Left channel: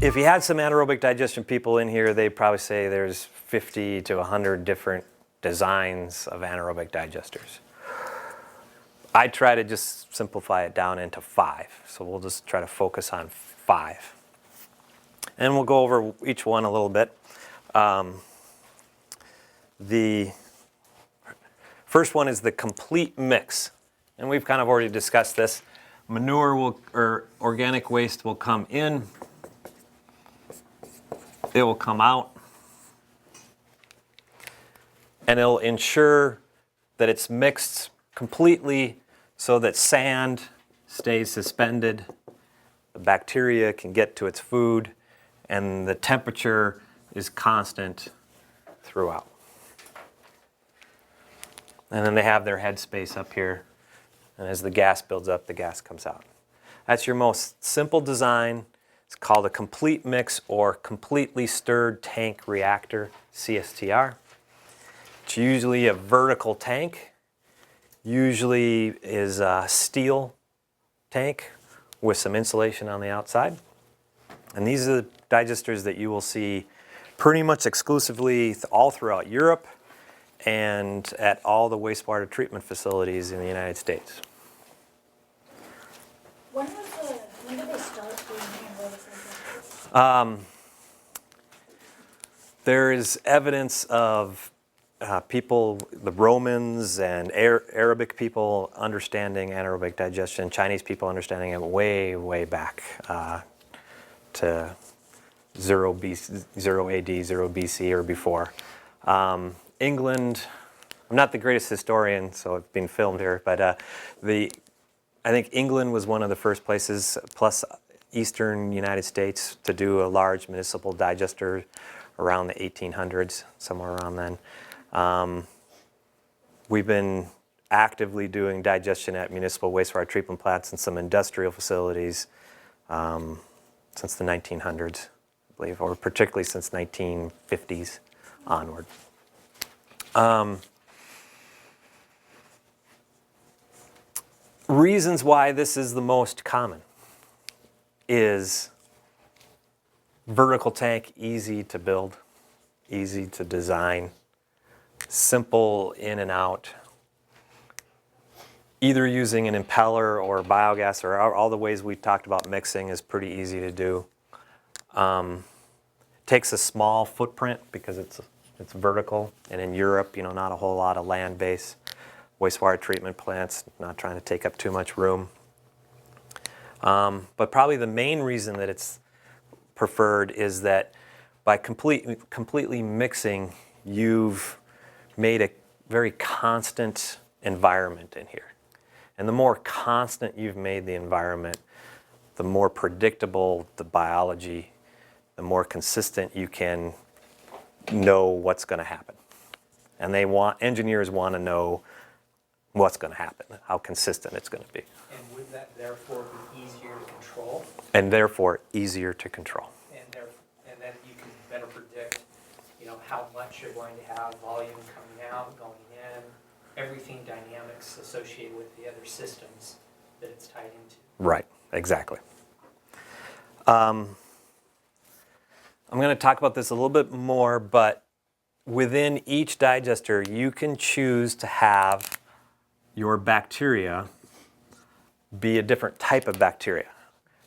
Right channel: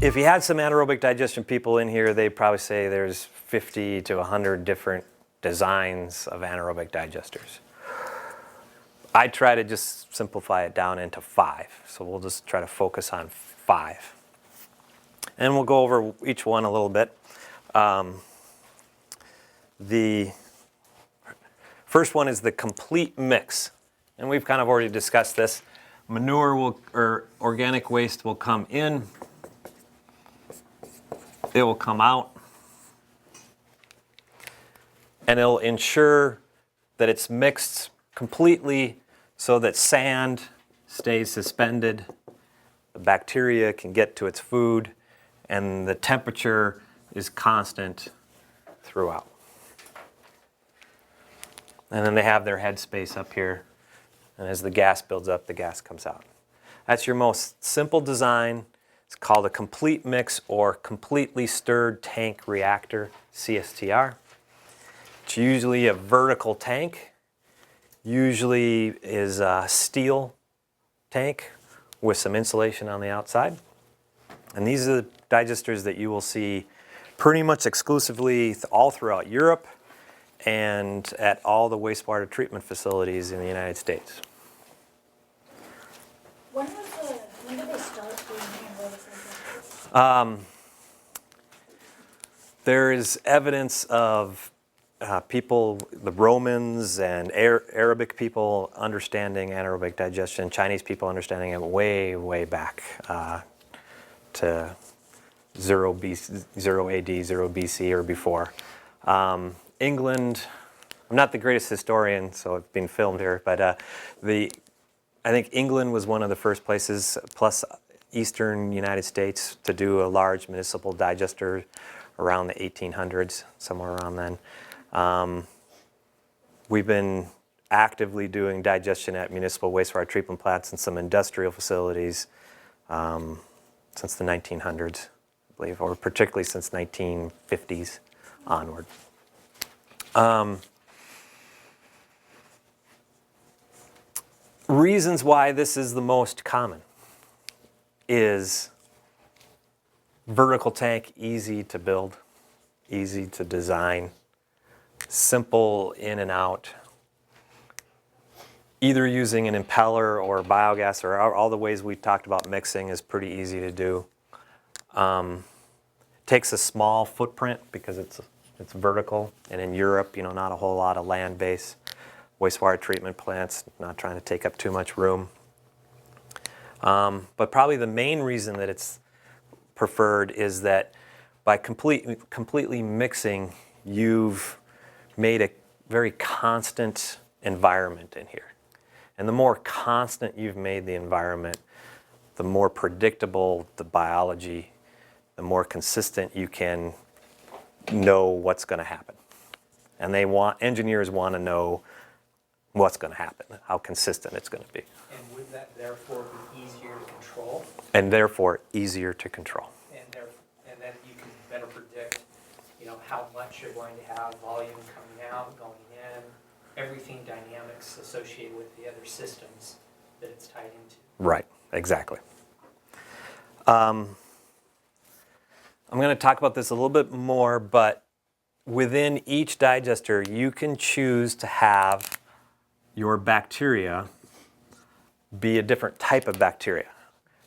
If you had some anaerobic digestion people in here, they'd probably say there's 50 to 100 different designs of anaerobic digesters. I try to just simplify it down into 5. So we'll just try to focus on 5. And we'll go over each one a little bit. The first one is the complete mix. And we've kind of already discussed this. Manure or organic waste will come in. It will come out. And it'll ensure that it's mixed completely so that sand stays suspended, the bacteria can get to its food, and the temperature is constant throughout. And then they have their headspace up here, and as the gas builds up, the gas comes out. That's your most simple design. It's called a complete mix or completely stirred tank reactor, CSTR. It's usually a vertical tank. Usually is a steel tank with some insulation on the outside. And these are the digesters that you will see pretty much exclusively all throughout Europe and at all the wastewater treatment facilities in the United States. When did they start doing anaerobic digestion? There is evidence of people, the Romans and Arabic people understanding anaerobic digestion, Chinese people understanding it way, way back to 0 AD, 0 BC or before. England, I'm not the greatest historian, so it's being filmed here, but I think England was one of the first places, plus eastern United States, to do a large municipal digester around the 1800s, somewhere around then. We've been actively doing digestion at municipal wastewater treatment plants and some industrial facilities since the 1900s, I believe, or particularly since 1950s onward. Reasons why this is the most common is vertical tank, easy to build, easy to design, simple in and out, either using an impeller or biogas or all the ways we've talked about mixing is pretty easy to do. Takes a small footprint because it's vertical, and in Europe, not a whole lot of land base. Wastewater treatment plants, not trying to take up too much room. But probably the main reason that it's preferred is that by completely mixing, you've made a very constant environment in here. And the more constant you've made the environment, the more predictable the biology, the more consistent you can know what's going to happen. And engineers want to know what's going to happen, how consistent it's going to be. And would that therefore be easier to control? And therefore easier to control. And then you can better predict, how much you're going to have, volume coming out, going in, everything dynamics associated with the other systems that it's tied into. Right, exactly. I'm going to talk about this a little bit more, but within each digester, you can choose to have your bacteria be a different type of bacteria.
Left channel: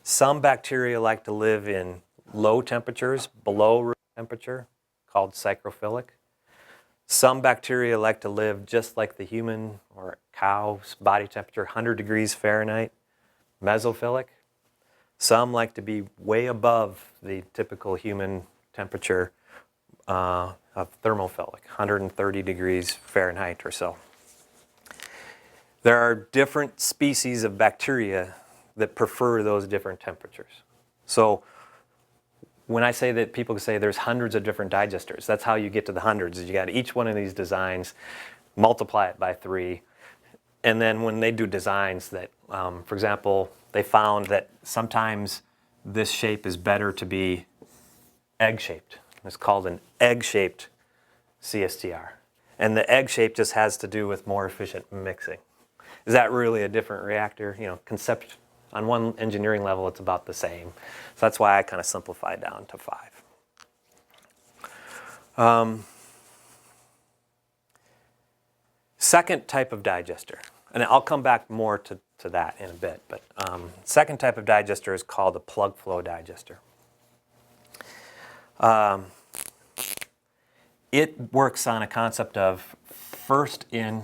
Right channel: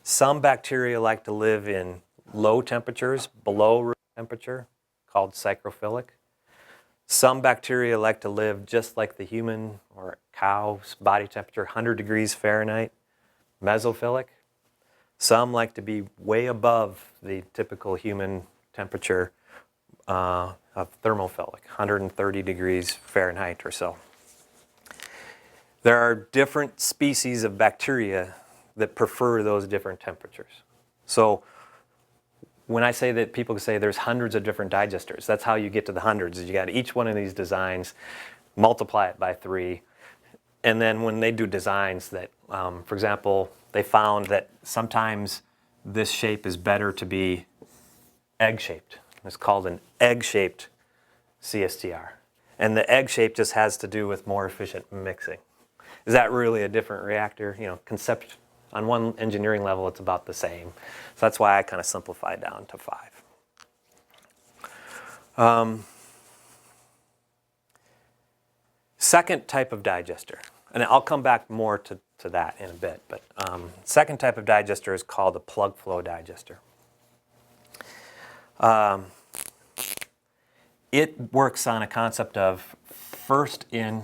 Some bacteria like to live in low temperatures, below room temperature, called psychrophilic. Some bacteria like to live just like the human or cow's body temperature, 100 degrees Fahrenheit, mesophilic. Some like to be way above the typical human temperature of thermophilic, 130 degrees Fahrenheit or so. There are different species of bacteria that prefer those different temperatures. So when I say that people say there's hundreds of different digesters, that's how you get to the hundreds. Is you got each one of these designs, multiply it by 3, and then when they do designs that, for example, they found that sometimes this shape is better to be egg-shaped. It's called an egg-shaped CSTR. And the egg shape just has to do with more efficient mixing. Is that really a different reactor? On one engineering level, it's about the same. So that's why I kind of simplified down to 5. Second type of digester, and I'll come back more to that in a bit, but second type of digester is called a plug flow digester. It works on a concept of first in,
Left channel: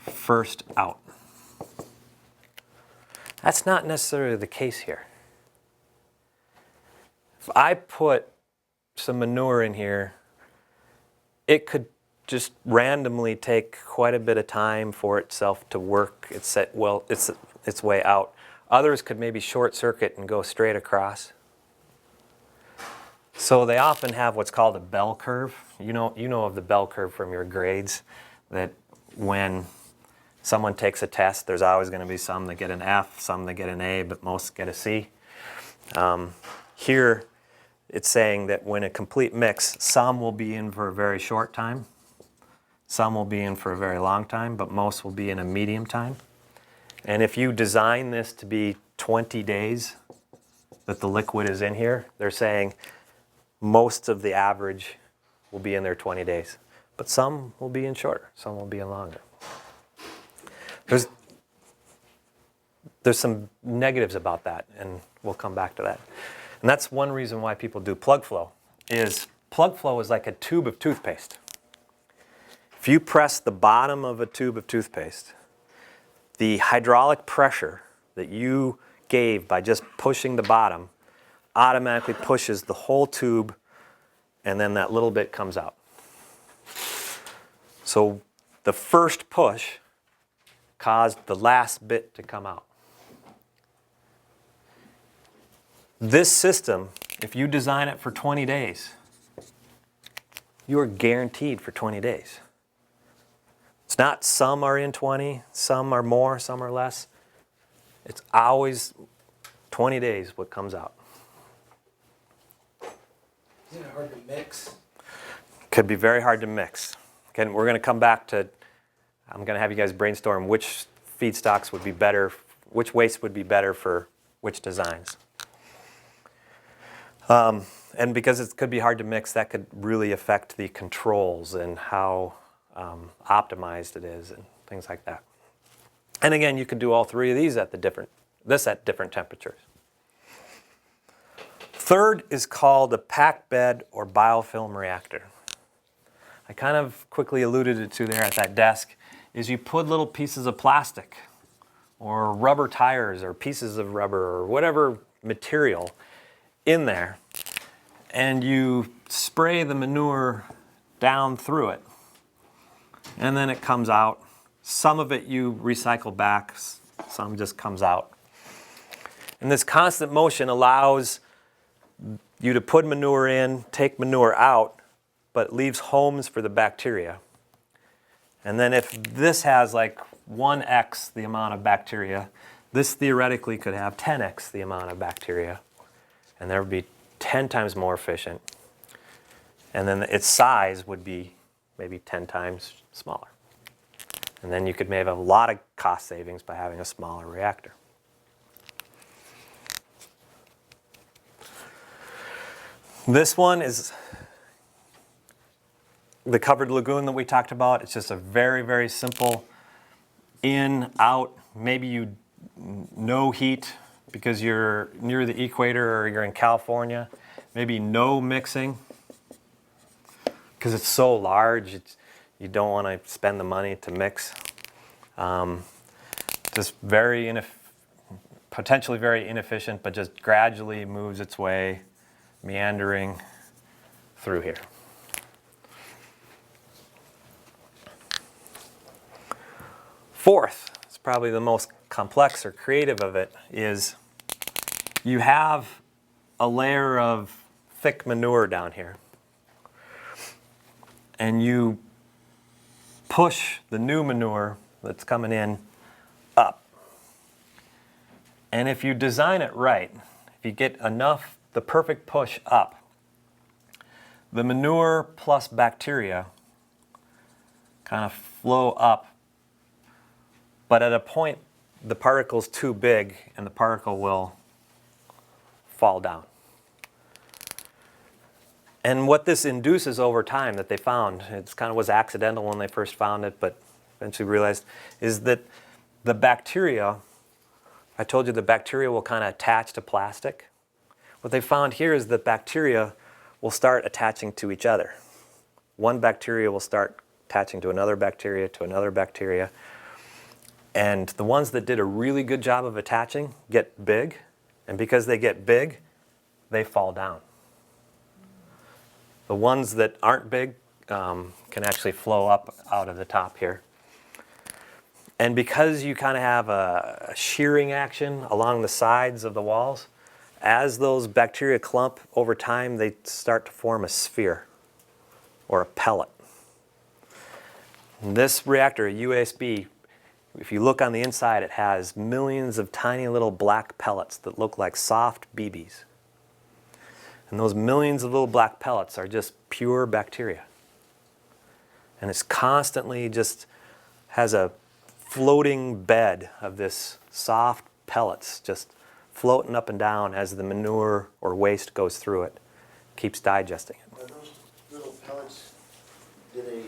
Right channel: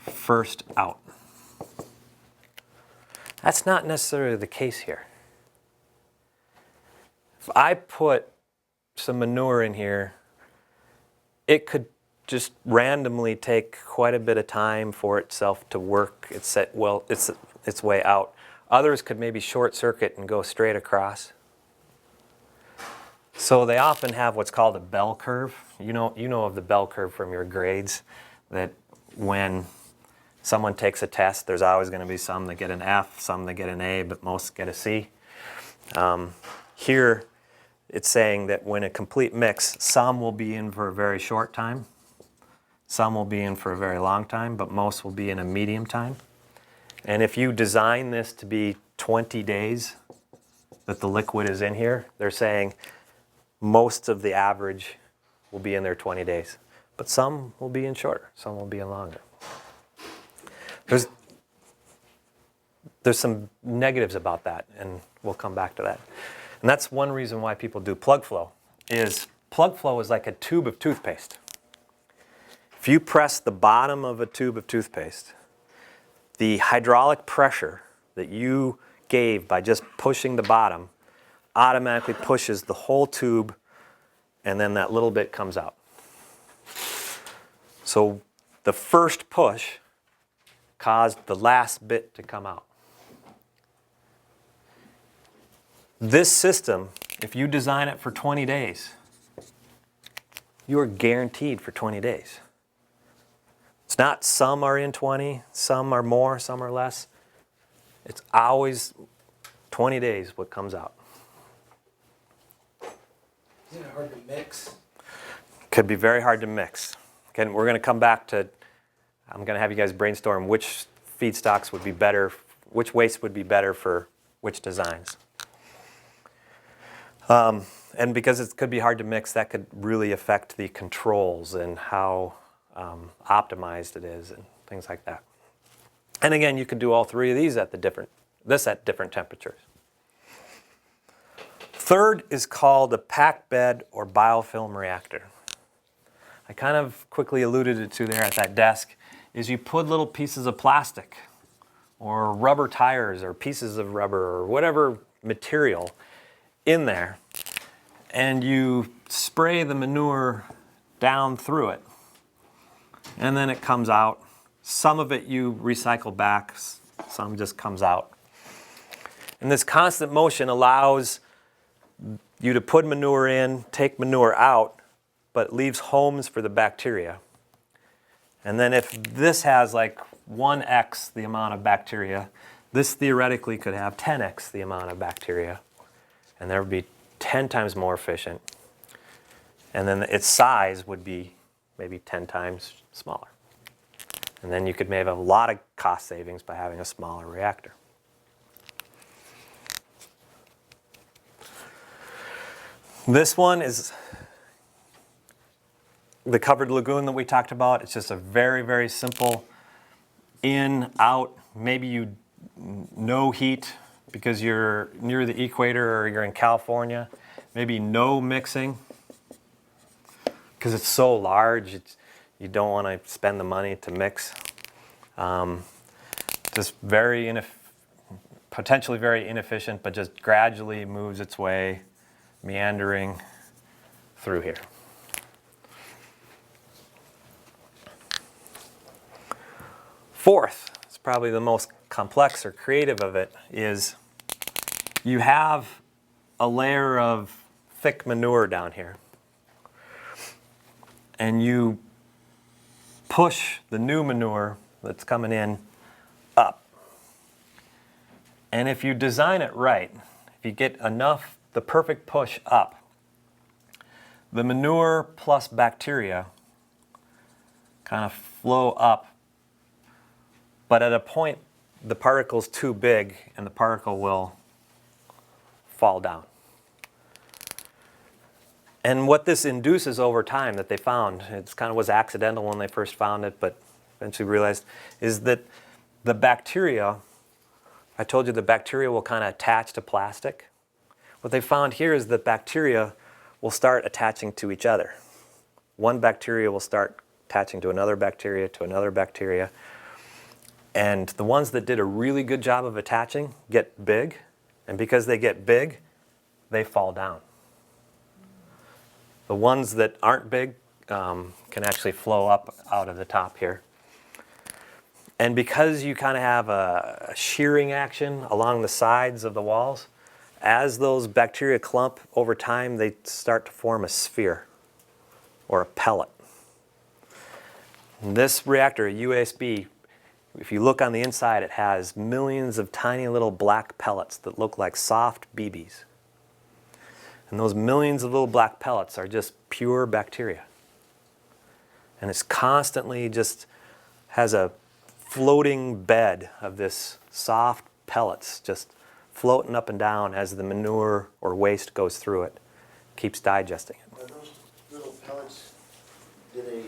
first out. That's not necessarily the case here. If I put some manure in here, it could just randomly take quite a bit of time for itself to work its way out. Others could maybe short circuit and go straight across. So they often have what's called a bell curve. You know of the bell curve from your grades, that when someone takes a test, there's always going to be some that get an F, some that get an A, but most get a C. Here, it's saying that when a complete mix, some will be in for a very short time, some will be in for a very long time, but most will be in a medium time. And if you design this to be 20 days that the liquid is in here, they're saying most of the average will be in there 20 days. But some will be in shorter, some will be in longer. There's some negatives about that, and we'll come back to that. And that's one reason why people do plug flow is like a tube of toothpaste. If you press the bottom of a tube of toothpaste, the hydraulic pressure that you gave by just pushing the bottom automatically pushes the whole tube, and then that little bit comes out. So the first push caused the last bit to come out. This system, if you design it for 20 days, you are guaranteed for 20 days. It's not some are in 20, some are more, some are less. It's always 20 days what comes out. Isn't it hard to mix? Could be very hard to mix. Again, we're going to come back to, I'm going to have you guys brainstorm which feedstocks would be better, which waste would be better for which designs. And because it could be hard to mix, that could really affect the controls and how optimized it is and things like that. And again, you could do all three of these at different temperatures. Third is called a packed bed or biofilm reactor. I kind of quickly alluded to there at that desk, is you put little pieces of plastic or rubber tires or pieces of rubber or whatever material in there, and you spray the manure down through it, and then it comes out. Some of it you recycle back, some just comes out. And this constant motion allows you to put manure in, take manure out, but it leaves homes for the bacteria. And then if this has like 1x the amount of bacteria, this theoretically could have 10x the amount of bacteria, and there would be 10 times more efficient. And then its size would be maybe 10 times smaller. And then you could maybe have a lot of cost savings by having a smaller reactor. This one is the covered lagoon that we talked about. It's just a very, very simple in, out. Maybe you no heat because you're near the equator or you're in California. Maybe no mixing because it's so large. You don't want to spend the money to mix. Just potentially very inefficient, but just gradually moves its way, meandering through here. Fourth, it's probably the most complex or creative of it, is you have a layer of thick manure down here, and you push the new manure that's coming in up. And if you design it right, if you get the perfect push up, the manure plus bacteria kind of flow up, but at a point the particle's too big and the particle will fall down. And what this induces over time that they found, it kind of was accidental when they first found it, but eventually realized, is that the bacteria, I told you the bacteria will kind of attach to plastic. What they found here is that bacteria will start attaching to each other. One bacteria will start attaching to another bacteria, and the ones that did a really good job of attaching get big, and because they get big, they fall down. The ones that aren't big can actually flow up out of the top here. And because you kind of have a shearing action along the sides of the walls, as those bacteria clump over time, they start to form a sphere or a pellet. And this reactor, a USB, if you look on the inside, it has millions of tiny little black pellets that look like soft BBs. And those millions of little black pellets are just pure bacteria. And it's constantly just has a floating bed of this soft pellets just floating up and down as the manure or waste goes through it, keeps digesting it. Are those little pellets, do they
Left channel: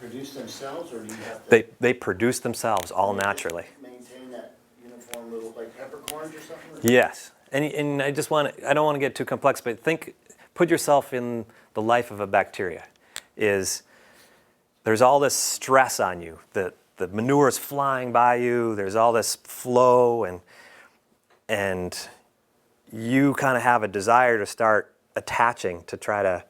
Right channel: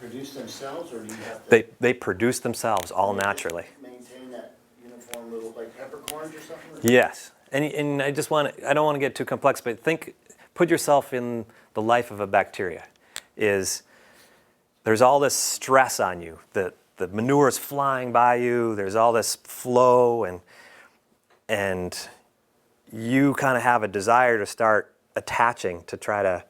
produce themselves, or do you have to They produce themselves all naturally. maintain that uniform little, like peppercorns or something? Yes, and I don't want to get too complex, but put yourself in the life of a bacteria. There's all this stress on you, the manure is flying by you, there's all this flow, and you kind of have a desire to start attaching to try to,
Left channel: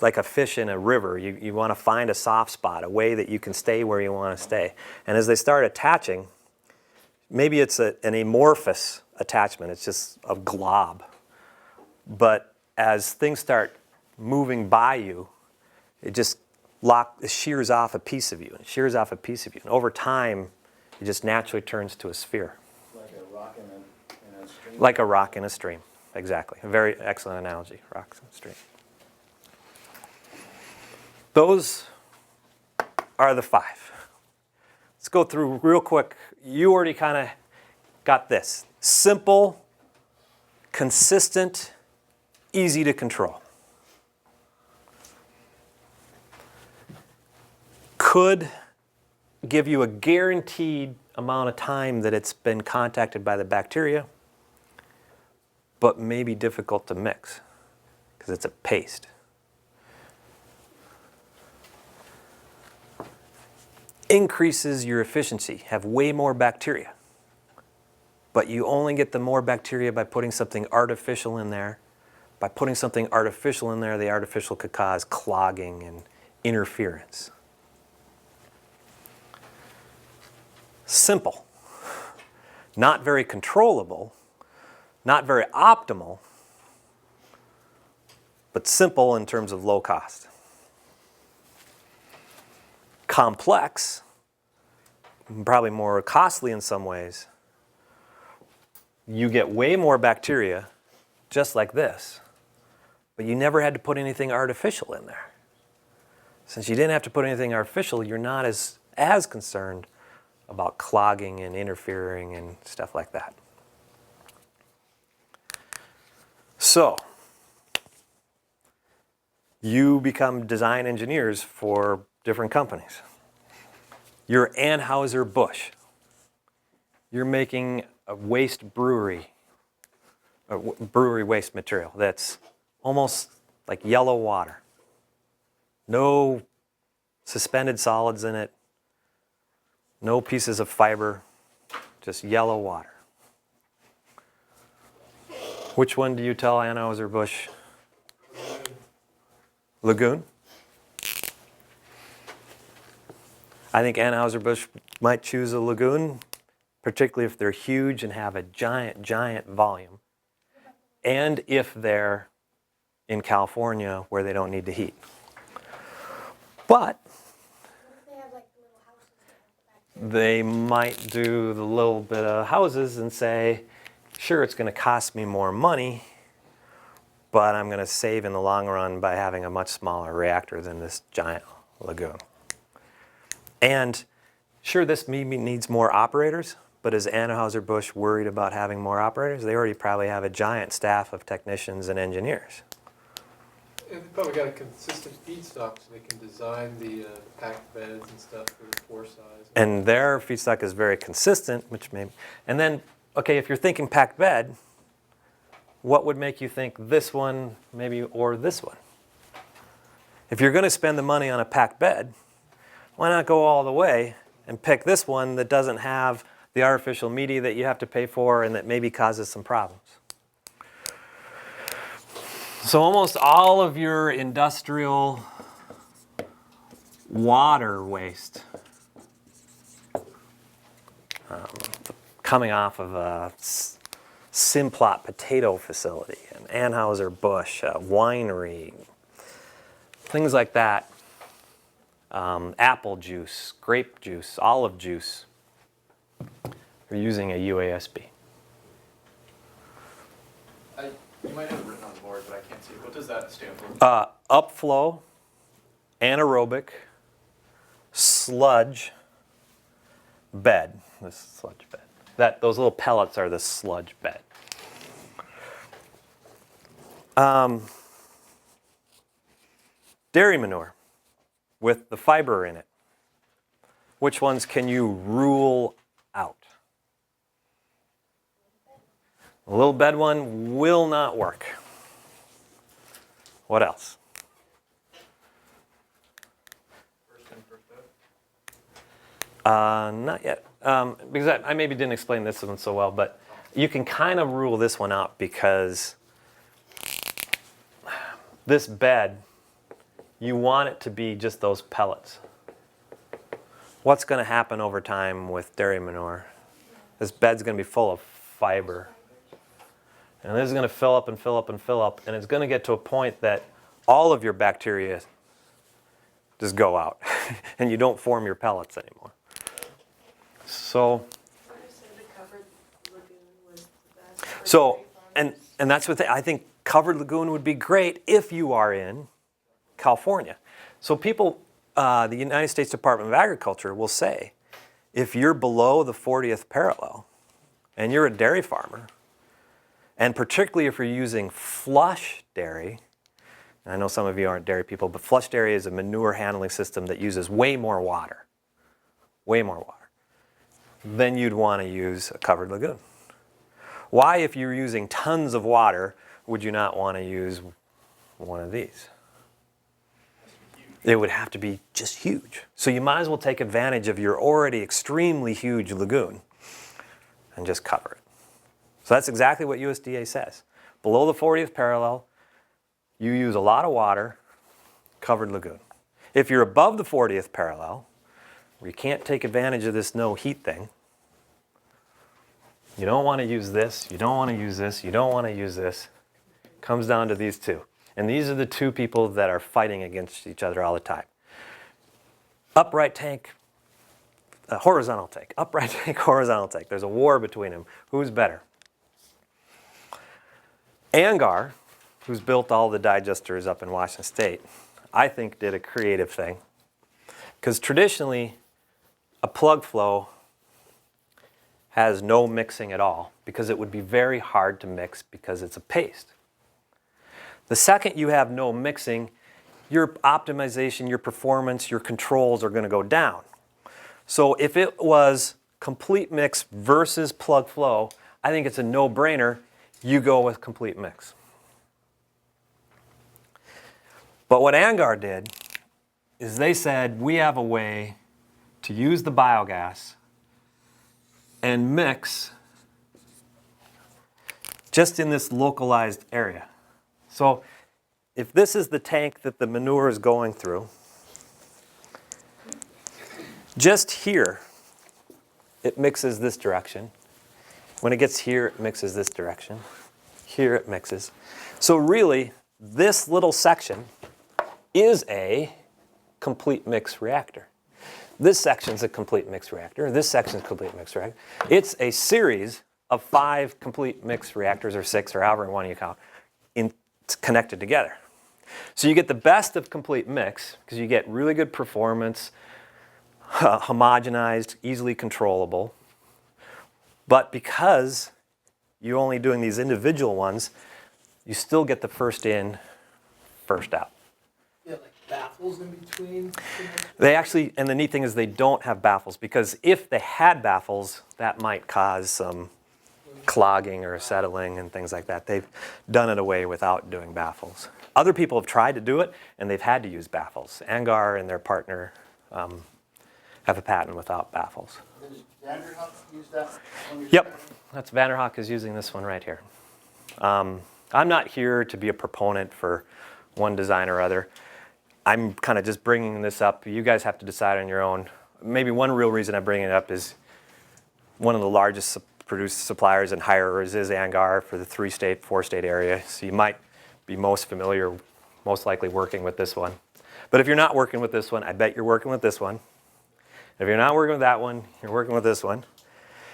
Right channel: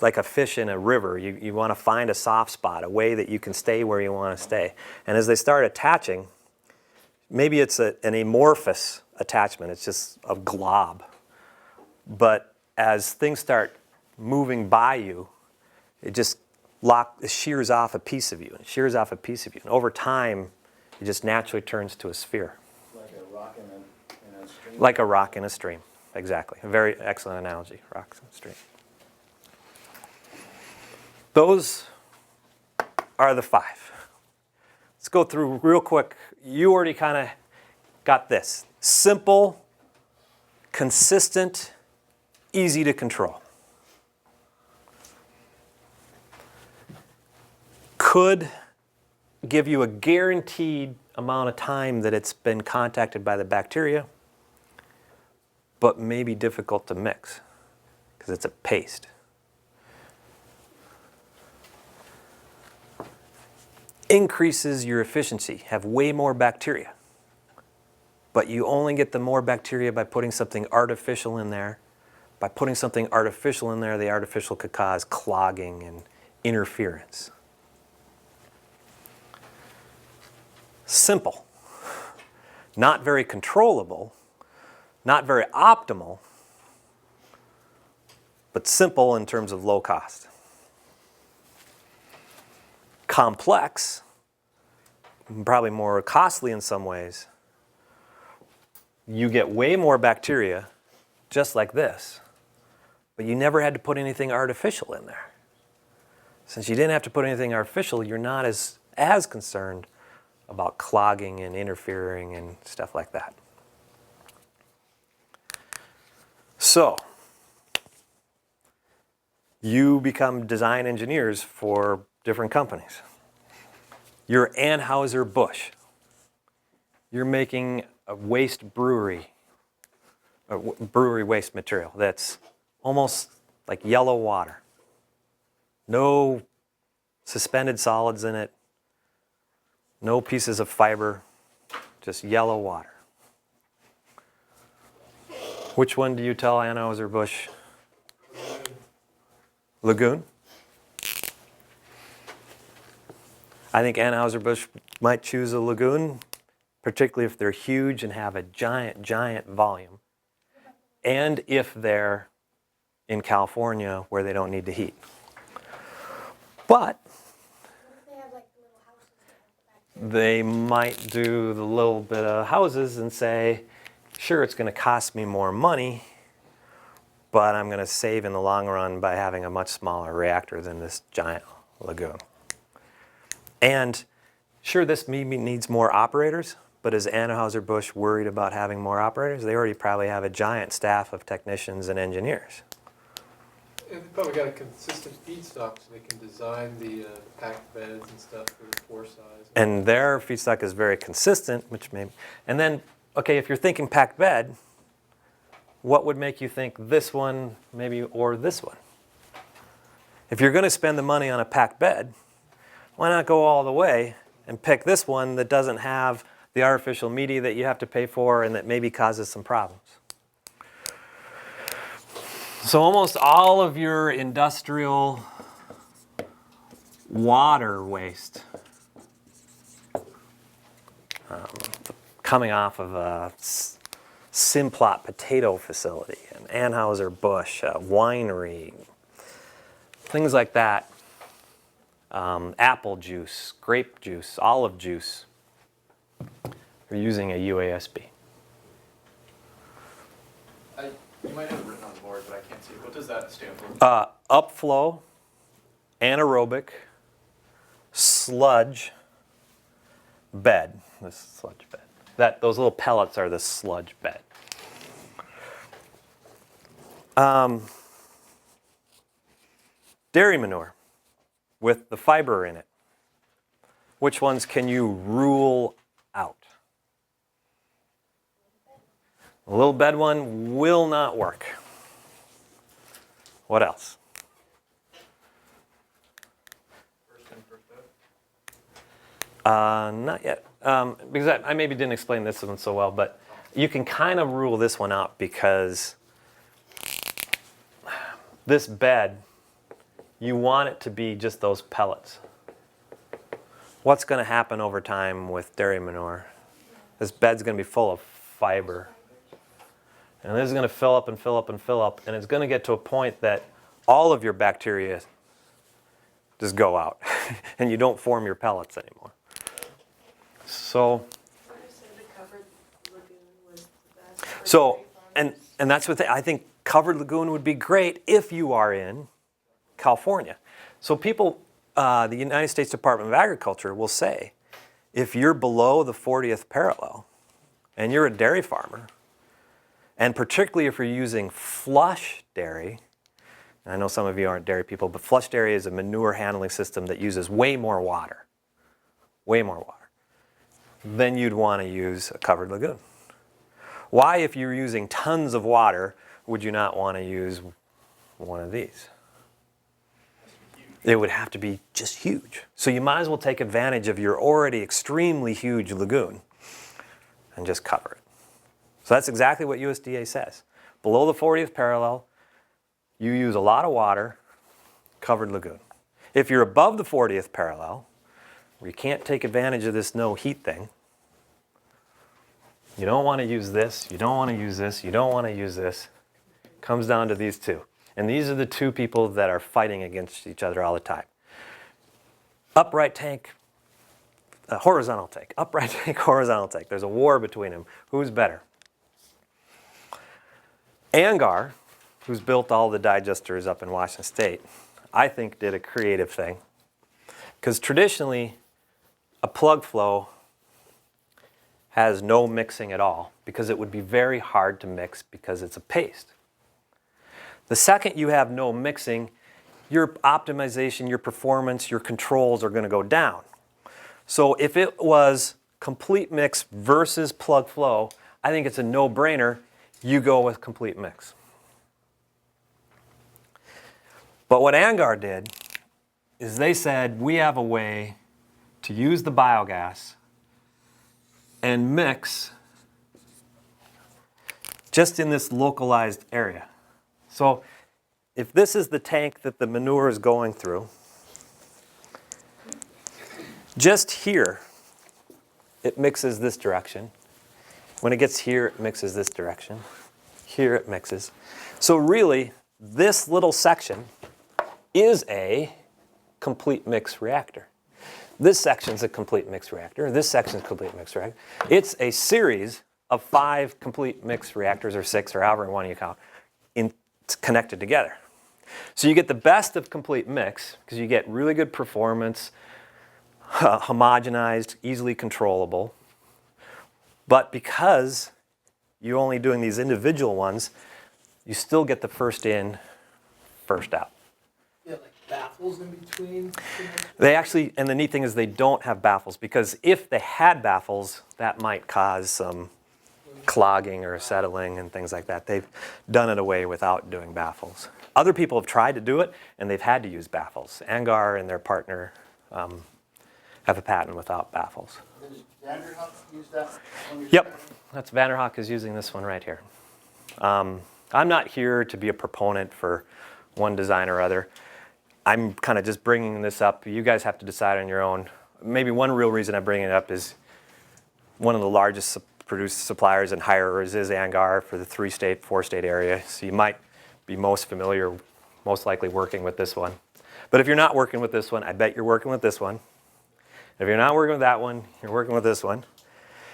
like a fish in a river, you want to find a soft spot, a way that you can stay where you want to stay. And as they start attaching, maybe it's an amorphous attachment, it's just a glob. But as things start moving by you, it just shears off a piece of you, and shears off a piece of you. And over time, it just naturally turns to a sphere. Like a rock in a stream? Like a rock in a stream, exactly. A very excellent analogy, rocks in a stream. Those are the 5. Let's go through real quick. You already kind of got this. Simple, consistent, easy to control. Could give you a guaranteed amount of time that it's been contacted by the bacteria, but may be difficult to mix because it's a paste. Increases your efficiency, have way more bacteria. But you only get the more bacteria by putting something artificial in there. By putting something artificial in there, the artificial could cause clogging and interference. Simple. Not very controllable, not very optimal, but simple in terms of low cost. Complex, probably more costly in some ways. You get way more bacteria, just like this, but you never had to put anything artificial in there. Since you didn't have to put anything artificial, you're not as concerned about clogging and interfering and stuff like that. So, you become design engineers for different companies. You're Anheuser-Busch. You're making a waste brewery waste material that's almost like yellow water. No suspended solids in it, no pieces of fiber, just yellow water. Which one do you tell Anheuser-Busch? Lagoon? I think Anheuser-Busch might choose a Lagoon, particularly if they're huge and have a giant, giant volume. And if they're in California where they don't need to heat. But What if they have like little houses that have the bacteria? they might do the little bit of houses and say, sure, it's going to cost me more money, but I'm going to save in the long run by having a much smaller reactor than this giant Lagoon. And Sure, this maybe needs more operators, but is Anheuser-Busch worried about having more operators? They already probably have a giant staff of technicians and engineers. And they probably got a consistent feedstock, so they can design the packed beds and stuff for the pore size. And their feedstock is very consistent, which may, and then, okay, if you're thinking packed bed, what would make you think this one maybe or this one? If you're going to spend the money on a packed bed, why not go all the way and pick this one that doesn't have the artificial media that you have to pay for and that maybe causes some problems? So almost all of your industrial water waste coming off of a Simplot potato facility, an Anheuser-Busch, a winery, things like that, apple juice, grape juice, olive juice, are using a UASB. You might have it written on the board, but I can't see it. What does that stand for? Upflow, anaerobic, sludge, bed. This sludge bed. Those little pellets are the sludge bed. Dairy manure with the fiber in it. Which ones can you rule out? The little bed one will not work. What else? First in, first out? Not yet. Because I maybe didn't explain this one so well, but you can kind of rule this one out because this bed, you want it to be just those pellets. What's going to happen over time with dairy manure? This bed's going to be full of fiber. And this is going to fill up and fill up and fill up, and it's going to get to a point that all of your bacteria just go out, and you don't form your pellets anymore. So, and that's what I think covered lagoon would be great if you are in California. So people, the United States Department of Agriculture will say, if you're below the 40th parallel and you're a dairy farmer, and particularly if you're using flush dairy, and I know some of you aren't dairy people, but flush dairy is a manure handling system that uses way more water, then you'd want to use a covered lagoon. Why, if you're using tons of water, would you not want to use one of these? It would have to be just huge. So you might as well take advantage of your already extremely huge lagoon and just cover it. So that's exactly what USDA says. Below the 40th parallel, you use a lot of water, covered lagoon. If you're above the 40th parallel, where you can't take advantage of this no heat thing, you don't want to use this, you don't want to use this, you don't want to use this. It comes down to these two. And these are the two people that are fighting against each other all the time. Upright tank, horizontal tank. Upright tank, horizontal tank. There's a war between them. Who's better? ANGAR, who's built all the digesters up in Washington State, I think did a creative thing. Because traditionally, a plug flow has no mixing at all because it would be very hard to mix because it's a paste. The second you have no mixing, your optimization, your performance, your controls are going to go down. So if it was complete mix versus plug flow, I think it's a no-brainer. You go with complete mix. But what ANGAR did is they said, we have a way to use the biogas and mix just in this localized area. So if this is the tank that the manure is going through, just here, it mixes this direction. When it gets here, it mixes this direction. Here it mixes. So really, this little section is a complete mix reactor. This section's a complete mix reactor. This section's a complete mix reactor. It's a series of 5 complete mix reactors, or 6, or however one you count, connected together. So you get the best of complete mix, because you get really good performance, homogenized, easily controllable. But because you're only doing these individual ones, you still get the first in, first out. Yeah, like baffles in between. They actually, and the neat thing is they don't have baffles, because if they had baffles, that might cause some clogging or settling and things like that. They've done it away without doing baffles. Other people have tried to do it, and they've had to use baffles. Angar and their partner have a patent without baffles. Does Vanderhoek use that on your? Yep, that's Vanderhoek is using this one right here. I'm not here to be a proponent for one design or other. I'm kind of just bringing this up. You guys have to decide on your own. Maybe one real reason I'm bringing it up is one of the largest suppliers and hirers is Angar for the 3-state, 4-state area. So you might be most familiar, most likely working with this one. But if you're not working with this one, I bet you're working with this one. If you're not working with that one, you're working with this one.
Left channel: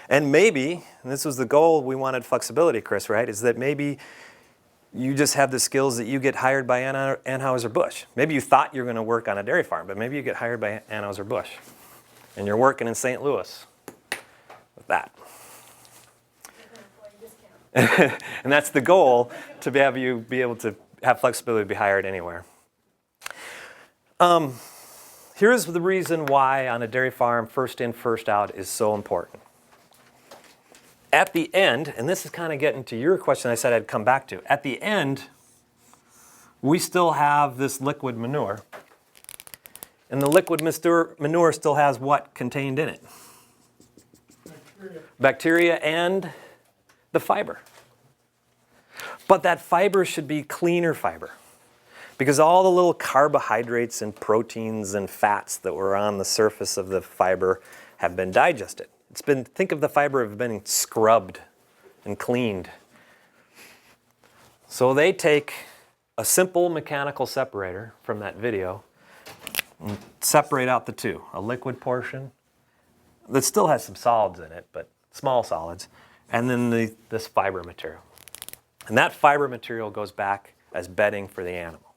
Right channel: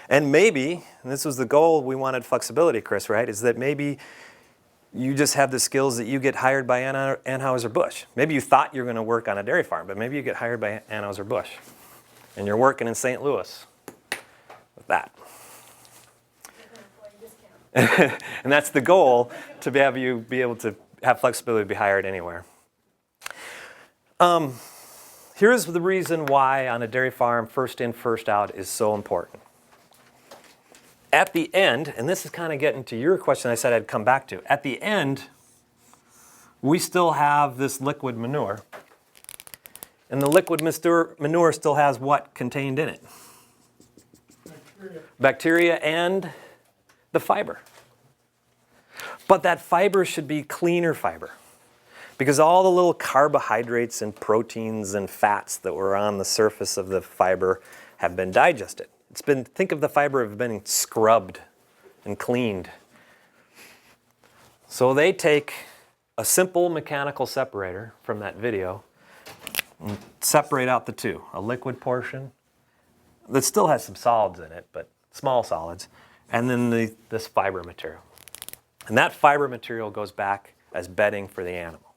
And maybe, and this was the goal, we wanted flexibility, Chris, right? Is that maybe you just have the skills that you get hired by Anheuser-Busch. Maybe you thought you were going to work on a dairy farm, but maybe you get hired by Anheuser-Busch. And you're working in St. Louis with that. And that's the goal, to have you be able to have flexibility to be hired anywhere. Here's the reason why on a dairy farm, first in, first out is so important. At the end, and this is kind of getting to your question I said I'd come back to. At the end, we still have this liquid manure. And the liquid manure still has what contained in it? Bacteria and the fiber. But that fiber should be cleaner fiber, because all the little carbohydrates and proteins and fats that were on the surface of the fiber have been digested. Think of the fiber as being scrubbed and cleaned. So they take a simple mechanical separator from that video and separate out the two, a liquid portion that still has some solids in it, but small solids, and then this fiber material. And that fiber material goes back as bedding for the animal.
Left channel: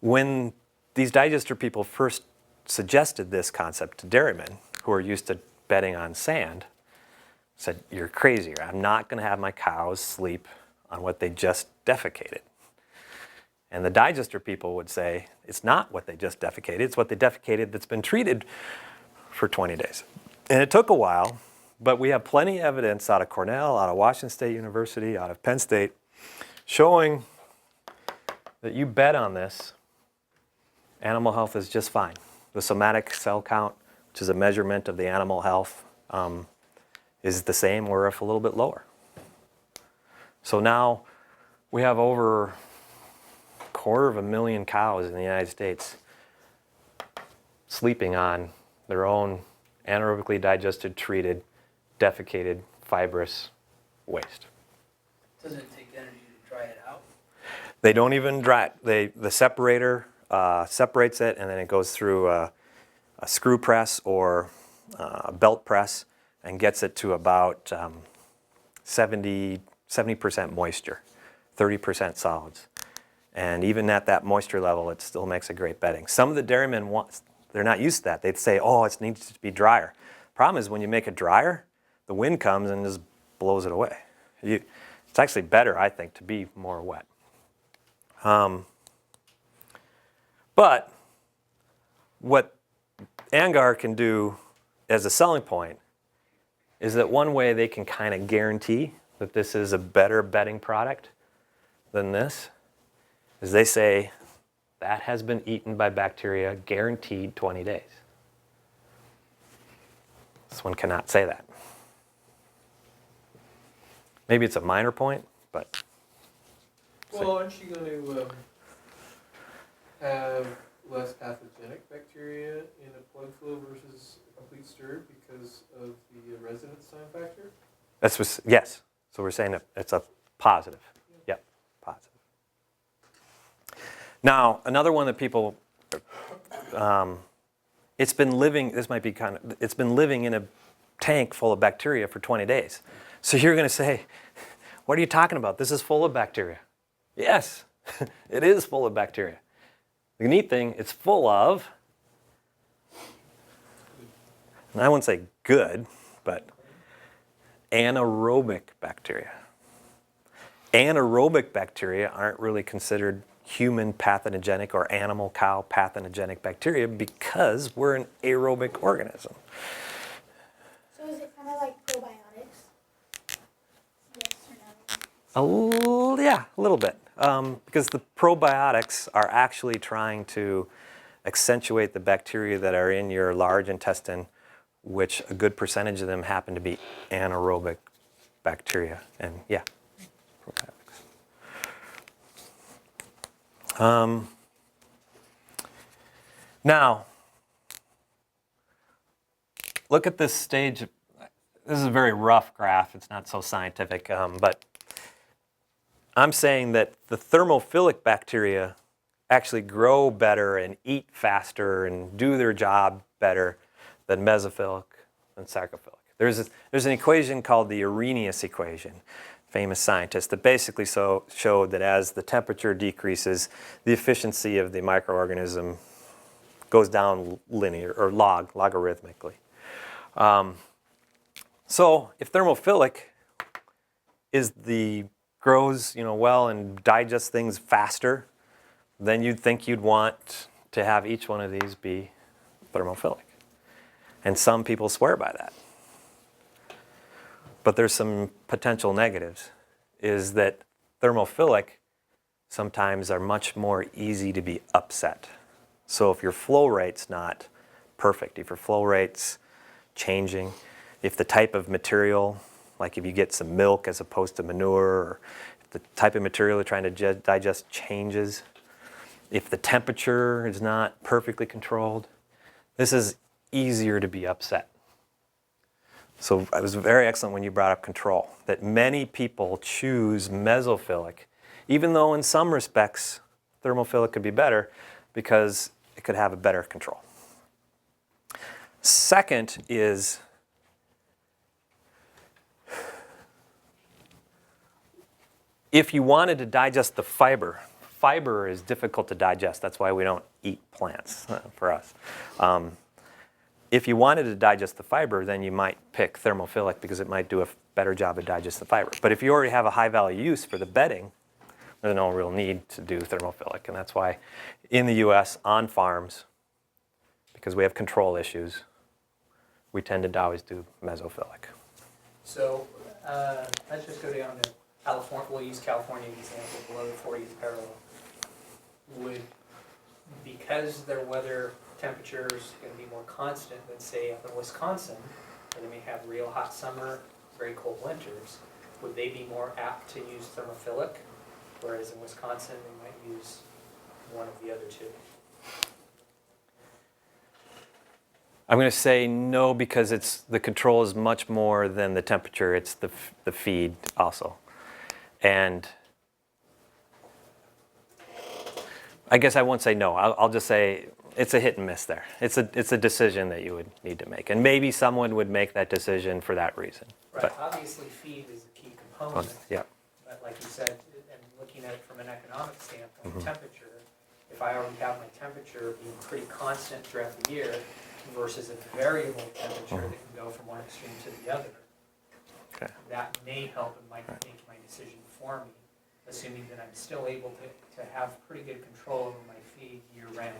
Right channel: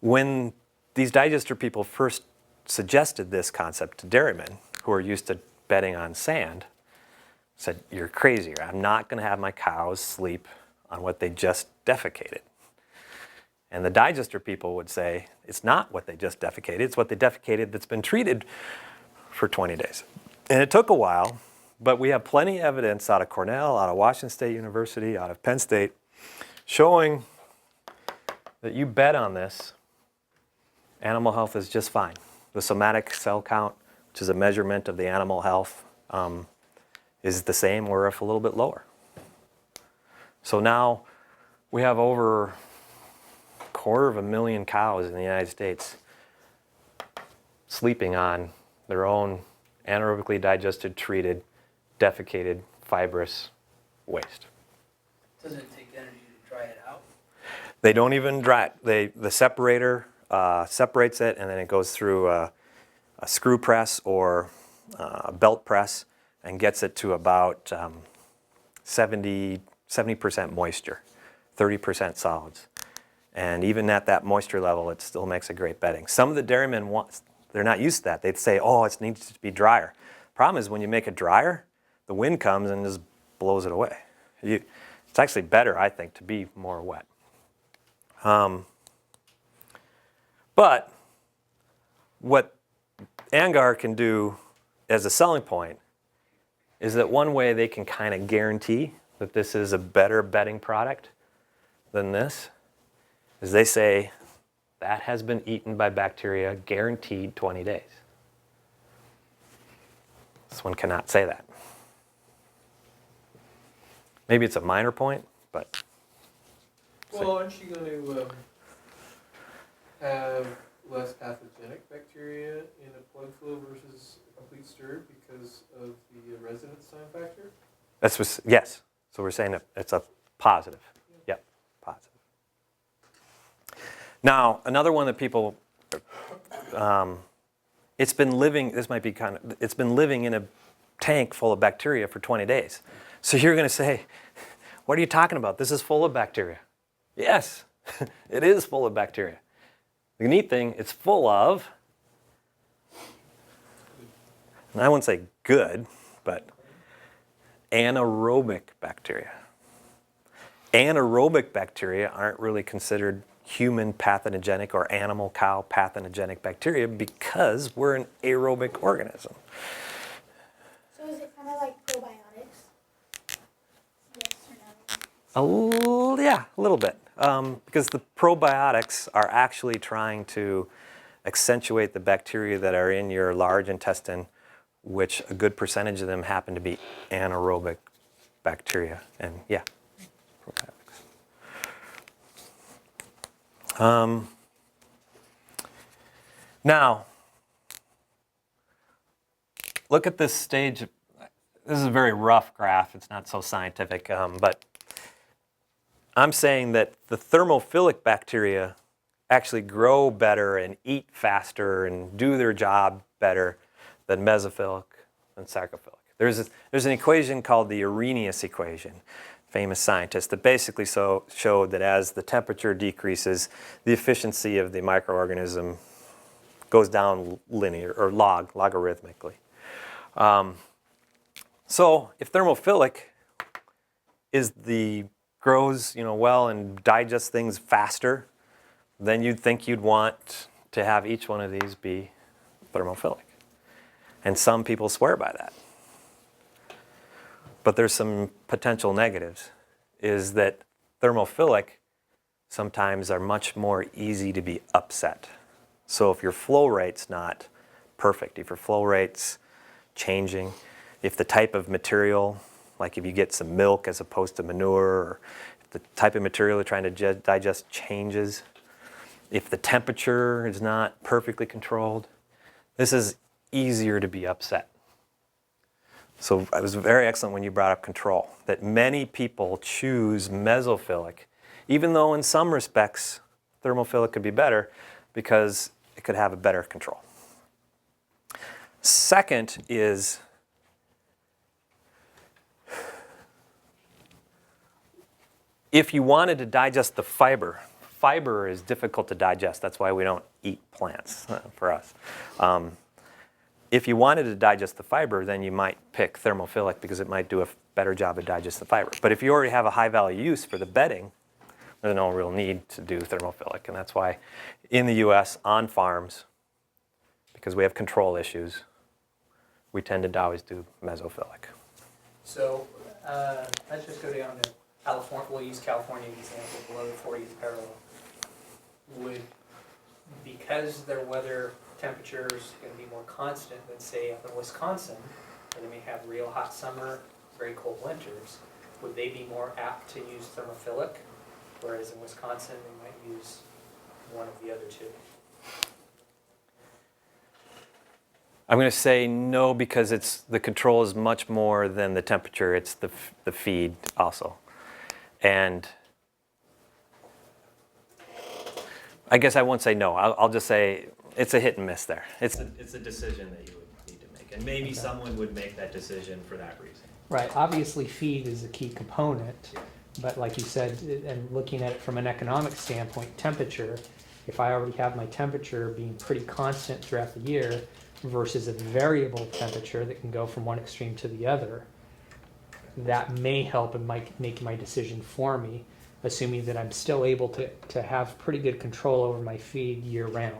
When these digester people first suggested this concept to dairymen who are used to bedding on sand, said, "You're crazy. I'm not going to have my cows sleep on what they just defecated." And the digester people would say, it's not what they just defecated, it's what they defecated that's been treated for 20 days. And it took a while, but we have plenty of evidence out of Cornell, out of Washington State University, out of Penn State, showing that you bed on this, animal health is just fine. The somatic cell count, which is a measurement of the animal health, is the same or if a little bit lower. So now we have over 250,000 cows in the United States sleeping on their own anaerobically digested, treated, defecated, fibrous waste. Doesn't it take energy to dry it out? They don't even dry it. The separator separates it, and then it goes through a screw press or a belt press and gets it to about 70% moisture, 30% solids. And even at that moisture level, it still makes a great bedding. Some of the dairymen they're not used to that. They'd say, oh, it needs to be drier. Problem is when you make it drier, the wind comes and just blows it away. It's actually better, I think, to be more wet. But what Angar can do as a selling point is that one way they can kind of guarantee that this is a better bedding product than this is they say that has been eaten by bacteria, guaranteed 20 days. This one cannot say that. Maybe it's a minor point, but... Well, aren't you going to have less pathogenic bacteria in a plug flow versus a complete stir because of the residence time factor? Yes. So we're saying that it's a positive. Yep, positive. Now, another one that people, it's been living in a tank full of bacteria for 20 days. So you're going to say, what are you talking about? This is full of bacteria. Yes, it is full of bacteria. The neat thing, it's full of and I wouldn't say good, but anaerobic bacteria. Anaerobic bacteria aren't really considered human pathogenic or animal cow pathogenic bacteria because we're an aerobic organism. So is it kind of like probiotics? Yes or no? Yeah, a little bit. Because the probiotics are actually trying to accentuate the bacteria that are in your large intestine, which a good percentage of them happen to be anaerobic bacteria. And yeah, probiotics. Now, look at this stage. This is a very rough graph. It's not so scientific, but I'm saying that the thermophilic bacteria actually grow better and eat faster and do their job better than mesophilic and sarcophilic. There's an equation called the Arrhenius equation, famous scientist, that basically showed that as the temperature decreases, the efficiency of the microorganism goes down linear or logarithmically. So if thermophilic grows well and digests things faster, then you'd think you'd want to have each one of these be thermophilic. And some people swear by that. But there's some potential negatives, is that thermophilic sometimes are much more easy to be upset. So if your flow rate's not perfect, if your flow rate's changing, if the type of material, like if you get some milk as opposed to manure, or if the type of material you're trying to digest changes, if the temperature is not perfectly controlled, this is easier to be upset. So it was very excellent when you brought up control, that many people choose mesophilic, even though in some respects thermophilic could be better because it could have a better control. Second is if you wanted to digest the fiber is difficult to digest. That's why we don't eat plants for us. If you wanted to digest the fiber, then you might pick thermophilic because it might do a better job of digesting the fiber. But if you already have a high value use for the bedding, there's no real need to do thermophilic. And that's why in the US, on farms, because we have control issues, we tend to always do mesophilic. So let's just go down to California. We'll use California example below the 40th parallel. Because their weather temperature is going to be more constant than, say, up in Wisconsin, where they may have real hot summer, very cold winters, would they be more apt to use thermophilic, whereas in Wisconsin they might use one of the other two? I'm going to say no, because the control is much more than the temperature. It's the feed also. And I guess I won't say no. I'll just say it's a hit and miss there. It's a decision that you would need to make. And maybe someone would make that decision for that reason. Right. But- Obviously, feed is a key component. Yeah. But like you said, and looking at it from an economic standpoint, temperature, if I already have my temperature being pretty constant throughout the year versus a variable temperature that can go from one extreme to the other, Okay. that may help and might make my decision for me, assuming that I'm still able to have pretty good control over my feed year round.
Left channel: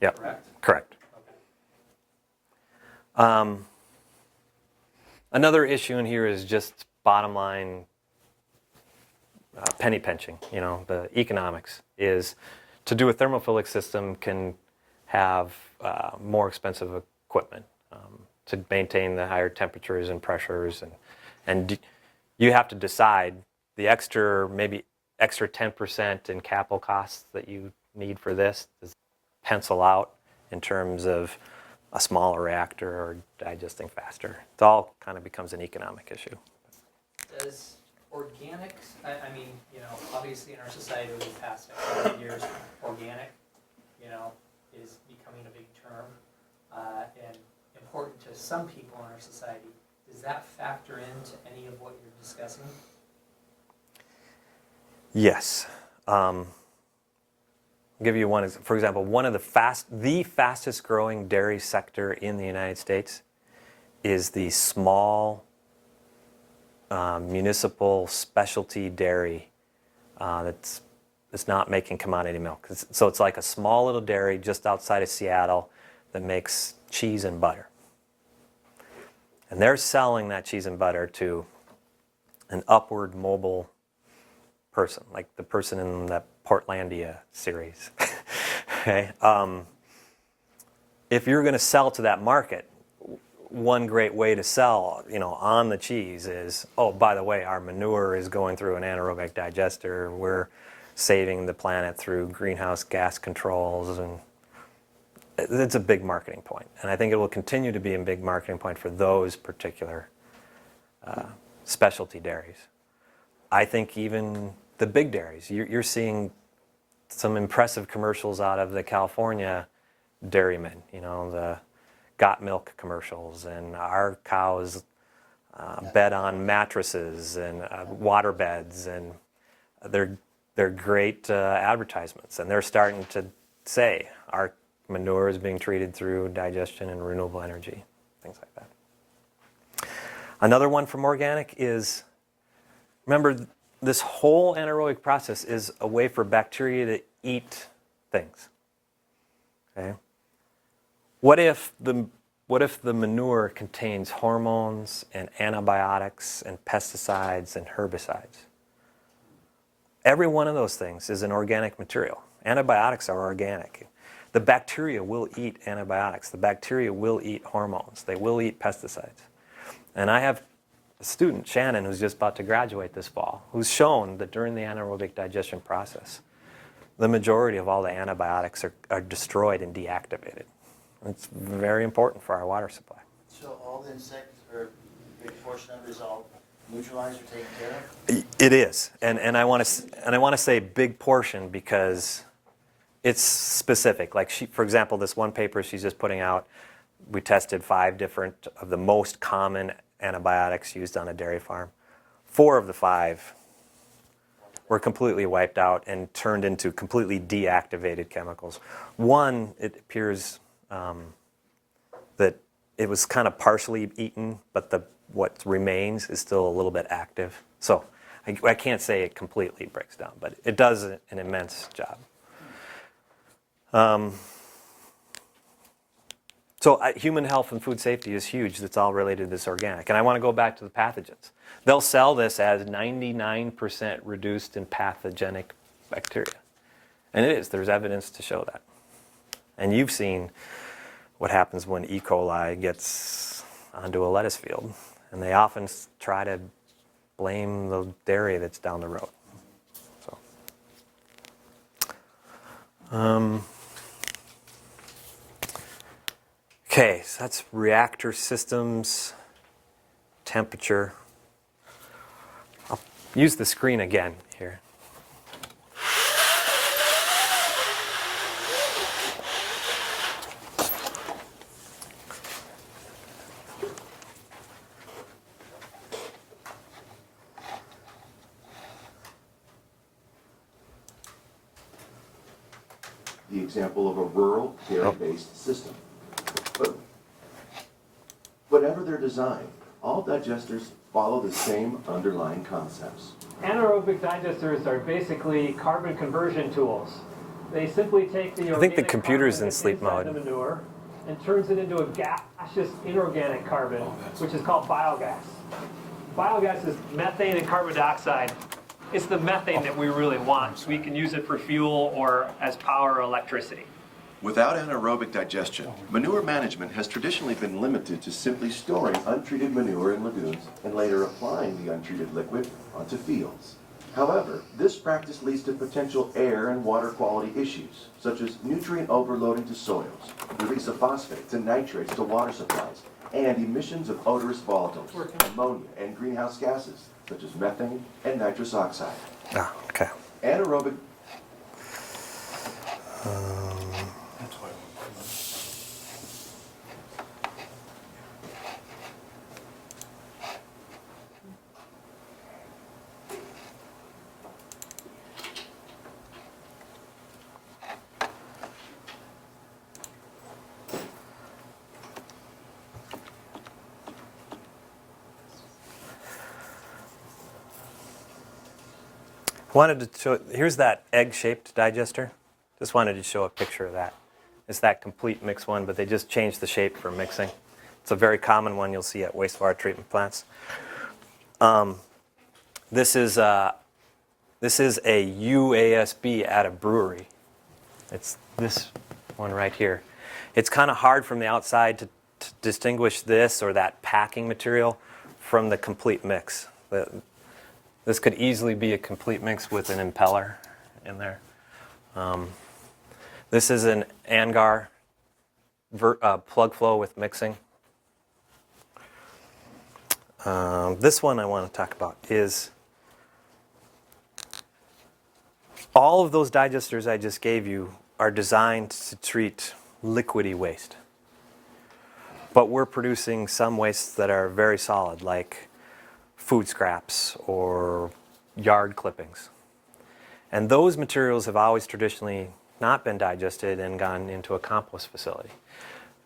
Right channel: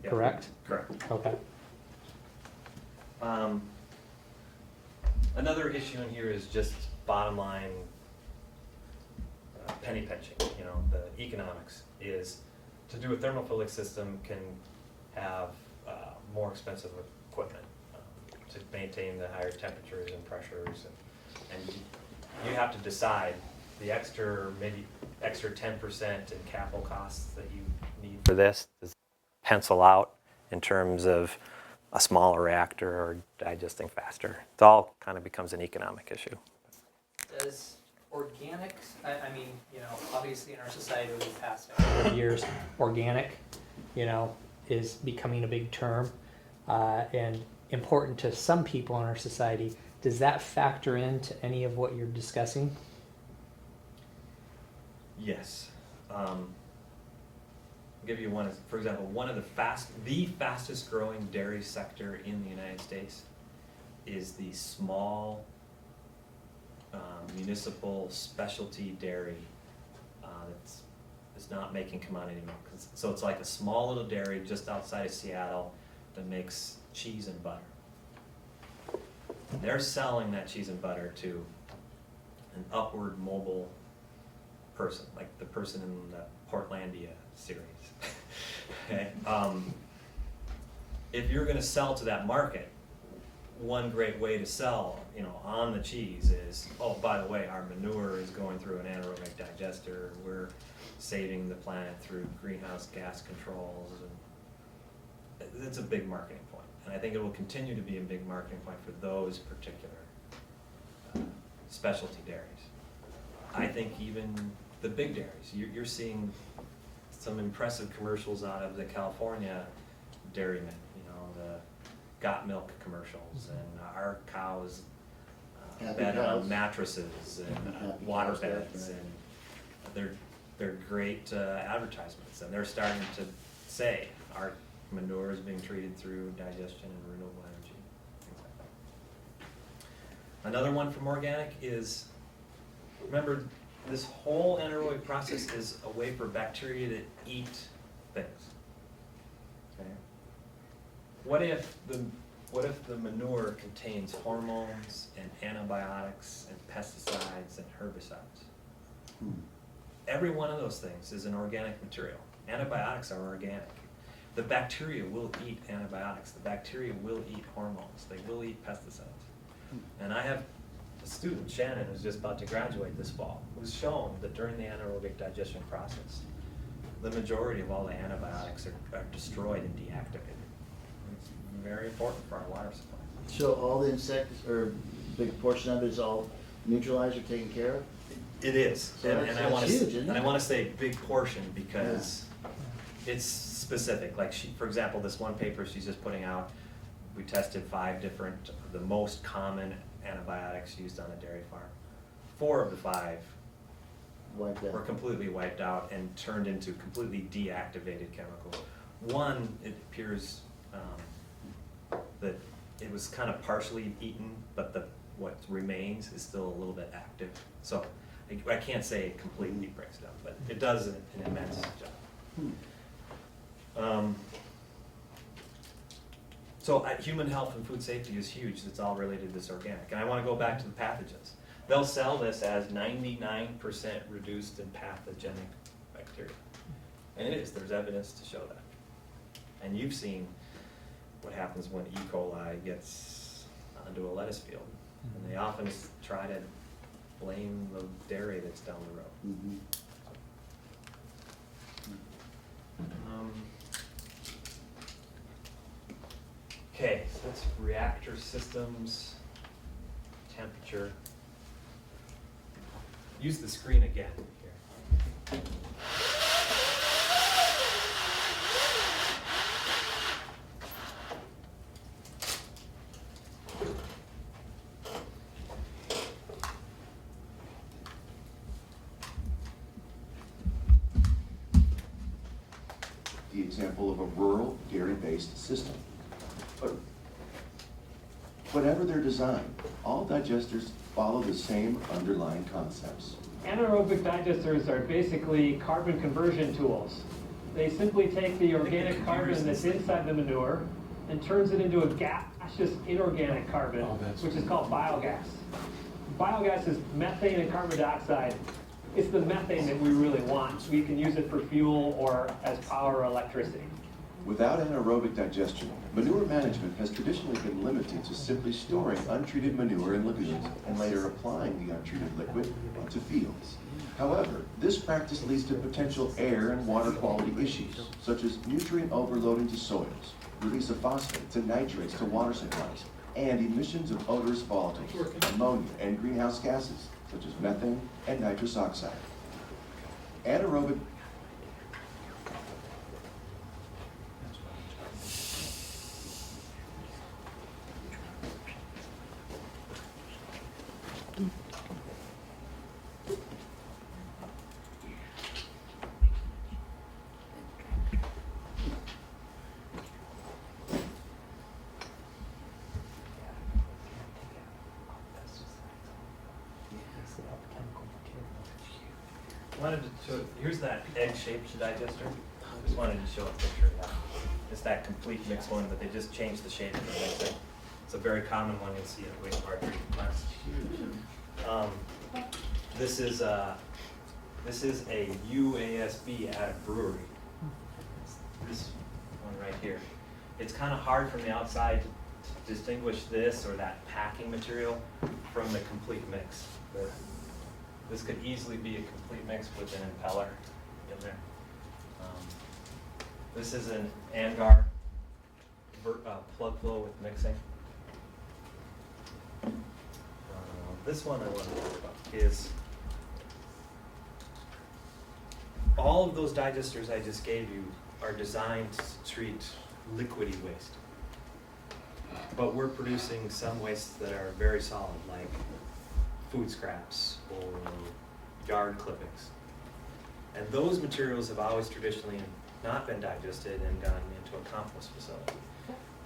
Yeah. Correct? Correct. Okay. Another issue in here is just bottom line penny pinching. The economics is to do a thermophilic system can have more expensive equipment to maintain the higher temperatures and pressures, and you have to decide the maybe extra 10% in capital costs that you need for this. Does it pencil out in terms of a smaller reactor or digesting faster? It all kind of becomes an economic issue. Does organics, I mean, obviously in our society over the past couple of years, organic, is becoming a big term and important to some people in our society. Does that factor into any of what you're discussing? Yes. I'll give you one. For example, one of the fastest growing dairy sector in the United States is the small municipal specialty dairy that's not making commodity milk. So it's like a small little dairy just outside of Seattle that makes cheese and butter. And they're selling that cheese and butter to an upward mobile person, like the person in that Portlandia series. Okay? If you're going to sell to that market, one great way to sell, on the cheese is, oh, by the way, our manure is going through an anaerobic digester. We're saving the planet through greenhouse gas controls, and it's a big marketing point. And I think it will continue to be a big marketing point for those particular specialty dairies. I think even the big dairies, you're seeing some impressive commercials out of the California dairymen, the Got Milk commercials, and our cows bed on mattresses and water beds, and they're great advertisements, and they're starting to say our manure is being treated through digestion and renewable energy, things like that. Another one from organic is, remember, this whole anaerobic process is a way for bacteria to eat things. Okay? What if the manure contains hormones and antibiotics and pesticides and herbicides? Every one of those things is an organic material. Antibiotics are organic. The bacteria will eat antibiotics. The bacteria will eat hormones. They will eat pesticides. And I have a student, Shannon, who's just about to graduate this fall, who's shown that during the anaerobic digestion process, the majority of all the antibiotics are destroyed and deactivated. It's very important for our water supply. So all the insects, or a big portion of it is all neutralized or taken care of? It is, So and I want that's huge, isn't to it? say big portion because it's specific. Like for example, this one paper she's just putting out, we tested 5 different of the most common antibiotics used on a dairy farm. 4 of the 5 Like that. were completely wiped out and turned into completely deactivated chemicals. One, it appears that it was kind of partially eaten, but what remains is still a little bit active. So I can't say it completely breaks down, but it does an immense job. So human health and food safety is huge. That's all related to this organic. And I want to go back to the pathogens. They'll sell this as 99% reduced in pathogenic bacteria. And it is. There's evidence to show that. And you've seen what happens when E. coli gets onto a lettuce field. And they often try to blame the dairy that's down the road. So. Okay, so that's reactor systems, temperature. I'll use the screen again here. The example of a rural dairy-based system. But whatever their design, all digesters follow the same underlying concepts. Anaerobic digesters are basically carbon conversion tools. They simply take the I think the organic computer's carbon in that's sleep inside mode. the manure and turns it into a gaseous inorganic carbon, which is called biogas. Biogas is methane and carbon dioxide. It's the methane that we really want, so we can use it for fuel or as power or electricity. Without anaerobic digestion, manure management has traditionally been limited to simply storing untreated manure in lagoons and later applying the untreated liquid onto fields. However, this practice leads to potential air and water quality issues, such as nutrient overloading to soils, release of phosphates and nitrates to water supplies, and emissions of odorous volatiles, ammonia, and greenhouse gases, such as methane and nitrous oxide. Ah, okay. Anaerobic Wanted to show, here's that egg-shaped digester. Just wanted to show a picture of that. It's that complete mix one, but they just changed the shape for mixing. It's a very common one you'll see at wastewater treatment plants. This is a UASB at a brewery. It's this one right here. It's kind of hard from the outside to distinguish this or that packing material from the complete mix. This could easily be a complete mix with an impeller in there. This is an Angar plug flow with mixing. This one I want to talk about is all of those digesters I just gave you are designed to treat liquidy waste. But we're producing some wastes that are very solid, like food scraps or yard clippings. And those materials have always traditionally not been digested and gone into a compost facility.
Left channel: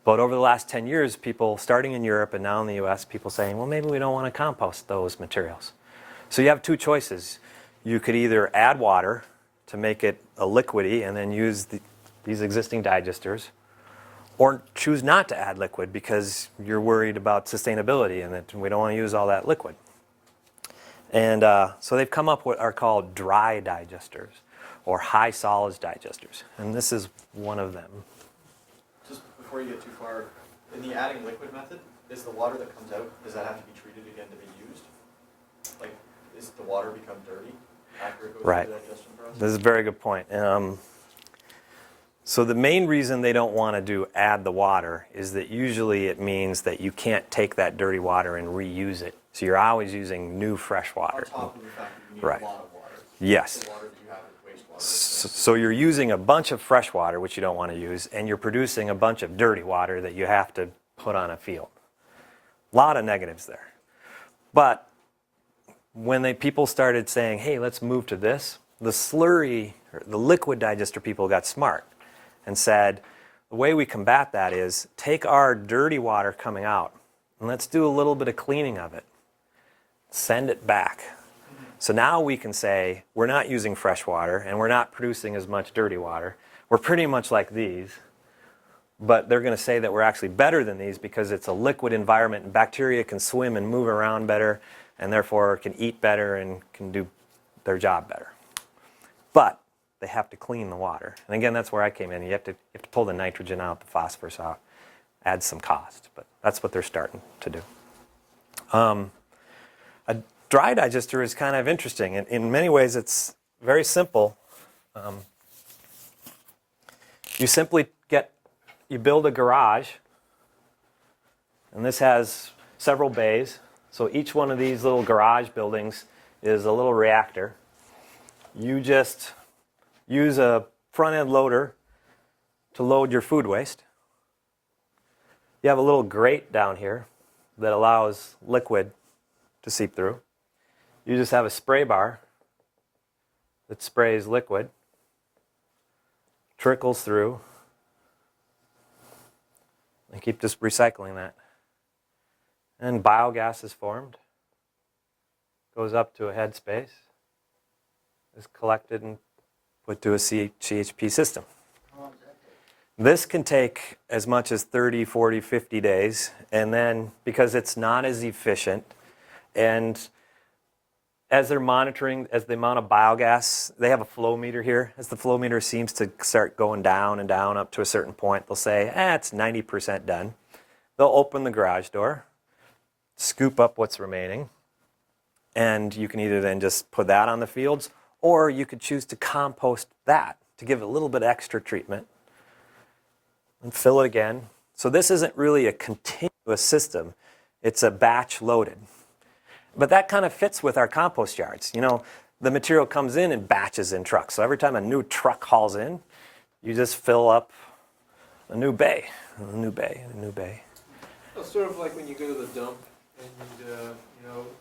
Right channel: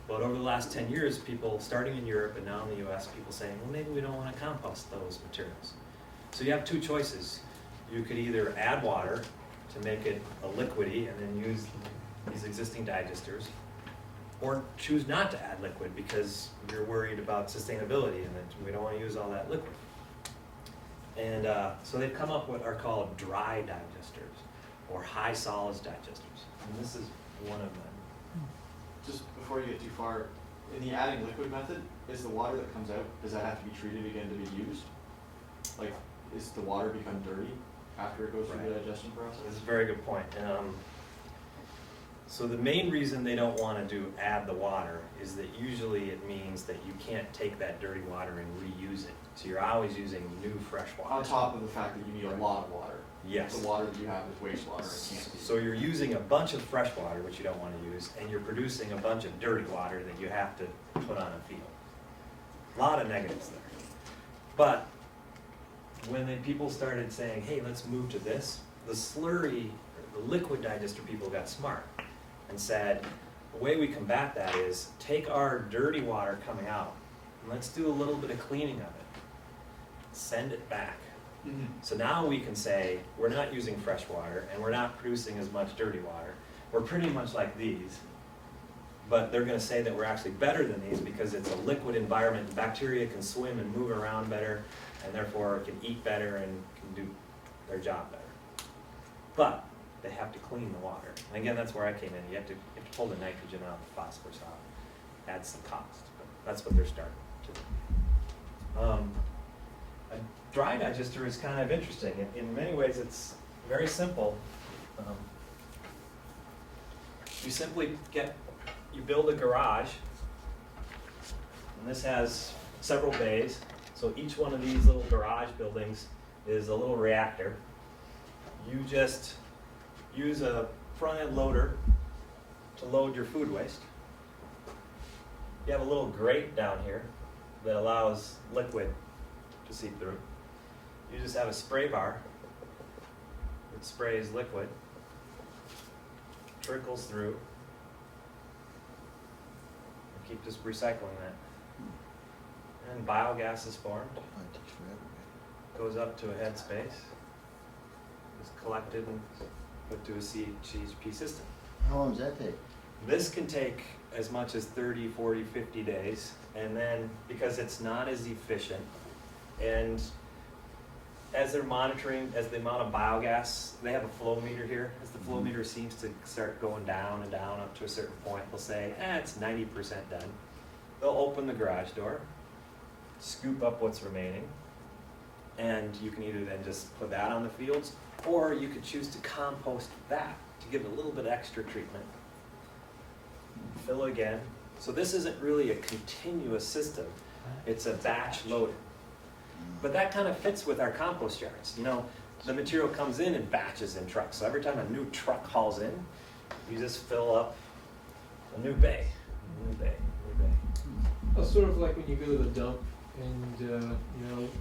But over the last 10 years, people, starting in Europe and now in the US, people saying, well, maybe we don't want to compost those materials. So you have two choices. You could either add water to make it a liquidy and then use these existing digesters, or choose not to add liquid because you're worried about sustainability and that we don't want to use all that liquid. And so they've come up with what are called dry digesters or high solids digesters. And this is one of them. Just before you get too far, in the adding liquid method, is the water that comes out, does that have to be treated again to be used? Like, is the water become dirty after it goes Right. through the digestion process? This is a very good point. So the main reason they don't want to add the water is that usually it means that you can't take that dirty water and reuse it. So you're always using new fresh water. On top of the fact that you need Right. a lot of water. Yes. The water that you have is wastewater. So you're using a bunch of fresh water, which you don't want to use, and you're producing a bunch of dirty water that you have to put on a field. A lot of negatives there. But when people started saying, hey, let's move to this, the slurry, or the liquid digester people got smart and said, the way we combat that is take our dirty water coming out and let's do a little bit of cleaning of it. Send it back. So now we can say we're not using fresh water and we're not producing as much dirty water. We're pretty much like these, but they're going to say that we're actually better than these because it's a liquid environment and bacteria can swim and move around better and therefore can eat better and can do their job better. But they have to clean the water. And again, that's where I came in. You have to pull the nitrogen out, the phosphorus out, add some cost. But that's what they're starting to do. A dry digester is kind of interesting. In many ways, it's very simple. You simply you build a garage, and this has several bays. So each one of these little garage buildings is a little reactor. You just use a front-end loader to load your food waste. You have a little grate down here that allows liquid to seep through. You just have a spray bar that sprays liquid, trickles through, and keep just recycling that. And biogas is formed, goes up to a head space, is collected and put to a CHP system. How long does that take? This can take as much as 30, 40, 50 days, and then because it's not as efficient, and as they're monitoring, as the amount of biogas, they have a flow meter here. As the flow meter seems to start going down and down up to a certain point, they'll say, it's 90% done. They'll open the garage door, scoop up what's remaining, and you can either then just put that on the fields, or you could choose to compost that to give it a little bit extra treatment and fill it again. So this isn't really a continuous system. It's a batch loaded. But that kind of fits with our compost yards. You know, the material comes in batches in trucks. So every time a new truck hauls in, you just fill up a new bay, a new bay, a new bay. Well, sort of like when you go to the dump and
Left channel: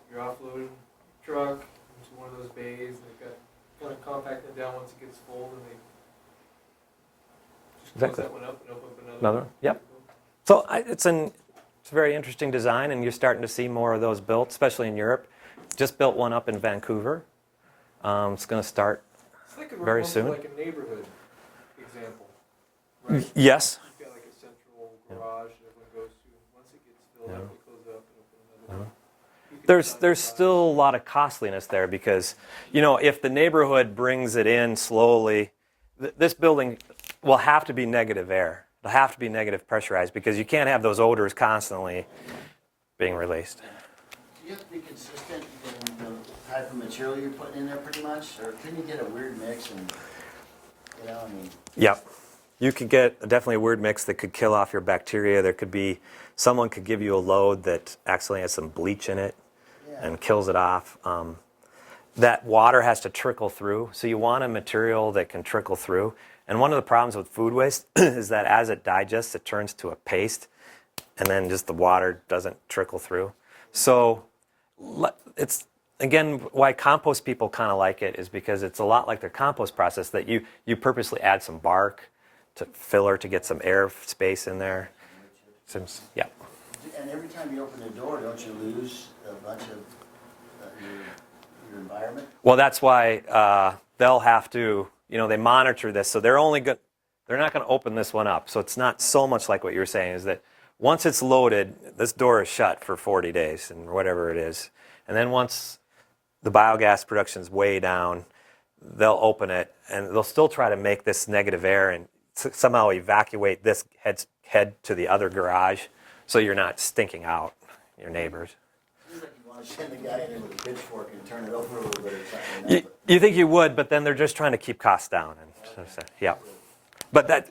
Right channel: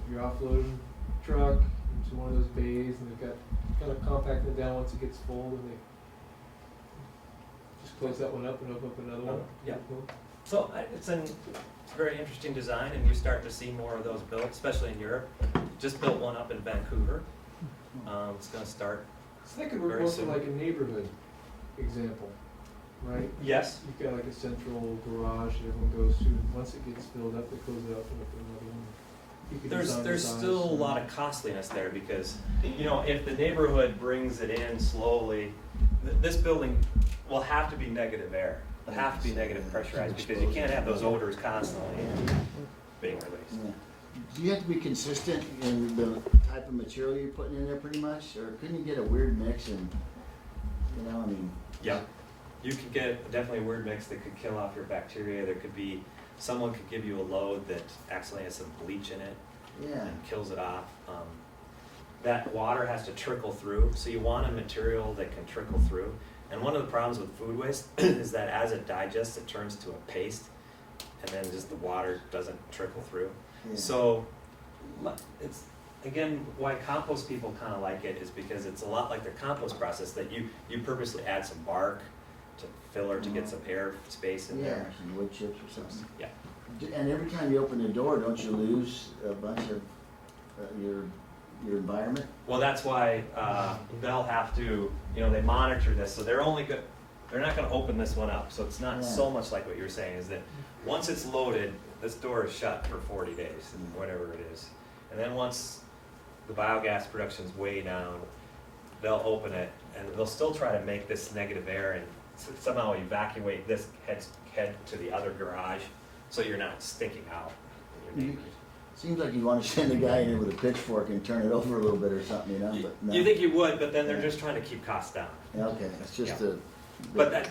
you're offloading truck into one of those bays and they've got kind of compacting it down once it gets full and they just close Exactly. that one up and open up another Another, one. yep. So it's a very interesting design, and you're starting to see more of those built, especially in Europe. Just built one up in Vancouver. It's going to start. It's like Very almost soon. like a neighborhood example, right? Yes. You've got like a central garage that everyone goes to. Once it gets filled up, it closes up and up another one. You can There's design there's size. still a lot of costliness there because, if the neighborhood brings it in slowly, this building will have to be negative air. It'll have to be negative pressurized because you can't have those odors constantly being released. Do you have to be consistent in the type of material you're putting in there pretty much? Or can you get a weird mix and, I mean? Yeah. You could get definitely a weird mix that could kill off your bacteria. There could be, someone could give you a load that actually has some bleach in it Yeah. and kills it off. That water has to trickle through, so you want a material that can trickle through. And one of the problems with food waste is that as it digests, it turns to a paste, and then just the water doesn't trickle through. Yeah. So it's, again, why compost people kind of like it is because it's a lot like their compost process that you purposely add some bark to filler to get some air space in there. Some wood chips or Some- something. yeah. And every time you open the door, don't you lose a bunch of your environment? Well, that's why they'll have to, they monitor this, so they're not going to open this one up. So it's not so much like what you're saying, is that once it's loaded, this door is shut for 40 days and whatever it is. And then once the biogas production is way down, they'll open it and they'll still try to make this negative air and somehow evacuate this head to the other garage so you're not stinking out your neighbors. Seems like you want to send a guy in with a pitchfork and turn it over a little bit or something. You, you think you would, but then they're just trying to keep costs down. Yeah, okay, it's Yeah. just a, But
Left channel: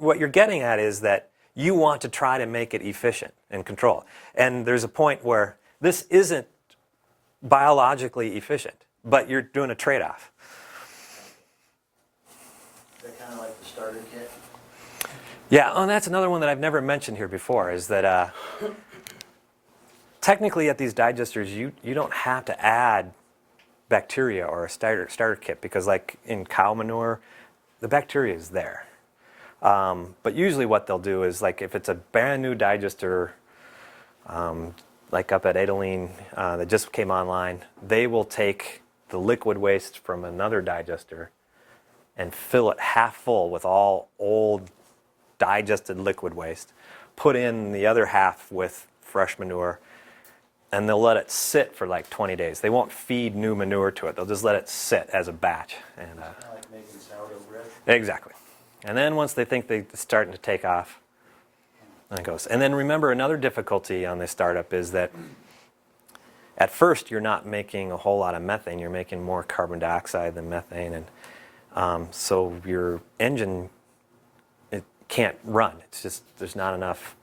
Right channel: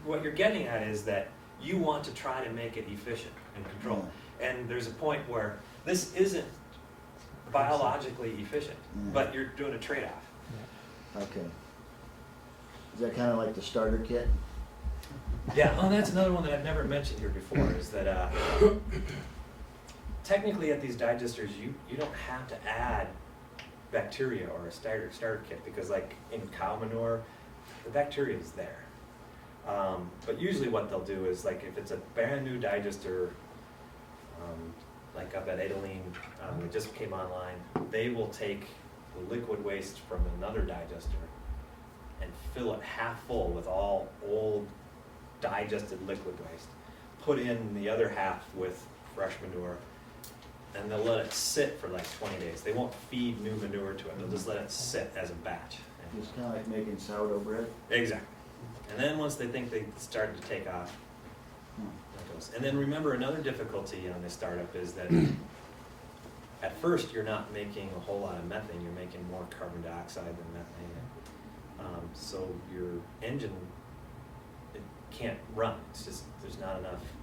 what you're getting at is that you want to try to make it efficient and control. And there's a point where this isn't biologically efficient, but you're doing a trade-off. okay. Is that kind of like the starter kit? Yeah, and that's another one that I've never mentioned here before, is that technically at these digesters, you don't have to add bacteria or a starter kit because like in cow manure, the bacteria is there. But usually what they'll do is, like, if it's a brand new digester, like up at Adaline that just came online, they will take the liquid waste from another digester and fill it half full with all old digested liquid waste, put in the other half with fresh manure, and they'll let it sit for like 20 days. They won't feed new manure to it. They'll just let it sit as a batch. And, It's kind of like making sourdough bread. exactly. And then once they think they're starting to take off, then it goes. And then remember, another difficulty on this startup is that at first you're not making a whole lot of methane. You're making more carbon dioxide than methane. And so your engine, it can't run. It's just, there's not enough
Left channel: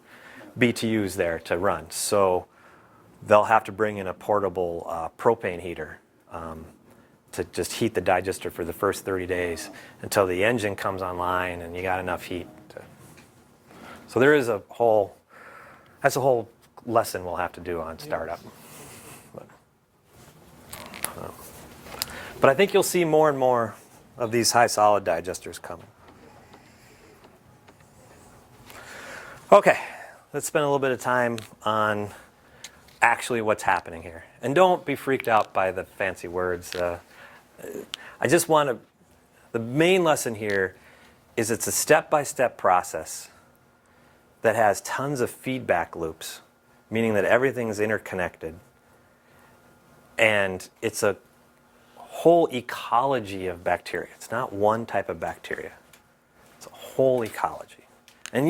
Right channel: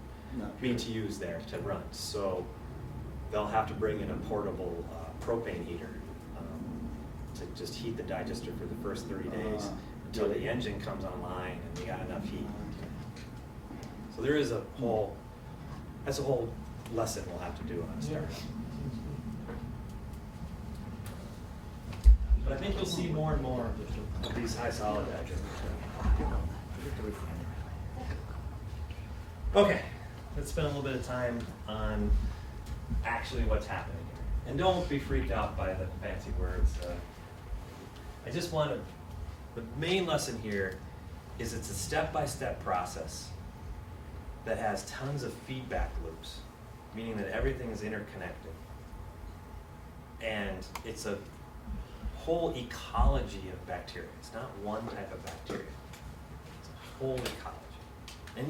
BTUs there to run. So they'll have to bring in a portable propane heater to just heat the digester for the first 30 days until the engine comes online and you got enough heat. So there is that's a whole lesson we'll have to do on startup. But I think you'll see more and more of these high solid digesters come. Okay, let's spend a little bit of time on actually what's happening here. And don't be freaked out by the fancy words. I just want to, the main lesson here is it's a step-by-step process that has tons of feedback loops, meaning that everything's interconnected. And it's a whole ecology of bacteria. It's not one type of bacteria. It's a whole ecology. And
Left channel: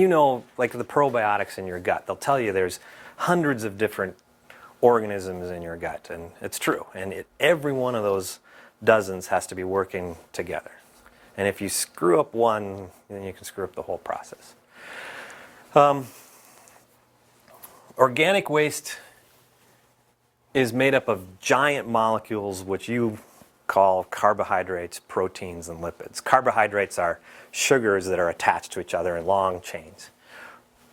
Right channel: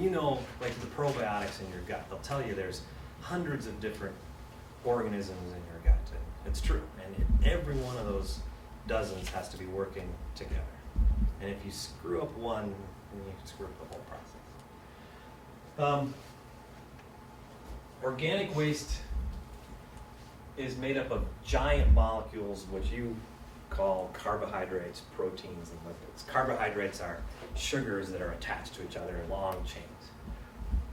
like the probiotics in your gut, they'll tell you there's hundreds of different organisms in your gut, and it's true. And every one of those dozens has to be working together. And if you screw up one, then you can screw up the whole process. Organic waste is made up of giant molecules which you call carbohydrates, proteins, and lipids. Carbohydrates are sugars that are attached to each other in long chains.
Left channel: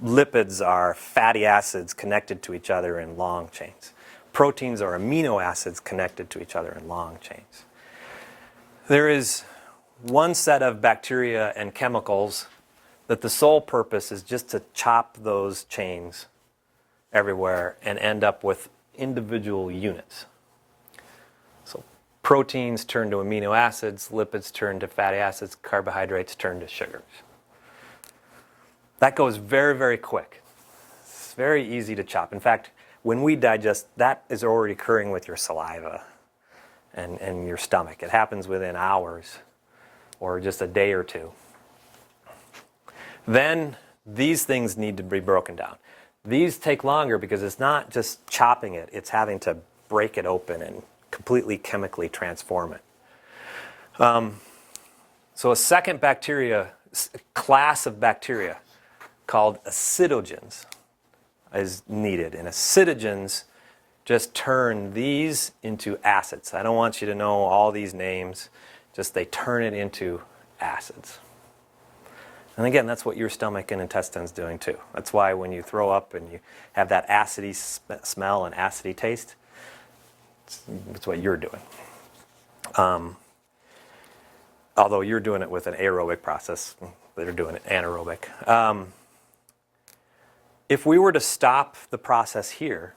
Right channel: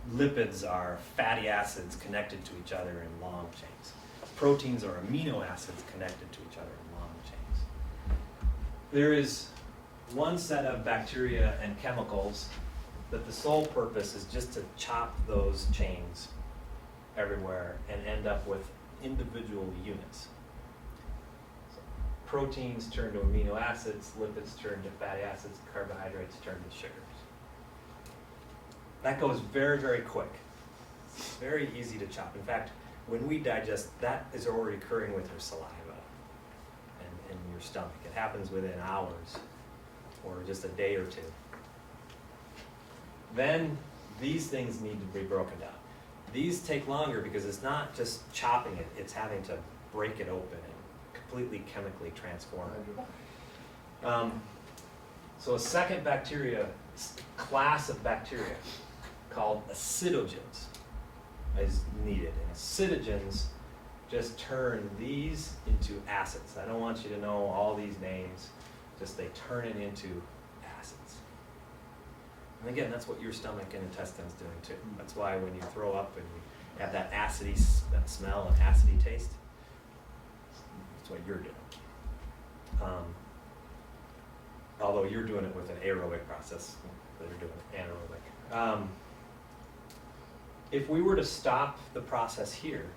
Lipids are fatty acids connected to each other in long chains. Proteins are amino acids connected to each other in long chains. There is one set of bacteria and chemicals that the sole purpose is just to chop those chains everywhere and end up with individual units. So Proteins turn to amino acids, lipids turn to fatty acids, carbohydrates turn to sugars. That goes very, very quick. It's very easy to chop. In fact, when we digest, that is already occurring with your saliva and your stomach. It happens within hours or just a day or two. Then these things need to be broken down. These take longer because it's not just chopping it, it's having to break it open and completely chemically transform it. So a second class of bacteria called acidogens is needed. And acidogens just turn these into acids. I don't want you to know all these names, just they turn it into acids. And again, that's what your stomach and intestine's doing too. That's why when you throw up and you have that acidy smell and acidy taste, it's what you're doing. Although you're doing it with an aerobic process, they're doing it anaerobic. If we were to stop the process here,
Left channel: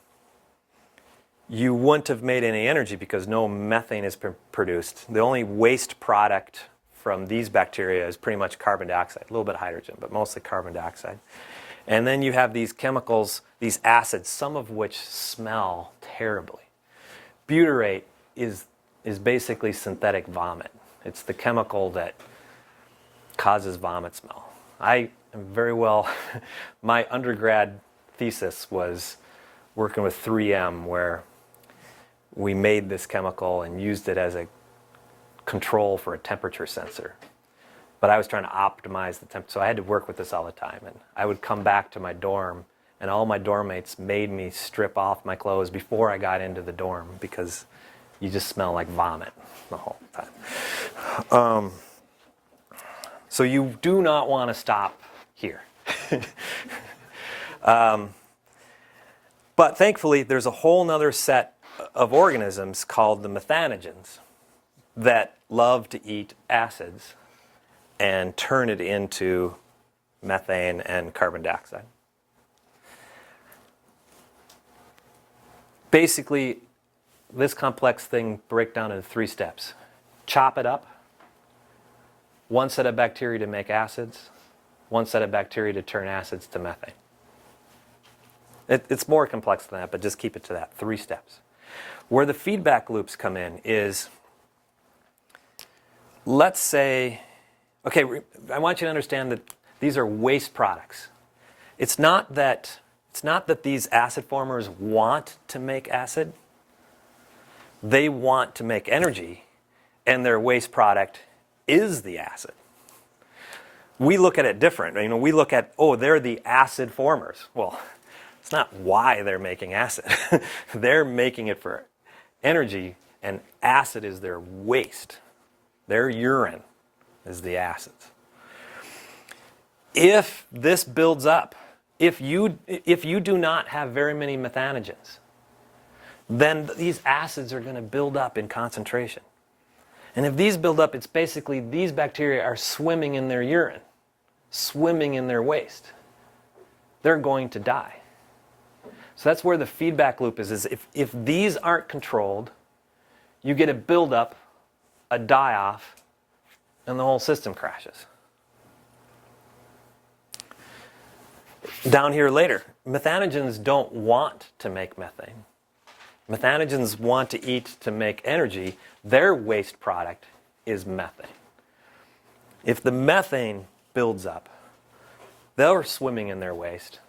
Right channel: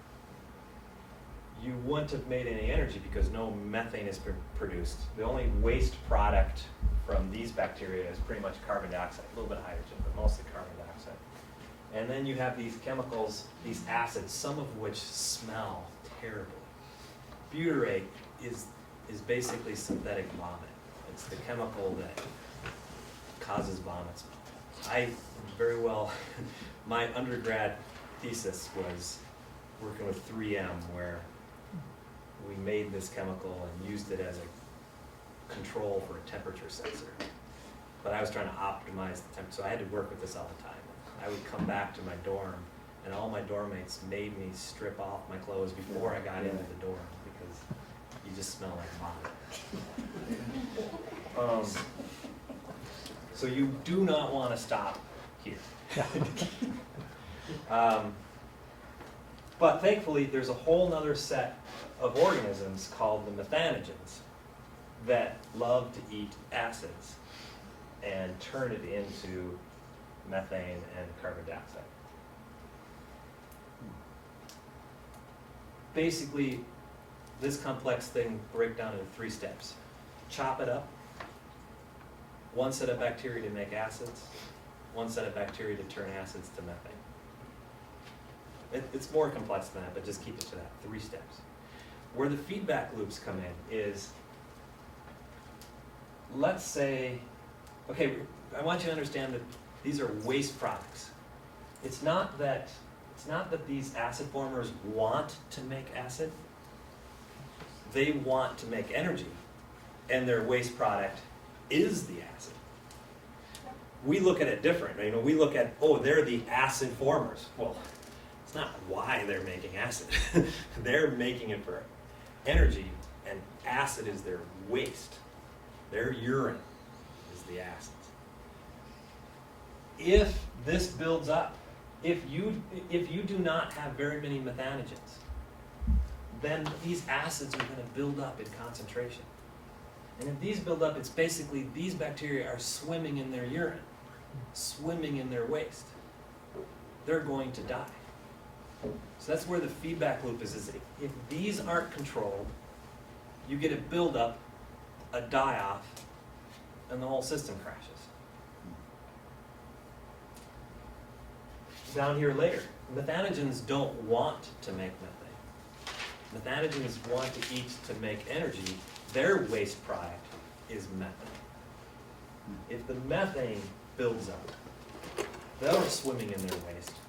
you wouldn't have made any energy because no methane is produced. The only waste product from these bacteria is pretty much carbon dioxide, a little bit of hydrogen, but mostly carbon dioxide. And then you have these chemicals, these acids, some of which smell terribly. Butyrate is basically synthetic vomit. It's the chemical that causes vomit smell. I am very well, my undergrad thesis was working with 3M where we made this chemical and used it as a control for a temperature sensor. But I was trying to optimize the temperature, so I had to work with this all the time. And I would come back to my dorm, and all my dorm mates made me strip off my clothes before I got into the dorm because you just smell like vomit the whole time. So you do not want to stop here. But thankfully, there's a whole nother set of organisms called the methanogens that love to eat acids and turn it into methane and carbon dioxide. Basically, this complex thing breaks down into 3 steps. Chop it up. One set of bacteria to make acids. One set of bacteria to turn acids to methane. It's more complex than that, but just keep it to that. 3 steps. Where the feedback loops come in is, let's say, okay, I want you to understand that these are waste products. It's not that these acid formers want to make acid. They want to make energy, and their waste product is the acid. We look at it different. You know, we look at, oh, they're the acid formers. Well, it's not why they're making acid. They're making it for energy, and acid is their waste. Their urine is the acids. If this builds up, if you do not have very many methanogens, then these acids are going to build up in concentration. And if these build up, it's basically these bacteria are swimming in their urine, swimming in their waste. They're going to die. So that's where the feedback loop is if these aren't controlled, you get a buildup, a die-off, and the whole system crashes. Down here later, methanogens don't want to make methane. Methanogens want to eat to make energy. Their waste product is methane. If the methane builds up, they're swimming in their waste.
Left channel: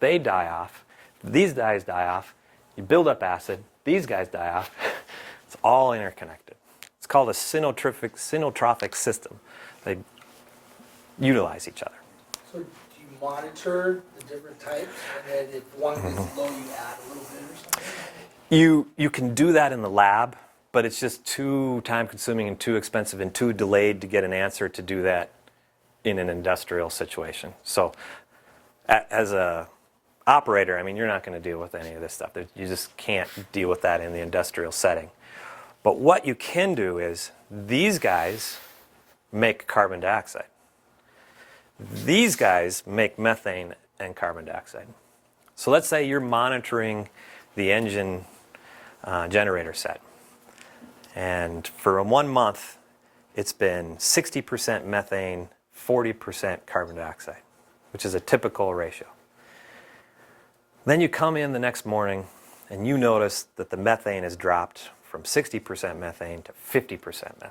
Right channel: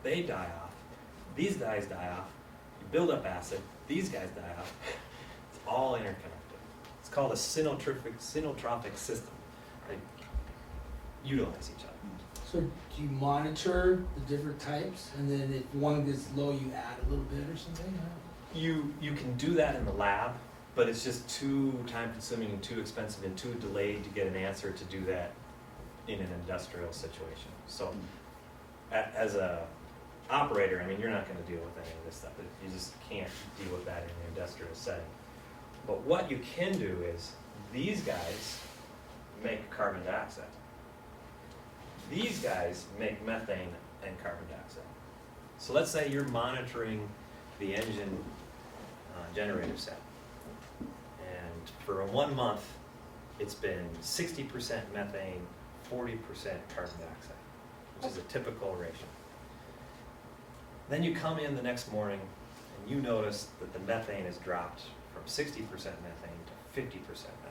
They die off. These guys die off. You build up acid. These guys die off. It's all interconnected. It's called a synotrophic system. They utilize each other. So do you monitor the different types, and then if one is low, you add a little bit or something? You can do that in the lab, but it's just too time-consuming and too expensive and too delayed to get an answer to do that in an industrial situation. So as a operator, I mean, you're not going to deal with any of this stuff. You just can't deal with that in the industrial setting. But what you can do is these guys make carbon dioxide. These guys make methane and carbon dioxide. So let's say you're monitoring the engine generator set. And for 1 month, it's been 60% methane, 40% carbon dioxide, which is a typical ratio. Then you come in the next morning and you notice that the methane has dropped from 60% methane to 50% methane.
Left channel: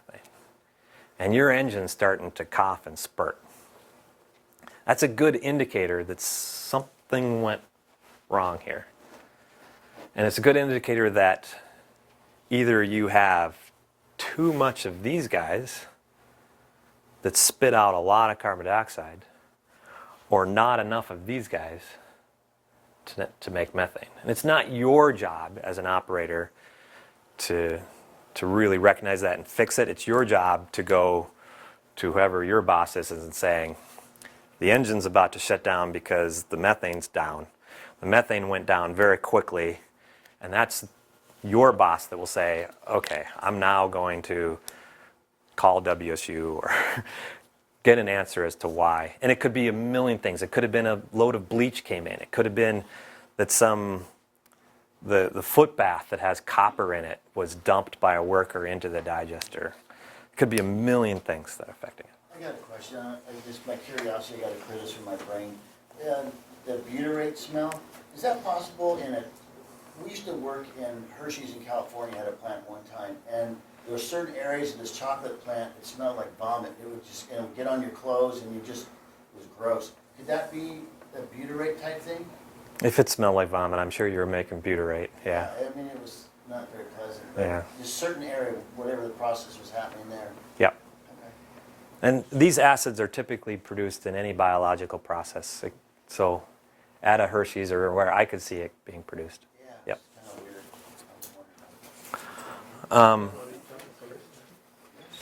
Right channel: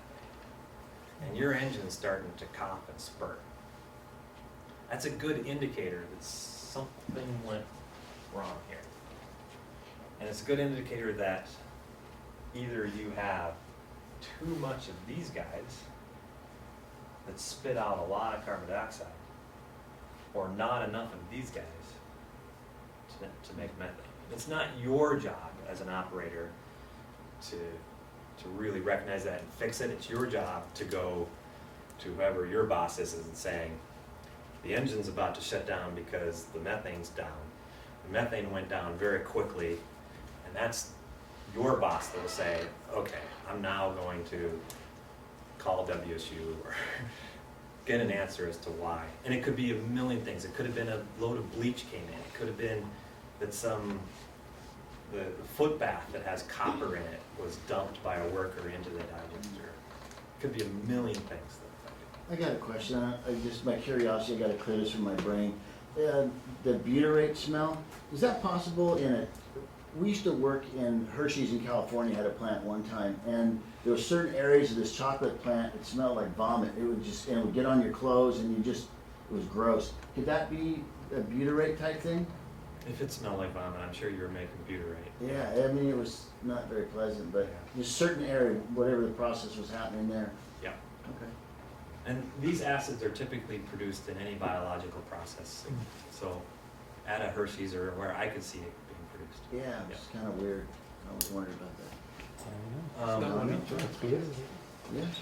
And your engine's starting to cough and spurt. That's a good indicator that something went wrong here. And it's a good indicator that either you have too much of these guys that spit out a lot of carbon dioxide, or not enough of these guys to make methane. And it's not your job as an operator to really recognize that and fix it. It's your job to go to whoever your boss is and saying, the engine's about to shut down because the methane's down. The methane went down very quickly, and that's your boss that will say, okay, I'm now going to call WSU or get an answer as to why. And it could be a million things. It could have been a load of bleach came in. It could have been that the foot bath that has copper in it was dumped by a worker into the digester. It could be a million things that affect it. I got a question, just my curiosity, I gotta clear this from my brain. The butyrate smell, is that possible we used to work in Hershey's in California, had a plant one time, and there were certain areas of this chocolate plant, it smelled like vomit. It would just, it would get on your clothes and it was gross. Could that be a butyrate type thing? If it smelled like vomit, I'm sure you were making butyrate. Yeah. I mean, it was not very pleasant, but Yeah. just certain area, whatever the process was happening there. Yep. Okay. And these acids are typically produced in any biological process. So at a Hershey's or where I could see it being produced. Yeah, Yep. it's kind of weird. I was wondering about that.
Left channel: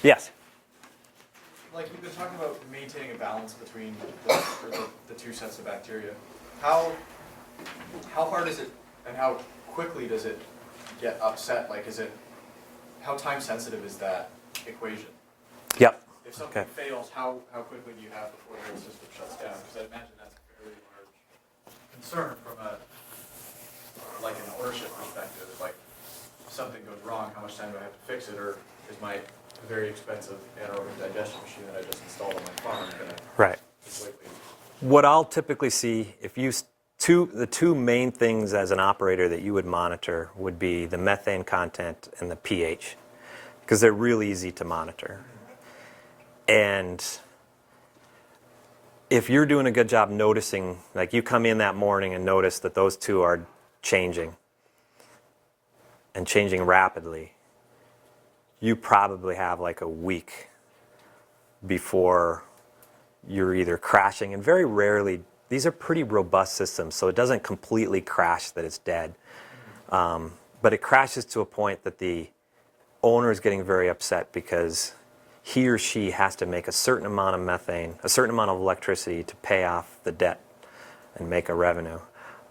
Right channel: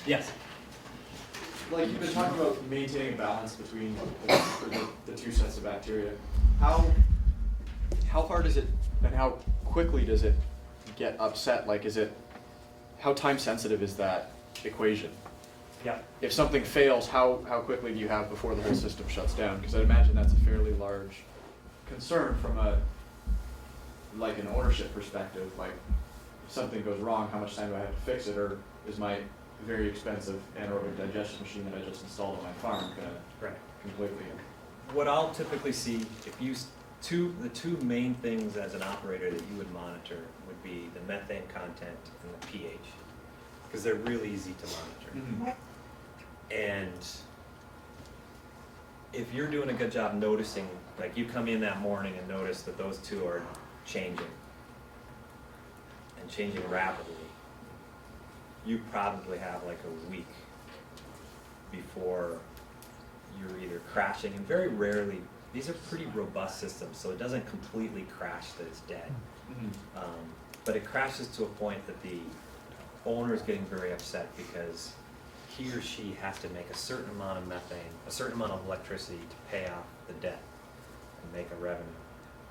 Yes. Like you've been talking about maintaining a balance between the two sets of bacteria. How hard is it, and how quickly does it get upset? Like, how time sensitive is that equation? Yep. If something fails, how quickly do you have before the whole system shuts down? Because I imagine that's a fairly large concern from an ownership perspective. Like, if something goes wrong, how much time do I have to fix it, or is my very expensive anaerobic digestion machine that I just installed on my farm gonna Right. completely? What I'll typically see, if you the two main things as an operator that you would monitor would be the methane content and the pH, because they're real easy to monitor. And if you're doing a good job noticing, like you come in that morning and notice that those two are changing and changing rapidly, you probably have like a week before you're either crashing, and very rarely, these are pretty robust systems, so it doesn't completely crash that it's dead. But it crashes to a point that the owner is getting very upset because he or she has to make a certain amount of methane, a certain amount of electricity to pay off the debt and make a revenue.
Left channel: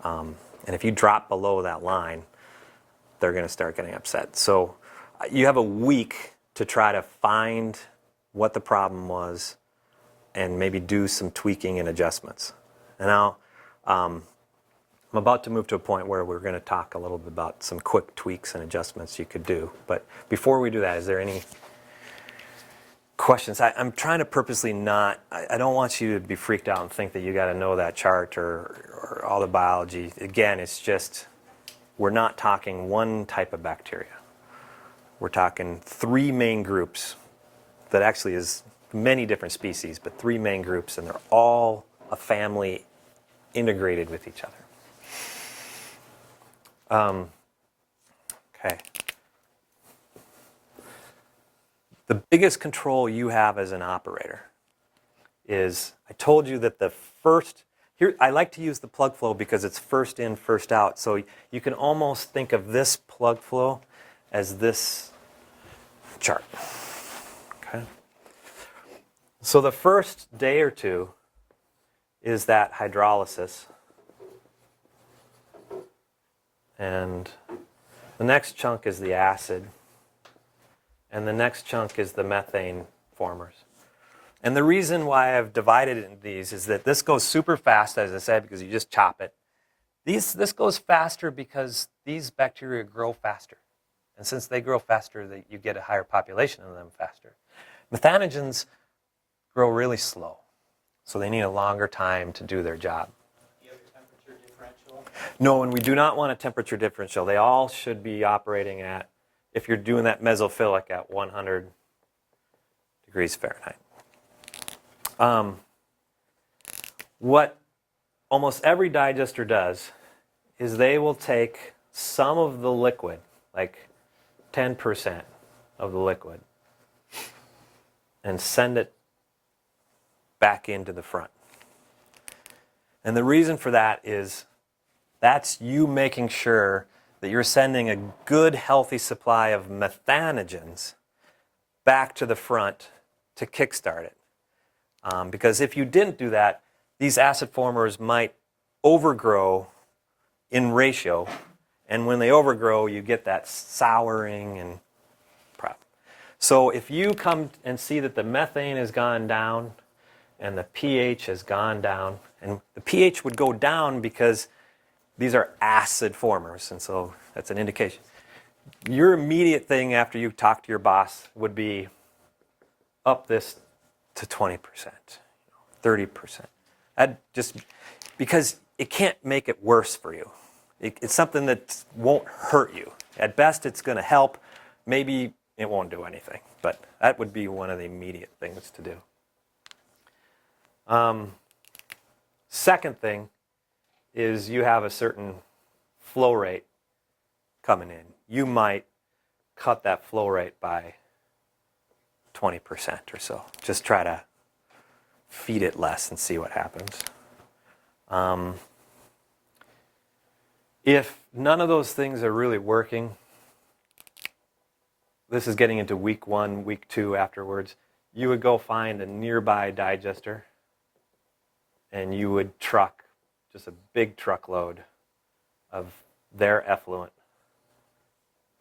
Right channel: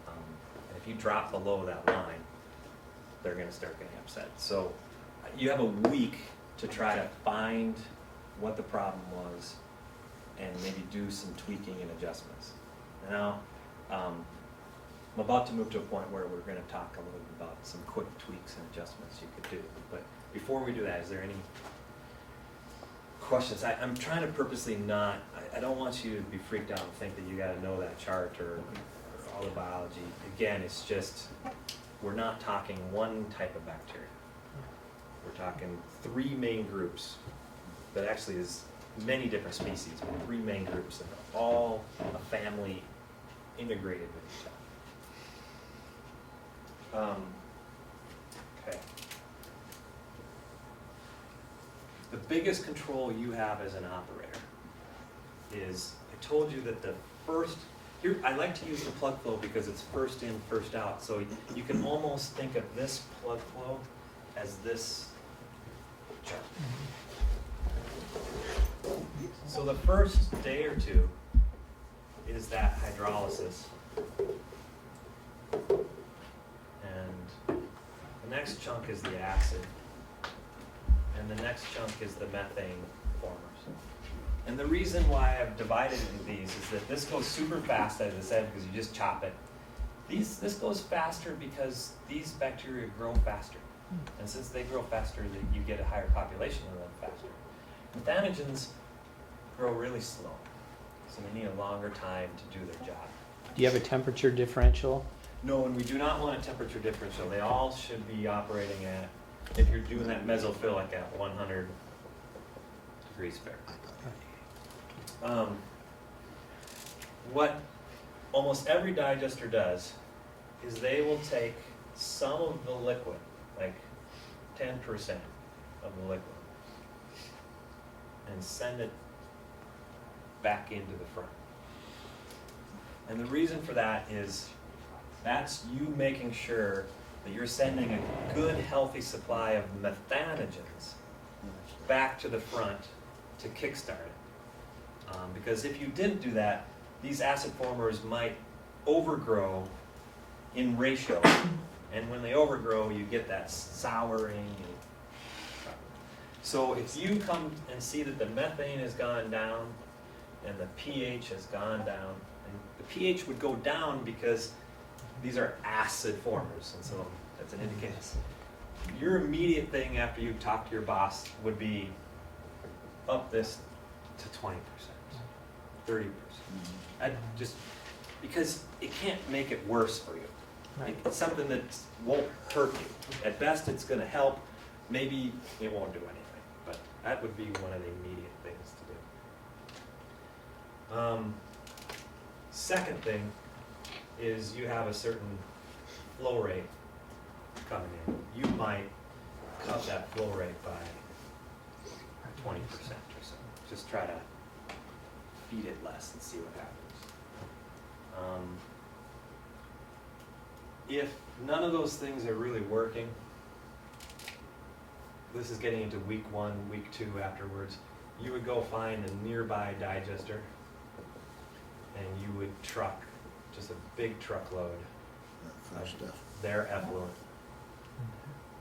And if you drop below that line, they're going to start getting upset. So you have a week to try to find what the problem was and maybe do some tweaking and adjustments. And now I'm about to move to a point where we're going to talk a little bit about some quick tweaks and adjustments you could do. But before we do that, is there any questions? I'm trying to purposely not, I don't want you to be freaked out and think that you got to know that chart or all the biology. Again, it's just, we're not talking one type of bacteria. We're talking three main groups that actually is many different species, but three main groups, and they're all a family integrated with each other. Okay. The biggest control you have as an operator is, I told you that the first, here, I like to use the plug flow because it's first in, first out. So you can almost think of this plug flow as this chart. Okay. So the first day or two is that hydrolysis. And the next chunk is the acid. And the next chunk is the methane formers. And the reason why I've divided it into these is that this goes super fast, as I said, because you just chop it. This goes faster because these bacteria grow faster. And since they grow faster, you get a higher population of them faster. Methanogens grow really slow, so they need a longer time to do their job. Do you have a temperature differential? No, and we do not want a temperature differential. They all should be operating at, if you're doing that mesophilic, at 100 degrees Fahrenheit. What almost every digester does is they will take some of the liquid, like 10% of the liquid, and send it back into the front. And the reason for that is that's you making sure that you're sending a good, healthy supply of methanogens back to the front to kickstart it. Because if you didn't do that, these acid formers might overgrow in ratio. And when they overgrow, you get that souring and problem. So if you come and see that the methane has gone down and the pH has gone down, and the pH would go down because these are acid formers, and so that's an indication. Your immediate thing after you talk to your boss would be up this to 20%, 30%. I'd just, because it can't make it worse for you. It's something that won't hurt you. At best, it's going to help. Maybe it won't do anything, but that would be one of the immediate things to do. Second thing is you have a certain flow rate coming in. You might cut that flow rate by 20% or so. Just try to feed it less and see what happens. If none of those things are really working, this is getting into week 1, week 2 afterwards, you would go find a nearby digester and you would truck just a big truckload of their effluent,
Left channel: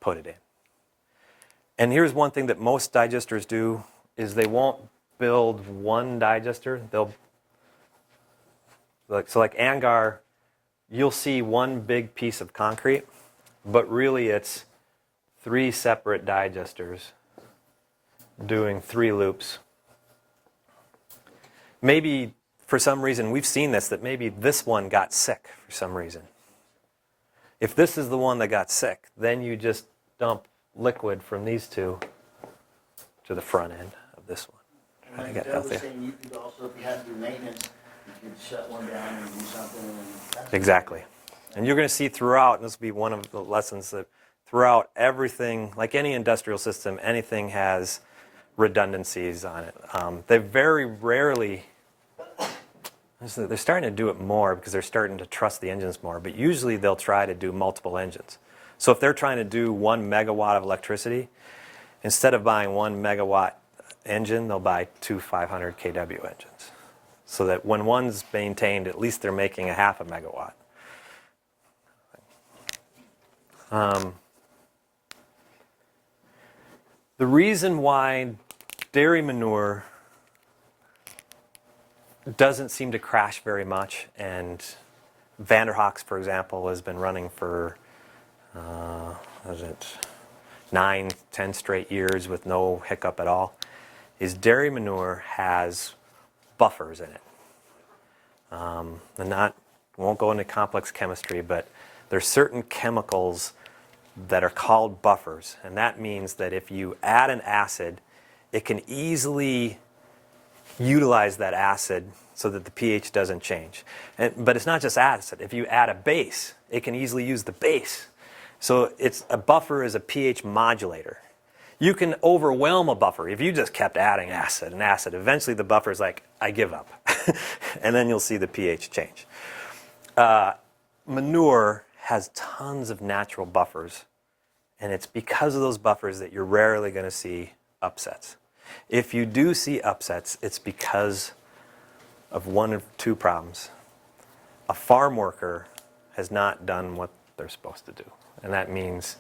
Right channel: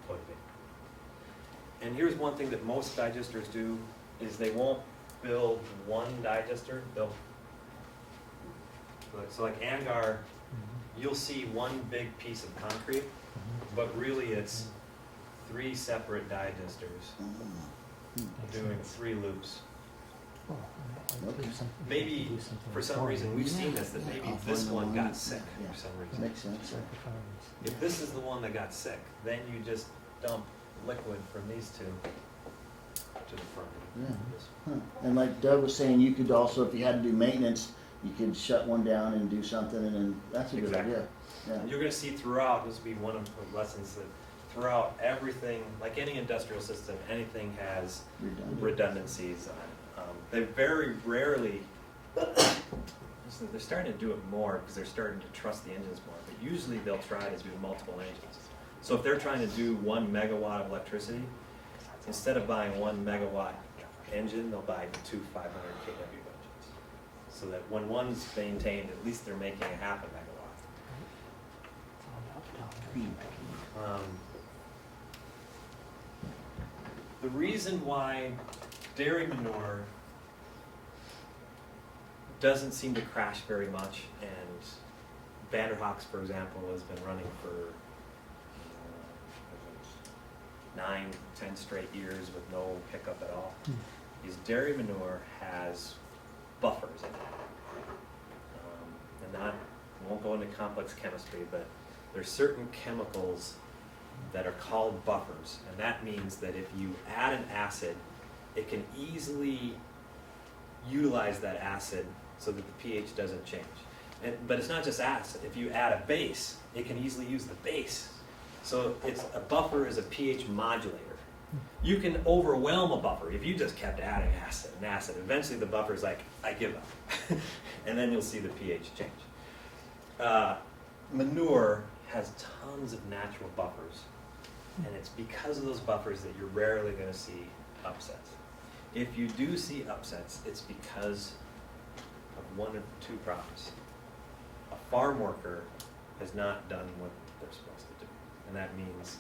put it in. And here's one thing that most digesters do is they won't build one digester. They'll, like Angar, you'll see one big piece of concrete, but really it's 3 separate digesters doing 3 loops. Maybe for some reason, we've seen this, that maybe this one got sick for some reason. If this is the one that got sick, then you just dump liquid from these 2 to the front end of this one. And like Doug was saying, you could also, if you had to do maintenance, you could shut one down and do something, and that's Exactly. And you're going to see throughout, this will be one of the lessons, that throughout everything, like any industrial system, anything has redundancies on it. They very rarely, they're starting to do it more because they're starting to trust the engines more, but usually they'll try to do multiple engines. So if they're trying to do 1 megawatt of electricity, instead of buying 1 megawatt engine, they'll buy 2 500 kW engines. So that when one's maintained, at least they're making a half a megawatt. The reason why dairy manure doesn't seem to crash very much, and Vanderhoeks, for example, has been running for 9, 10 straight years with no hiccup at all, is dairy manure has buffers in it. Won't go into complex chemistry, but there's certain chemicals that are called buffers, and that means that if you add an acid, it can easily utilize that acid so that the pH doesn't change. But it's not just acid. If you add a base, it can easily use the base. So a buffer is a pH modulator. You can overwhelm a buffer if you just kept adding acid and acid. Eventually the buffer's like, I give up. And then you'll see the pH change. Manure has tons of natural buffers. And it's because of those buffers that you're rarely going to see upsets. If you do see upsets, it's because of 1 or 2 problems. A farm worker has not done what they're supposed to do. And that means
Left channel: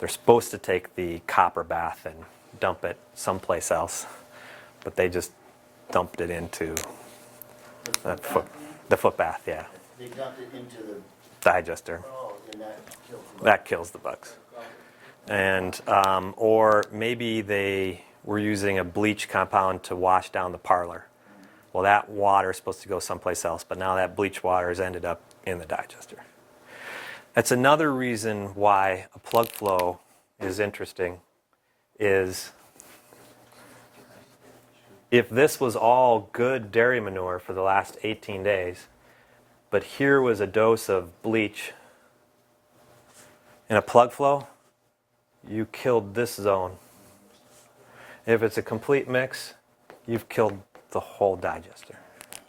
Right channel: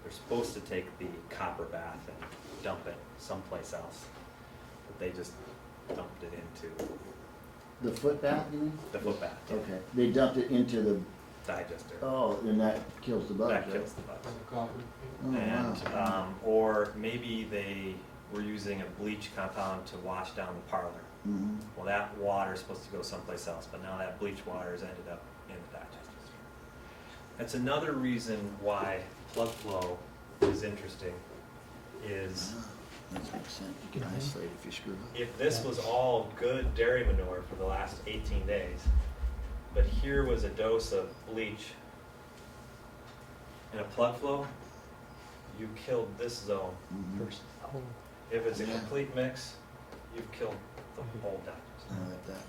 they're supposed to take the copper bath and dump it someplace else, but they just dumped it into The foot bath, you mean? the foot bath, yeah. Okay. They dumped it into the digester. Oh, and that kills the bug. That kills the bugs. Oh, And, wow. or maybe they were using a bleach compound to wash down the parlor. Mhm. Well, that water is supposed to go someplace else, but now that bleach water has ended up in the digester. That's another reason why a plug flow is interesting, is That makes sense. You can isolate if you screw up. if this was all good dairy manure for the last 18 days, but here was a dose of bleach in a plug flow, you killed this zone. Mhm. If it's a complete mix, you've killed the whole digester. I like that.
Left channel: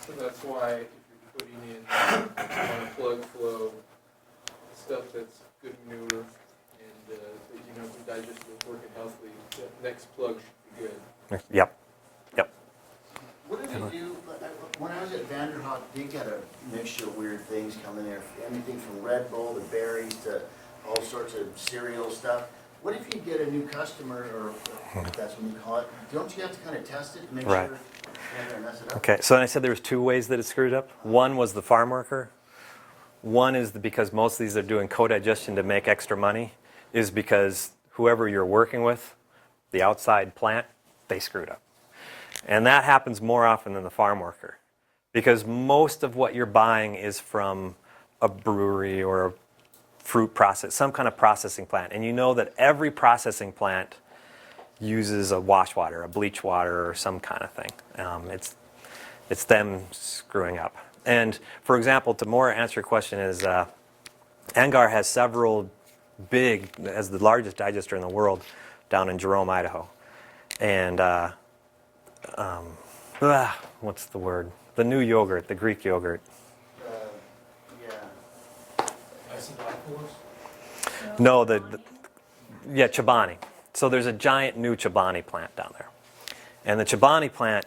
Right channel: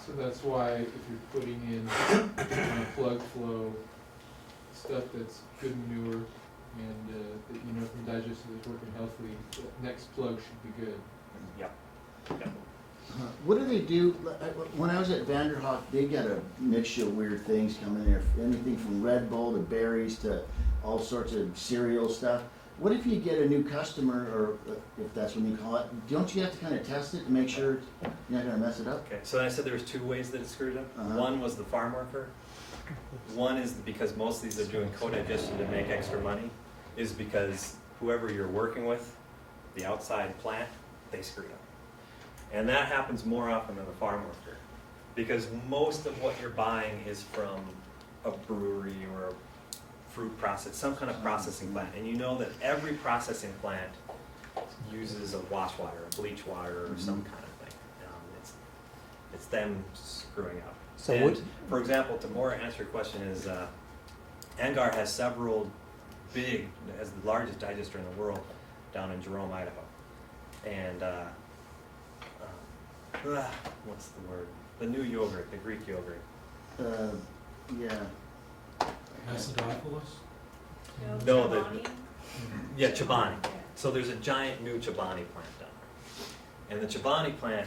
So that's why if you're putting in on a plug flow, stuff that's good manure and that you know from digestion is working healthily, that next plug should be good. Yep. What do they do, when I was at Vanderhoek, they got a mixture of weird things coming there, anything from Red Bull to berries to all sorts of cereal stuff. What if you get a new customer, or if that's what you call it, don't you have to kind of test it to make Right. sure you're not gonna mess it up? Okay, so I said there was two ways that it screwed up. One was the farm worker. One is because most of these are doing co-digestion to make extra money, is because whoever you're working with, the outside plant, they screwed up. And that happens more often than the farm worker, because most of what you're buying is from a brewery or a fruit process, some kind of processing plant. And you know that every processing plant uses a wash water, a bleach water, or some kind of thing. It's them screwing up. So And what- for example, to more answer your question is, Angar has several big, as the largest digester in the world, down in Jerome, Idaho. And what's the word? The new yogurt, the Greek yogurt. Yeah. No, yeah, Chobani. So there's a giant new Chobani plant down there. And the Chobani plant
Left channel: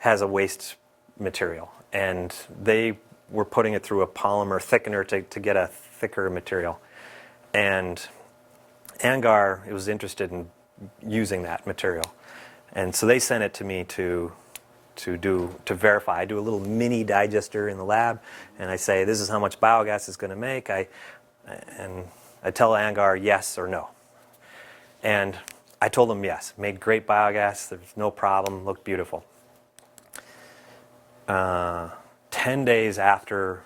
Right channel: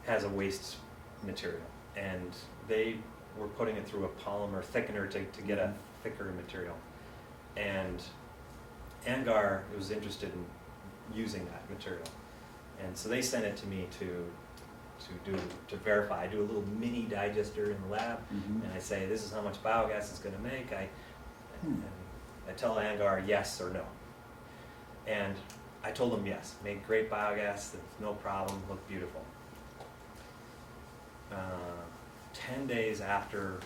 has a waste material. And they were putting it through a polymer thickener to get a thicker material. And Angar was interested in using that material. And so they sent it to me to verify. I do a little mini digester in the lab, and I say, this is how much biogas it's going to make. And I tell Angar yes or no. And I told them yes. Made great biogas. There's no problem. Looked beautiful. 10 days after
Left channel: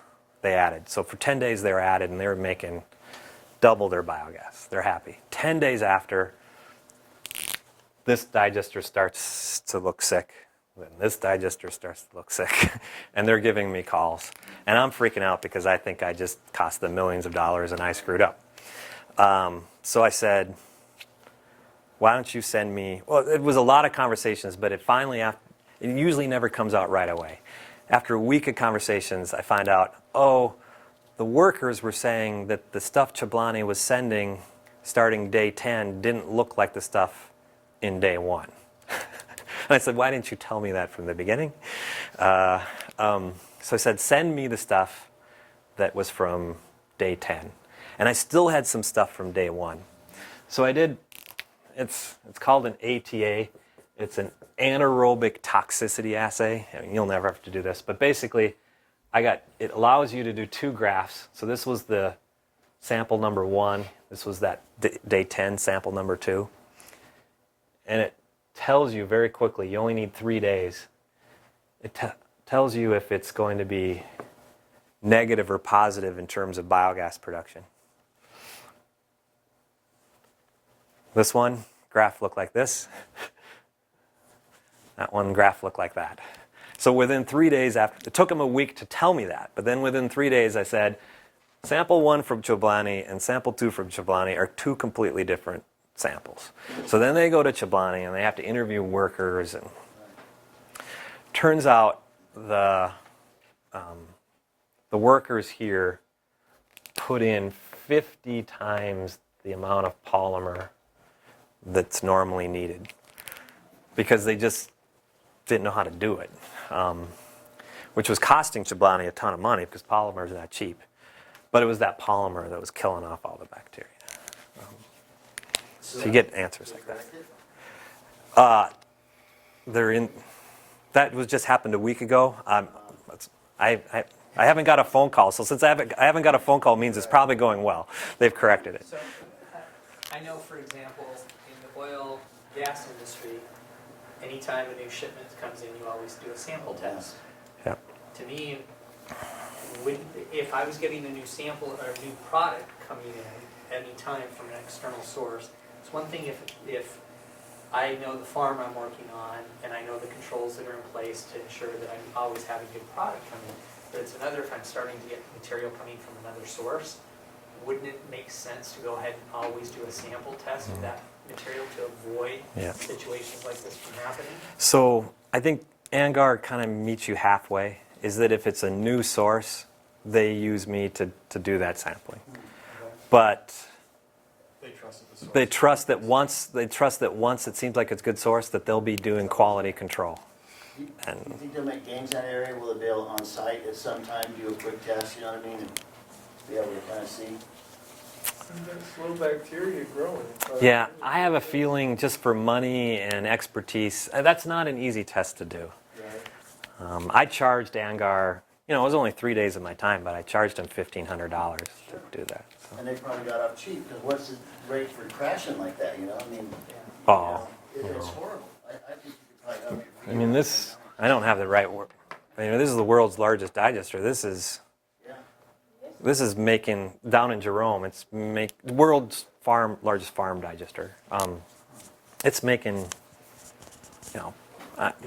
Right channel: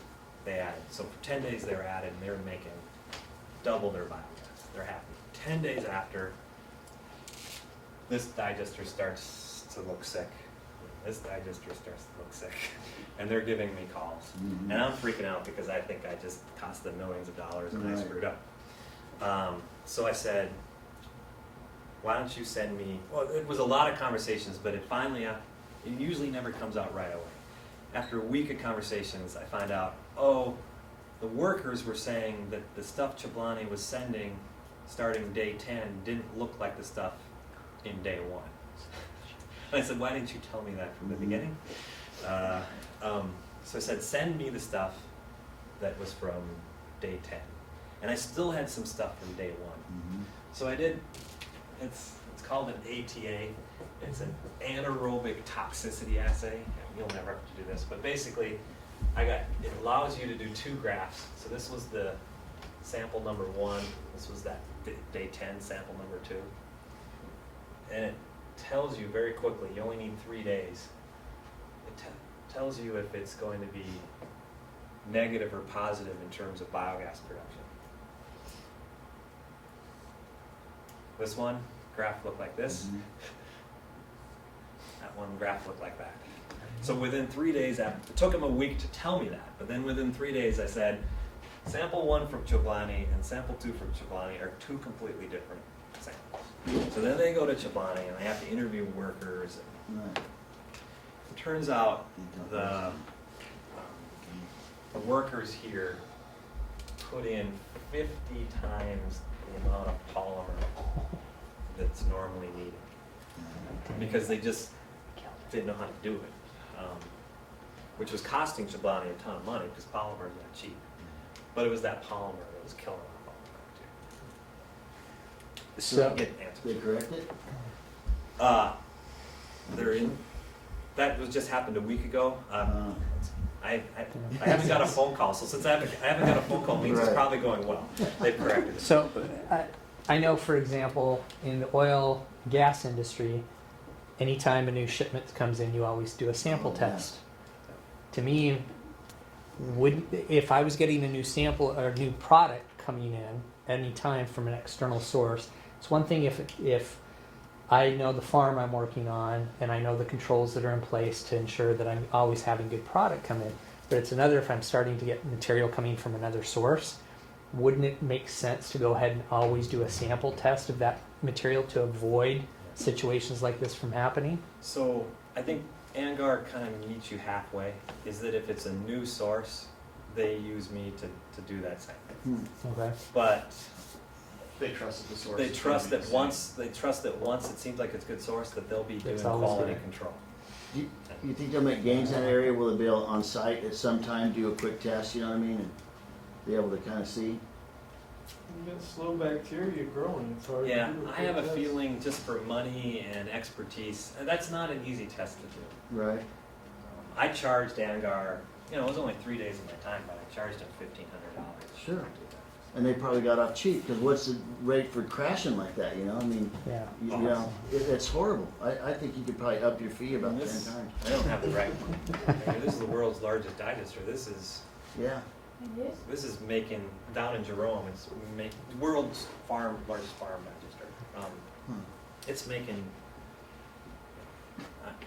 they added. So for 10 days they were added, and they were making double their biogas. They're happy. 10 days after, this digester starts to look sick. This digester starts to look sick. And they're giving me calls. And I'm freaking out because I think I just cost them millions of dollars and I screwed up. So I said, why don't you send me, well, it was a lot of conversations, but it finally, it usually never comes out right away. After a week of conversations, I find out, oh, the workers were saying that the stuff Chablani was sending starting day 10 didn't look like the stuff in day 1. And I said, why didn't you tell me that from the beginning? So I said, send me the stuff that was from day 10. And I still had some stuff from day 1. So I did, it's called an ATA. It's an anaerobic toxicity assay. I mean, you'll never have to do this, but basically, it allows you to do 2 graphs. So this was the sample number 1. This was that day 10 sample number 2. And it tells you very quickly, you only need 3 days. It tells you if it's going to be negative or positive in terms of biogas production. This one graph looked like this. That one graph looked like that. So within 3 days, it took them a week to tell me that, but then within 3 days I said, sample 1 from Chablani and sample 2 from Chablani are 2 completely different samples. So then they go to Chablani and they have to interview workers, and turns out the workers here put in 50 times the amount of polymer that's normally needed, because they just didn't know how to do it, which was costing Chablani a ton of money because polymers are not cheap. But it was that polymer that was killing off all the bacteria. So you get answers. They correct it? They're in. That was just happened a week ago. I haven't got a phone call, so since I haven't got a phone call, it means it's Right. probably going well. They've corrected it. So, I know, for example, in the oil, gas industry, anytime a new shipment comes in, you always do a sample test. Yeah. To me, if I was getting a new sample or a new product coming in any time from an external source, it's one thing if I know the farm I'm working on and I know the controls that are in place to ensure that I'm always having good product come in. But it's another if I'm starting to get material coming from another source. Wouldn't it make sense to go ahead and always do a sample test of that material to avoid Yeah. situations like this from happening? So I think ANGAR kind of meets you halfway, is that if it's a new source, they use me to do that sampling. Okay. But They trust the source. they trust that once it seems like it's good source, that they'll be doing always quality good. control. Do you And think they'll make gains in that area? Will they be able on site at some time do a quick test, you know what I mean? And be able to kind of see? You've got slow bacteria growing. yeah, I have a feeling just for money and expertise, that's not an easy test to do. Right. I charged ANGAR, it was only 3 days of my time, but I charged them $1,500 Sure. to do that. And they probably got off cheap, because what's the rate for crashing like that, you know? I mean, Yeah. you Oh. know, it's horrible. I think you could probably up your fee I mean, about this, 10 times. I don't have the right one. I mean, this is the world's largest digester. This is Yeah. making, down in Jerome, world's largest farm digester. It's making,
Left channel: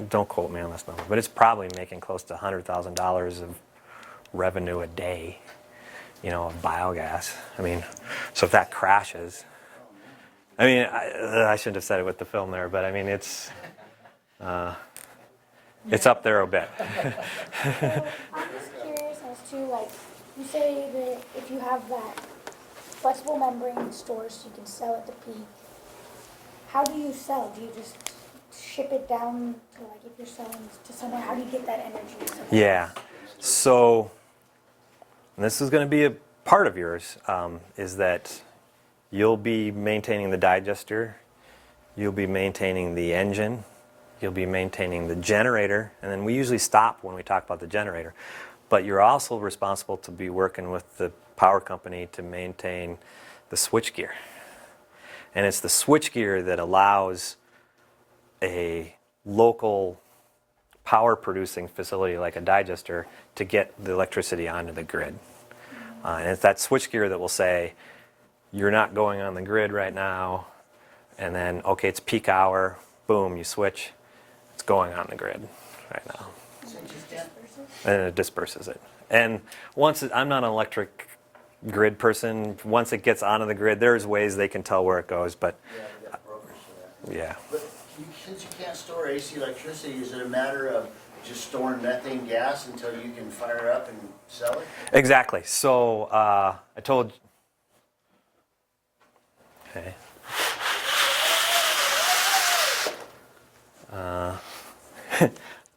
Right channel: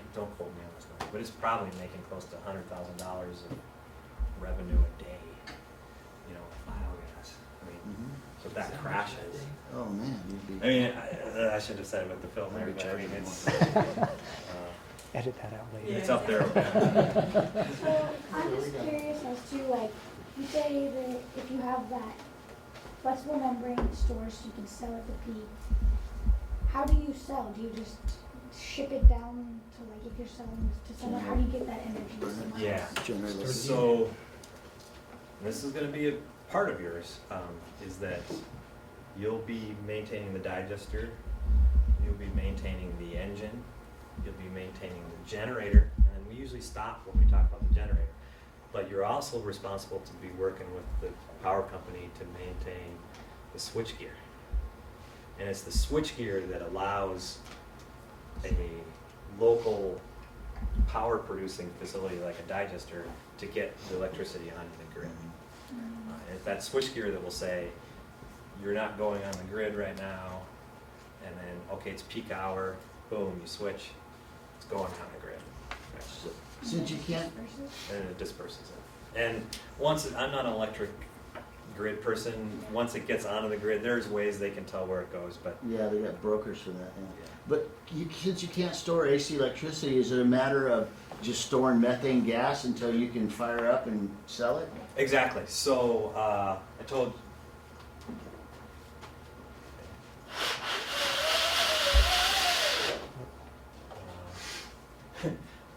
don't quote me on this number, but it's probably making close to $100,000 of revenue a day, of biogas. I mean, so if that crashes, Oh, man. you'd be- I mean, I shouldn't have said it with the film there, but I mean, it's Edit that out later. it's up there a bit. So I'm just curious as to, like, you say that if you have that flexible membrane storage, you can sell at the peak. How do you sell? Do you just ship it down to, like, if you're selling to somewhere, how do you get that energy? Yeah. Generally. So, and this is going to be a part of yours, is that you'll be maintaining the digester, you'll be maintaining the engine, you'll be maintaining the generator, and then we usually stop when we talk about the generator. But you're also responsible to be working with the power company to maintain the switchgear. And it's the switchgear that allows a local power producing facility like a digester to get the electricity onto the grid. And it's that switchgear that will say, you're not going on the grid right now, and then, okay, it's peak hour, boom, you switch, it's going on the grid right now. Since you can't, And it disperses it. And I'm not an electric grid person, once it gets onto the grid, there's ways they can tell where it goes, but yeah, they got brokers for that. yeah. But since you can't store AC electricity, is it a matter of just storing methane gas until you can fire up and sell it? Exactly. So I told. Okay.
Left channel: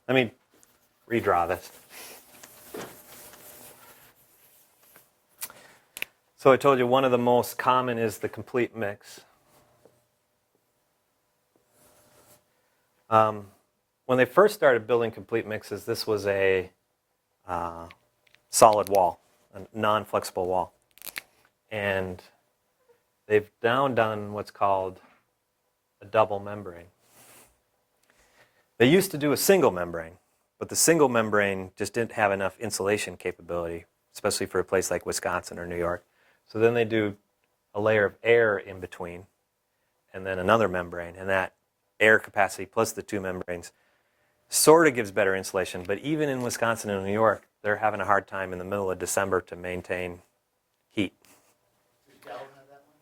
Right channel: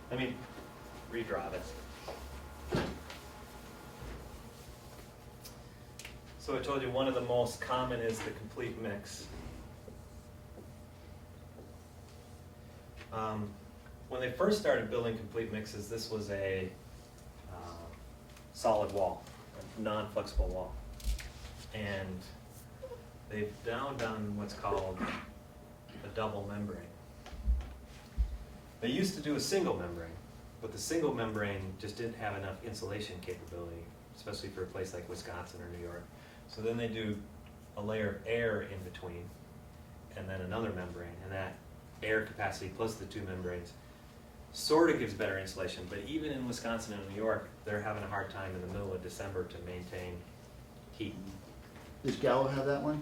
Let me redraw this. So I told you one of the most common is the complete mix. When they first started building complete mixes, this was a solid wall, a non-flexible wall. And they've now done what's called a double membrane. They used to do a single membrane, but the single membrane just didn't have enough insulation capability, especially for a place like Wisconsin or New York. So then they do a layer of air in between, and then another membrane, and that air capacity plus the two membranes sort of gives better insulation, but even in Wisconsin and New York, they're having a hard time in the middle of December to maintain heat. Does Gallo have that one?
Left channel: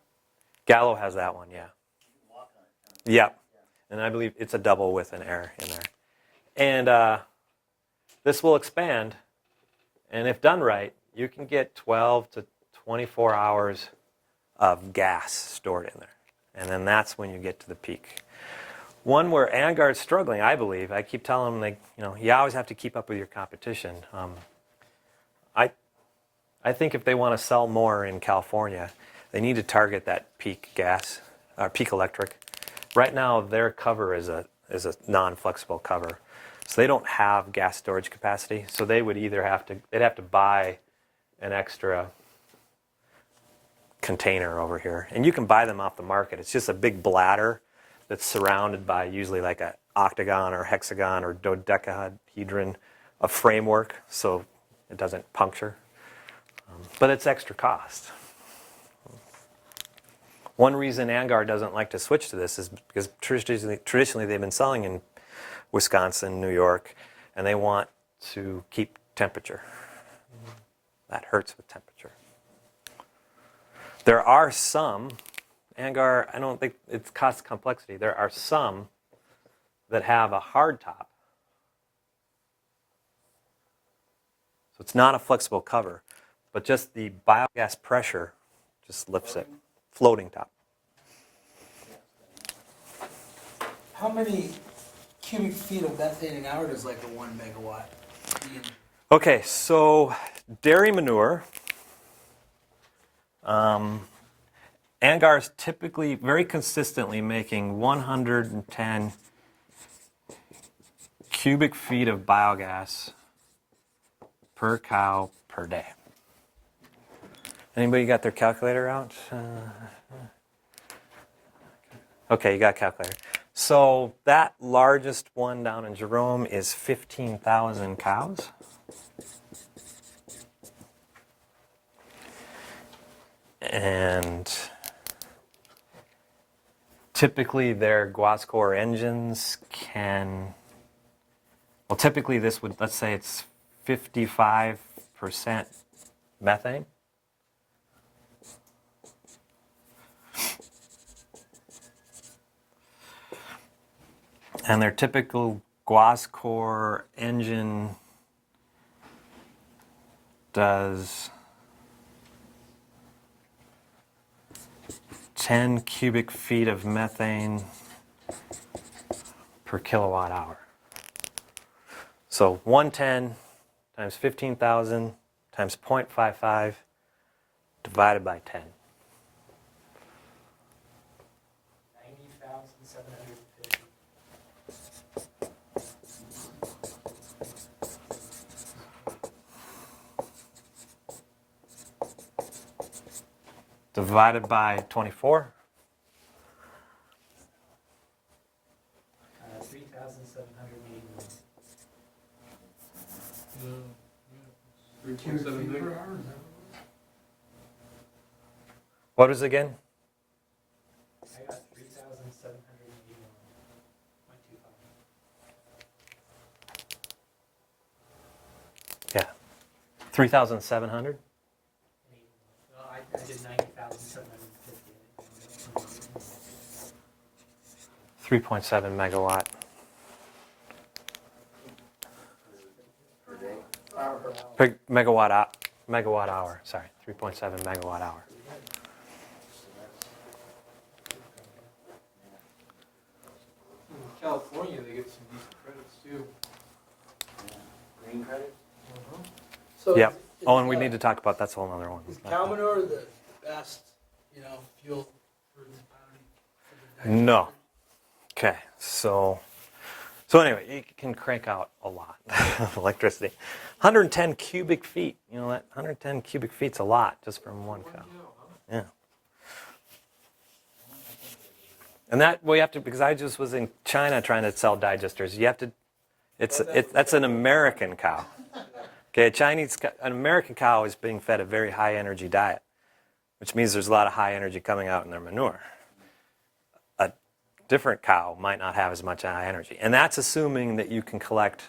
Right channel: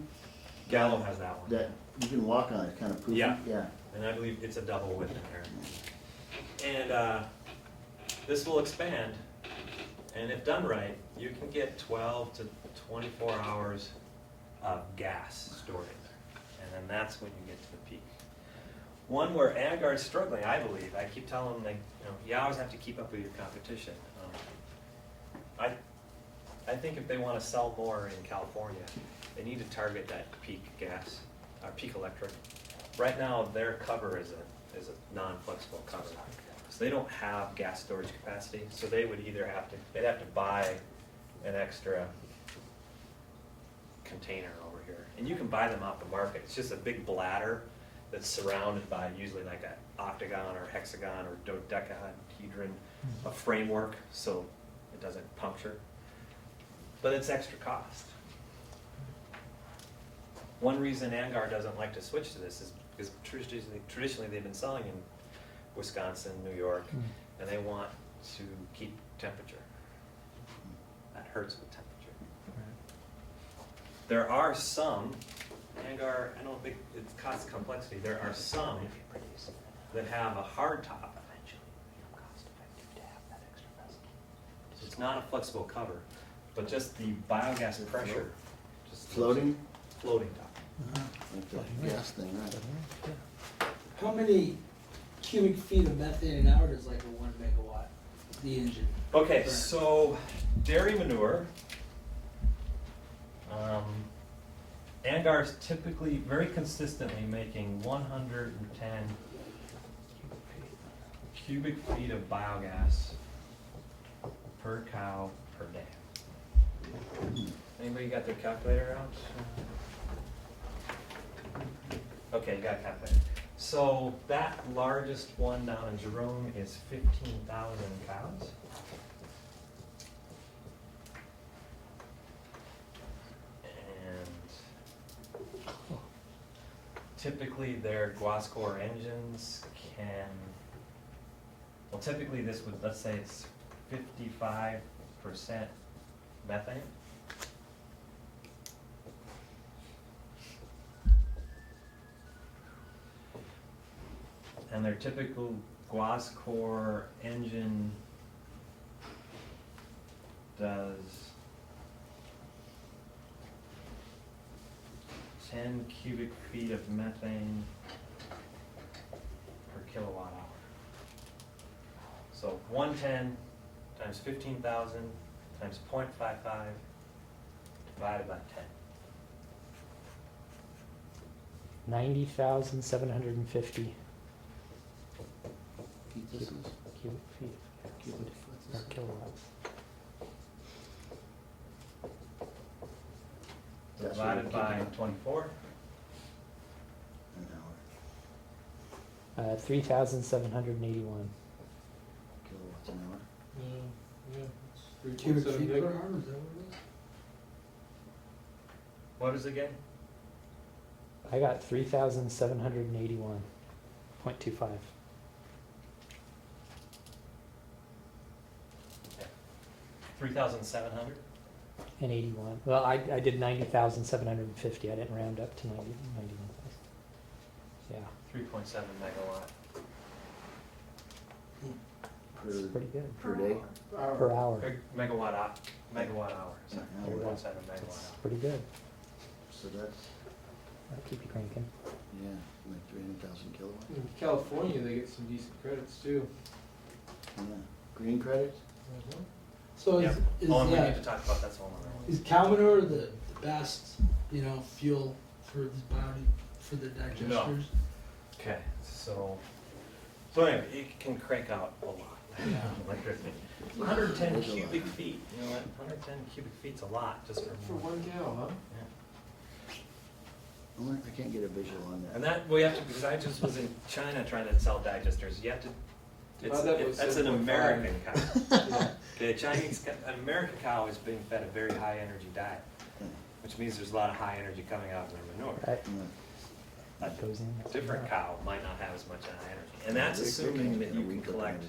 Gallo has that one. Yeah, you can walk on it, kind of. Yeah. Yeah. And I believe it's a double with an air in there. And this will expand, and if done right, you can get 12 to 24 hours of gas stored in there. And then that's when you get to the peak. One where ANGAR's struggling, I believe, I keep telling them, you always have to keep up with your competition. I think if they want to sell more in California, they need to target that peak gas, or peak electric. Right now, their cover is a non-flexible cover. So they don't have gas storage capacity, so they would either they'd have to buy an extra container over here. And you can buy them off the market. It's just a big bladder that's surrounded by usually like an octagon or hexagon or dodecahedron, a framework so it doesn't puncture. But it's extra cost. One reason Angar doesn't like to switch to this is because traditionally they've been selling in Wisconsin, New York, and they want to keep temperature. That hurts with temperature. There are some, Angar, I don't think it's cost complexity, there are some that have a hard top. So it's not a flexible cover, but just the biogas pressure just lifts it. Floating? Floating top. That's a gas thing, right? How many cubic feet of methane an hour does like a 1 megawatt, the engine? Okay, so dairy manure. Angar is typically very consistently making 110 cubic feet of biogas per cow per day. Anybody got their calculator out? Okay, you got a calculator. So that largest one down in Jerome is 15,000 cows. And typically their Guascor engines can, well, typically this would, let's say it's 55% methane. And their typical Guascor engine does 10 cubic feet of methane per kilowatt hour. So 110 times 15,000 times 0.55 divided by 10. 90,750. Divided by 24. 3,781. Yeah, Cubic 3.7 feet meg. per hour, is that what it is? What was it again? I got 3,781.25. Yeah. 3,700? And 81. Well, I did 90,750. I didn't round up to 90. Yeah, 3.7 megawatt. it's pretty good. Per day? Per hour. Megawatt hour, sorry. 3.7 megawatt hour. Pretty good. So that's, I'll keep it cranking. yeah, like 300,000 kilowatts. In California, they get some decent credits too. Yeah. Green credits? So Yeah. is, Oh, and we uh, need to talk about, that's a whole other one. Is cow manure the best, fuel for the body, for the digesters? No. Okay, so anyway, it can crank out a lot of electricity. 110 cubic feet, you know what? 110 cubic feet's a lot just from one. One cow, huh? Yeah. I wonder if I can't get a visual on that. And that, well, you have to, because I just was in China trying to sell digesters, you have to, that's an American cow. Okay, an American cow is being fed a very high energy diet, which means there's a lot of high energy coming out in their manure. Right. A Goes in. different cow might not have as much high energy. And that's assuming that you can collect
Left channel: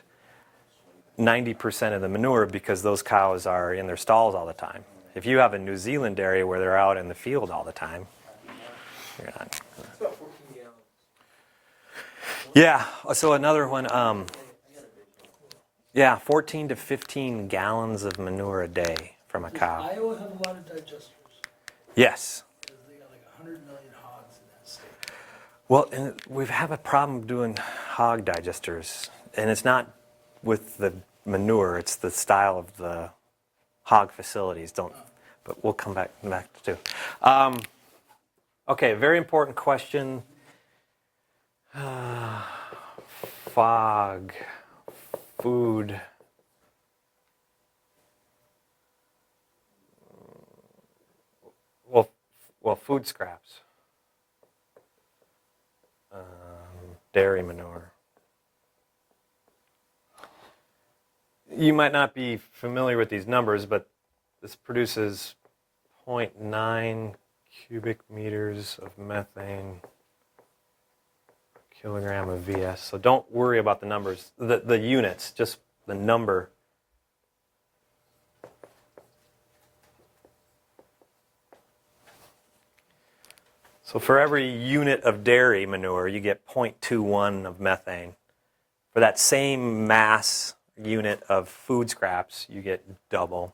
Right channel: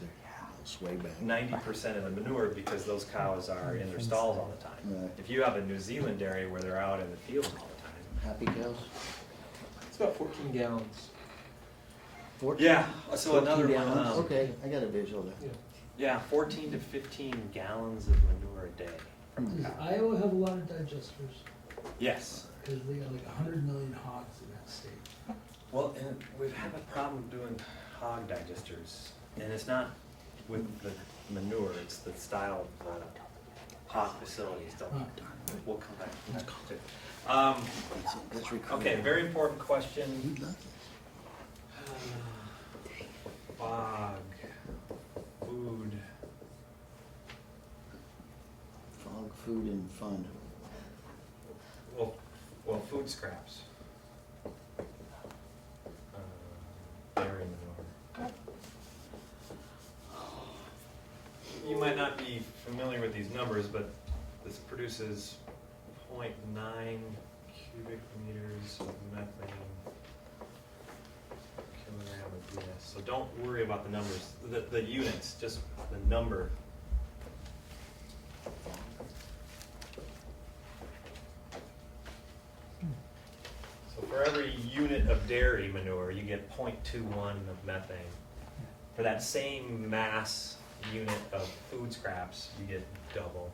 90% of the manure because those cows are in their stalls all the time. If you have a New Zealand dairy where they're out in the field all the time, Happy cows? you're not. It's about 14 gallons. Yeah, so another one, Okay, I got a visual there. yeah, 14 to 15 gallons of manure a day from a Does cow. Iowa have a lot of digesters? Yes. Because they got like 100 million hogs in that state. Well, and we have a problem doing hog digesters, and it's not with the manure, it's the style of the hog facilities. But we'll come back too. That's recorded. Okay, very important question. Fog food. Fog, food, and fun. Well, food scraps. Dairy manure. You might not be familiar with these numbers, but this produces 0.9 cubic meters of methane kilogram of VS. So don't worry about the numbers, the units, just the number. So for every unit of dairy manure, you get 0.21 of methane. For that same mass unit of food scraps, you get double.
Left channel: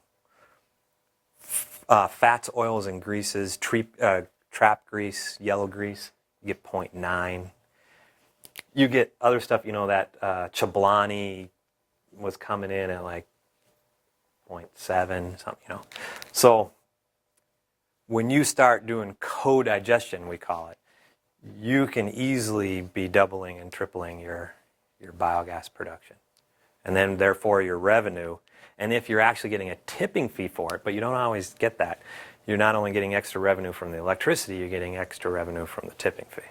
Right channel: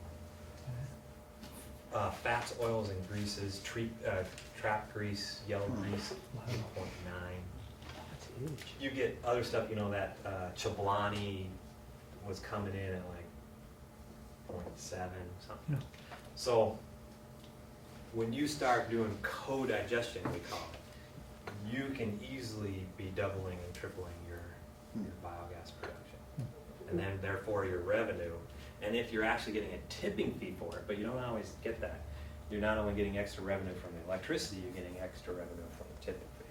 Fats, oils, and greases, trap grease, yellow grease, you get 0.9. You get other stuff, you know, that chablani was coming in at like 0.7, something, you know. So when you start doing co-digestion, we call it, you can easily be doubling and tripling your biogas production. And then therefore your revenue. And if you're actually getting a tipping fee for it, but you don't always get that, you're not only getting extra revenue from the electricity, you're getting extra revenue from the tipping fee.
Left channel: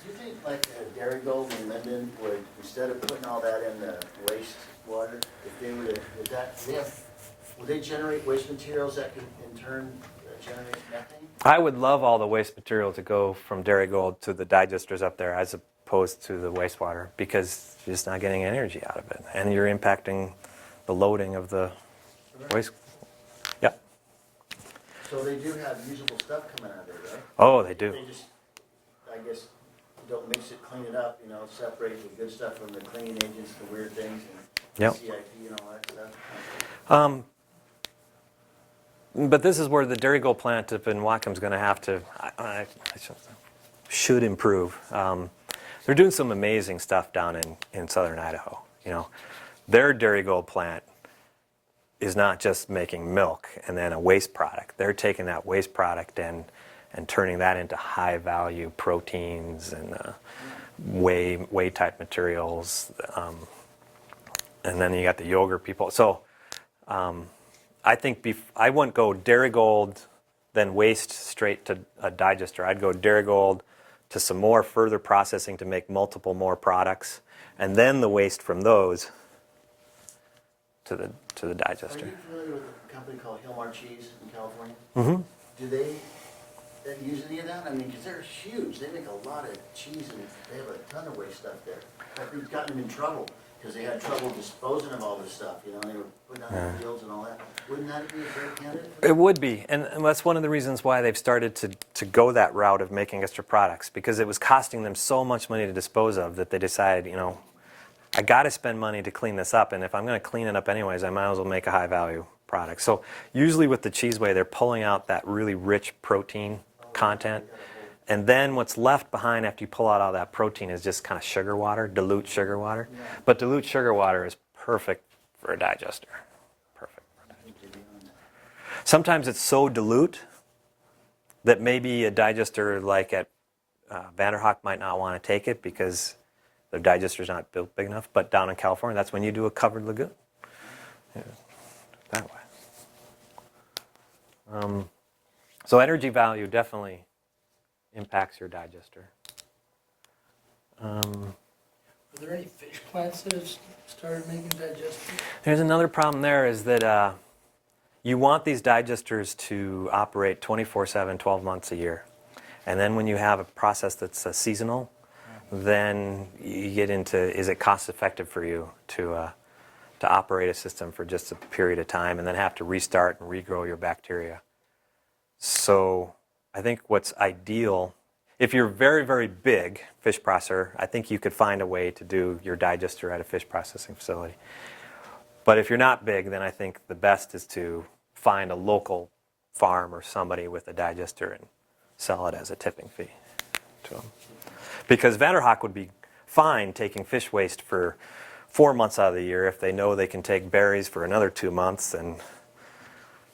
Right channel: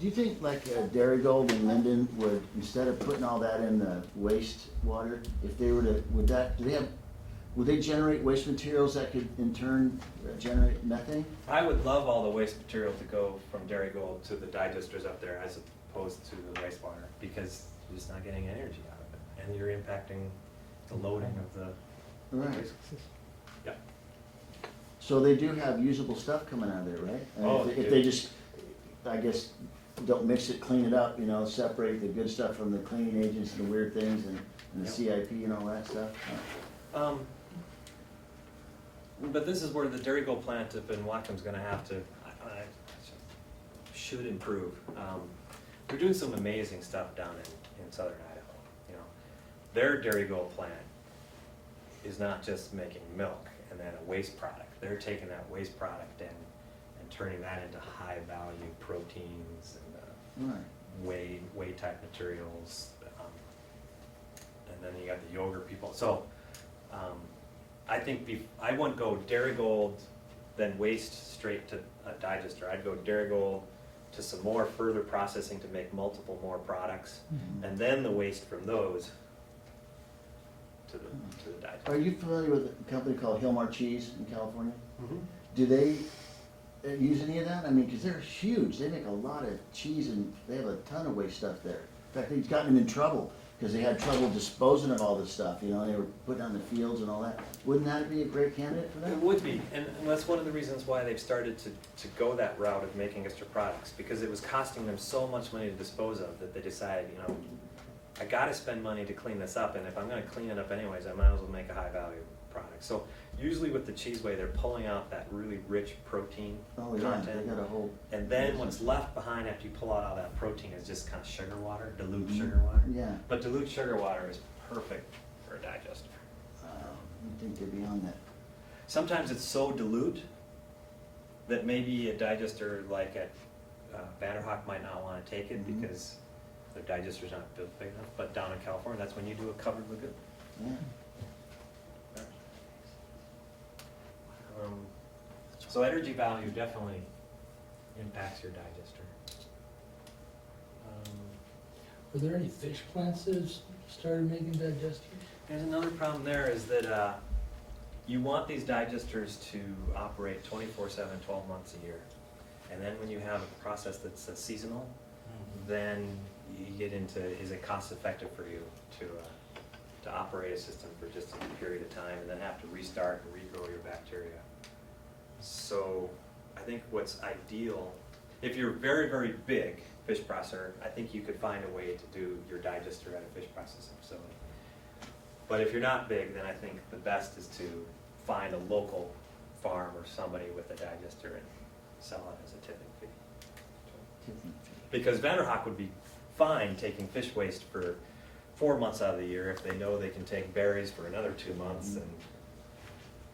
Do you think like Dairy Gold and Linden would, instead of putting all that in the wastewater, if they were to, would they generate waste materials that could in turn generate methane? I would love all the waste material to go from Dairy Gold to the digesters up there as opposed to the wastewater, because you're just not getting energy out of it. And you're impacting the loading of the Right. waste. Yep. So they do have usable stuff coming out of there, right? Oh, they If do. they just, I guess, don't mix it, clean it up, you know, separate the good stuff from the cleaning agents and the weird things and Yep. CIP and all that stuff. But this is where the Dairy Gold plant up in Wackham's going to have to, should improve. They're doing some amazing stuff down in southern Idaho. You know, their Dairy Gold plant is not just making milk and then a waste product. They're taking that waste product and turning that into high value proteins and whey type materials. And then you got the yogurt people. So I think I wouldn't go Dairy Gold, then waste straight to a digester. I'd go Dairy Gold to some more further processing to make multiple more products, and then the waste from those to the digester. Are you familiar with a company called Hillmar Cheese in California? Mm-hmm. Do they use any of that? I mean, because they're huge. They make a lot of cheese and they have a ton of waste stuff there. In fact, we've gotten them in trouble because they had trouble disposing of all this stuff. You know, they were putting out the fields and all that. Wouldn't that be a great candidate for that? It would be, and that's one of the reasons why they've started to go that route of making extra products, because it was costing them so much money to dispose of that they decided, you know, I got to spend money to clean this up, and if I'm going to clean it up anyways, I might as well make a high value product. So usually with the cheese whey, they're pulling out that really rich protein Oh, yeah, content, they got a whole- and then what's left behind after you pull out all that protein is just kind of sugar water, dilute sugar water. Yeah. But dilute sugar water is perfect for a digester. I think they'd be on that. Sometimes it's so dilute that maybe a digester like at Vanderhoek might not want to take it because their digester's not built big enough. But down in California, that's when you do a covered lagoon. Yeah, that way. So energy value definitely impacts your digester. Are there any fish plants that have started making digesters? There's another problem there is that you want these digesters to operate 24/7, 12 months a year. And then when you have a process that's seasonal, then you get into, is it cost effective for you to operate a system for just a period of time and then have to restart and regrow your bacteria? So I think what's ideal, if you're very, very big fish processor, I think you could find a way to do your digester at a fish processing facility. But if you're not big, then I think the best is to find a local farm or somebody with a digester and sell it as a tipping fee to them. Because Vanderhoek would be fine taking fish waste for 4 months out of the year if they know they can take berries for another 2 months and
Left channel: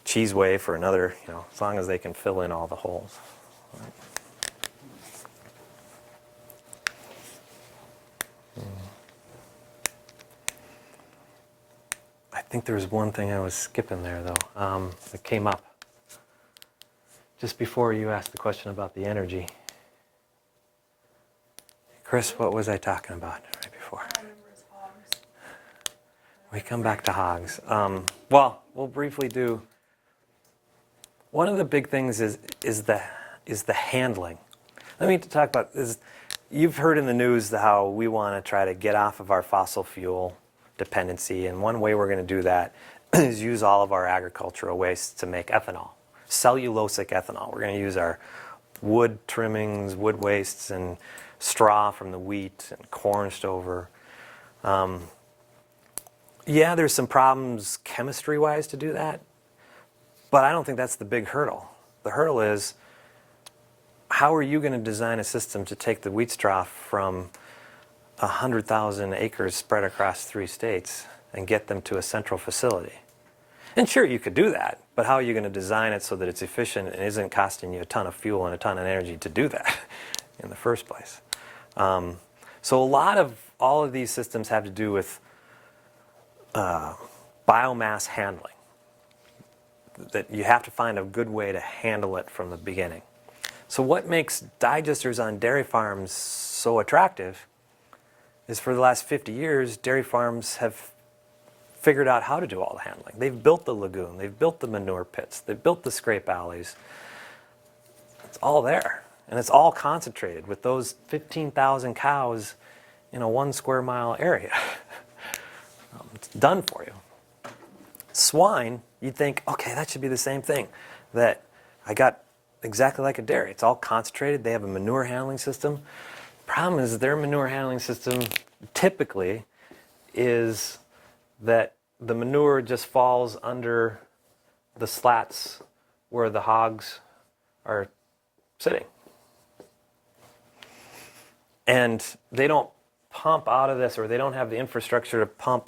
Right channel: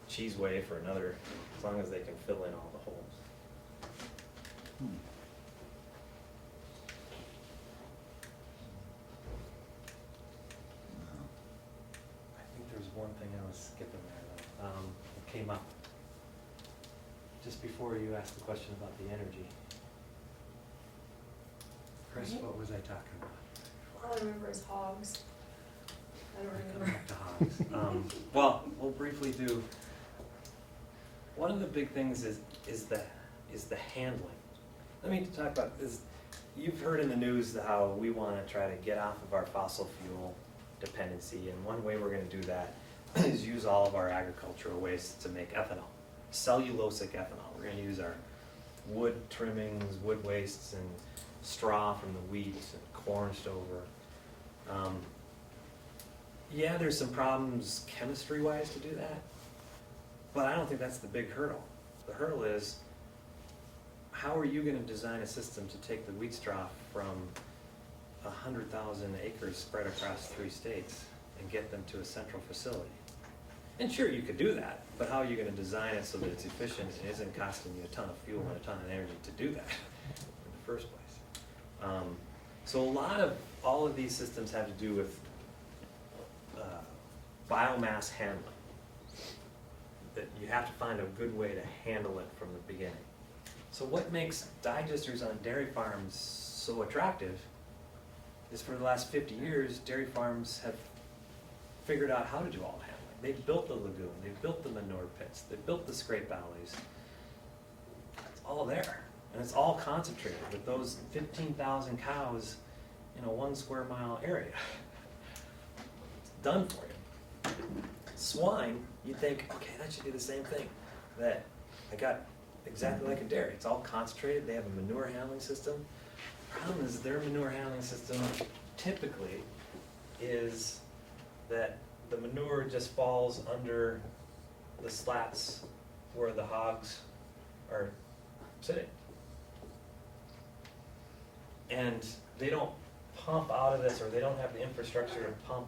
cheese whey for another, you know, as long as they can fill in all the holes. think there was one thing I was skipping there, though, that came up just before you asked the question about the energy. Chris, what was I talking about right before? All I remember is hogs. We come back to hogs. Well, we'll briefly do. One of the big things is the handling. Let me talk about this. You've heard in the news how we want to try to get off of our fossil fuel dependency, and one way we're going to do that is use all of our agricultural waste to make ethanol, cellulosic ethanol. We're going to use our wood trimmings, wood wastes, and straw from the wheat and corn stover. Yeah, there's some problems chemistry-wise to do that, but I don't think that's the big hurdle. The hurdle is, how are you going to design a system to take the wheat straw from 100,000 acres spread across 3 states and get them to a central facility? And sure, you could do that, but how are you going to design it so that it's efficient and isn't costing you a ton of fuel and a ton of energy to do that in the first place? So a lot of all of these systems have to do with biomass handling. That you have to find a good way to handle it from the beginning. So what makes digesters on dairy farms so attractive is for the last 50 years, dairy farms have figured out how to do all the handling. They've built the lagoon, they've built the manure pits, they've built the scrape alleys. It's all there, and it's all concentrated with those 15,000 cows in a 1 square mile area. It's done for you. Swine, you'd think, okay, that should be the same thing. That I got exactly like a dairy. It's all concentrated. They have a manure handling system. Problem is their manure handling system typically is that the manure just falls under the slats where the hogs are sitting. And they don't pump out of this, or they don't have the infrastructure to pump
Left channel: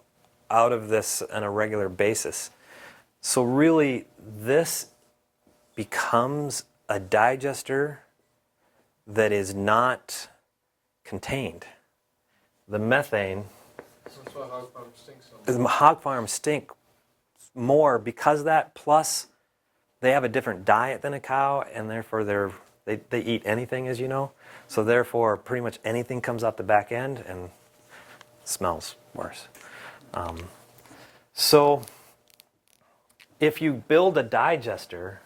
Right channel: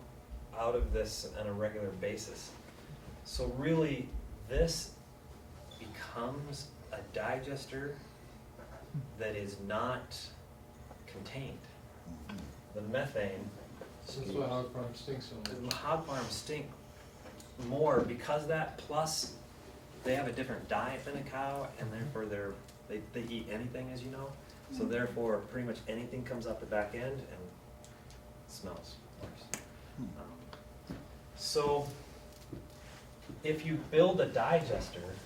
out of this on a regular basis. So really, this becomes a digester that is not contained. The methane, That's why hog farms stink so much. the hog farms stink more because of that, plus they have a different diet than a cow, and therefore they eat anything, as you know. So therefore, pretty much anything comes out the back end and smells worse. So if you build a digester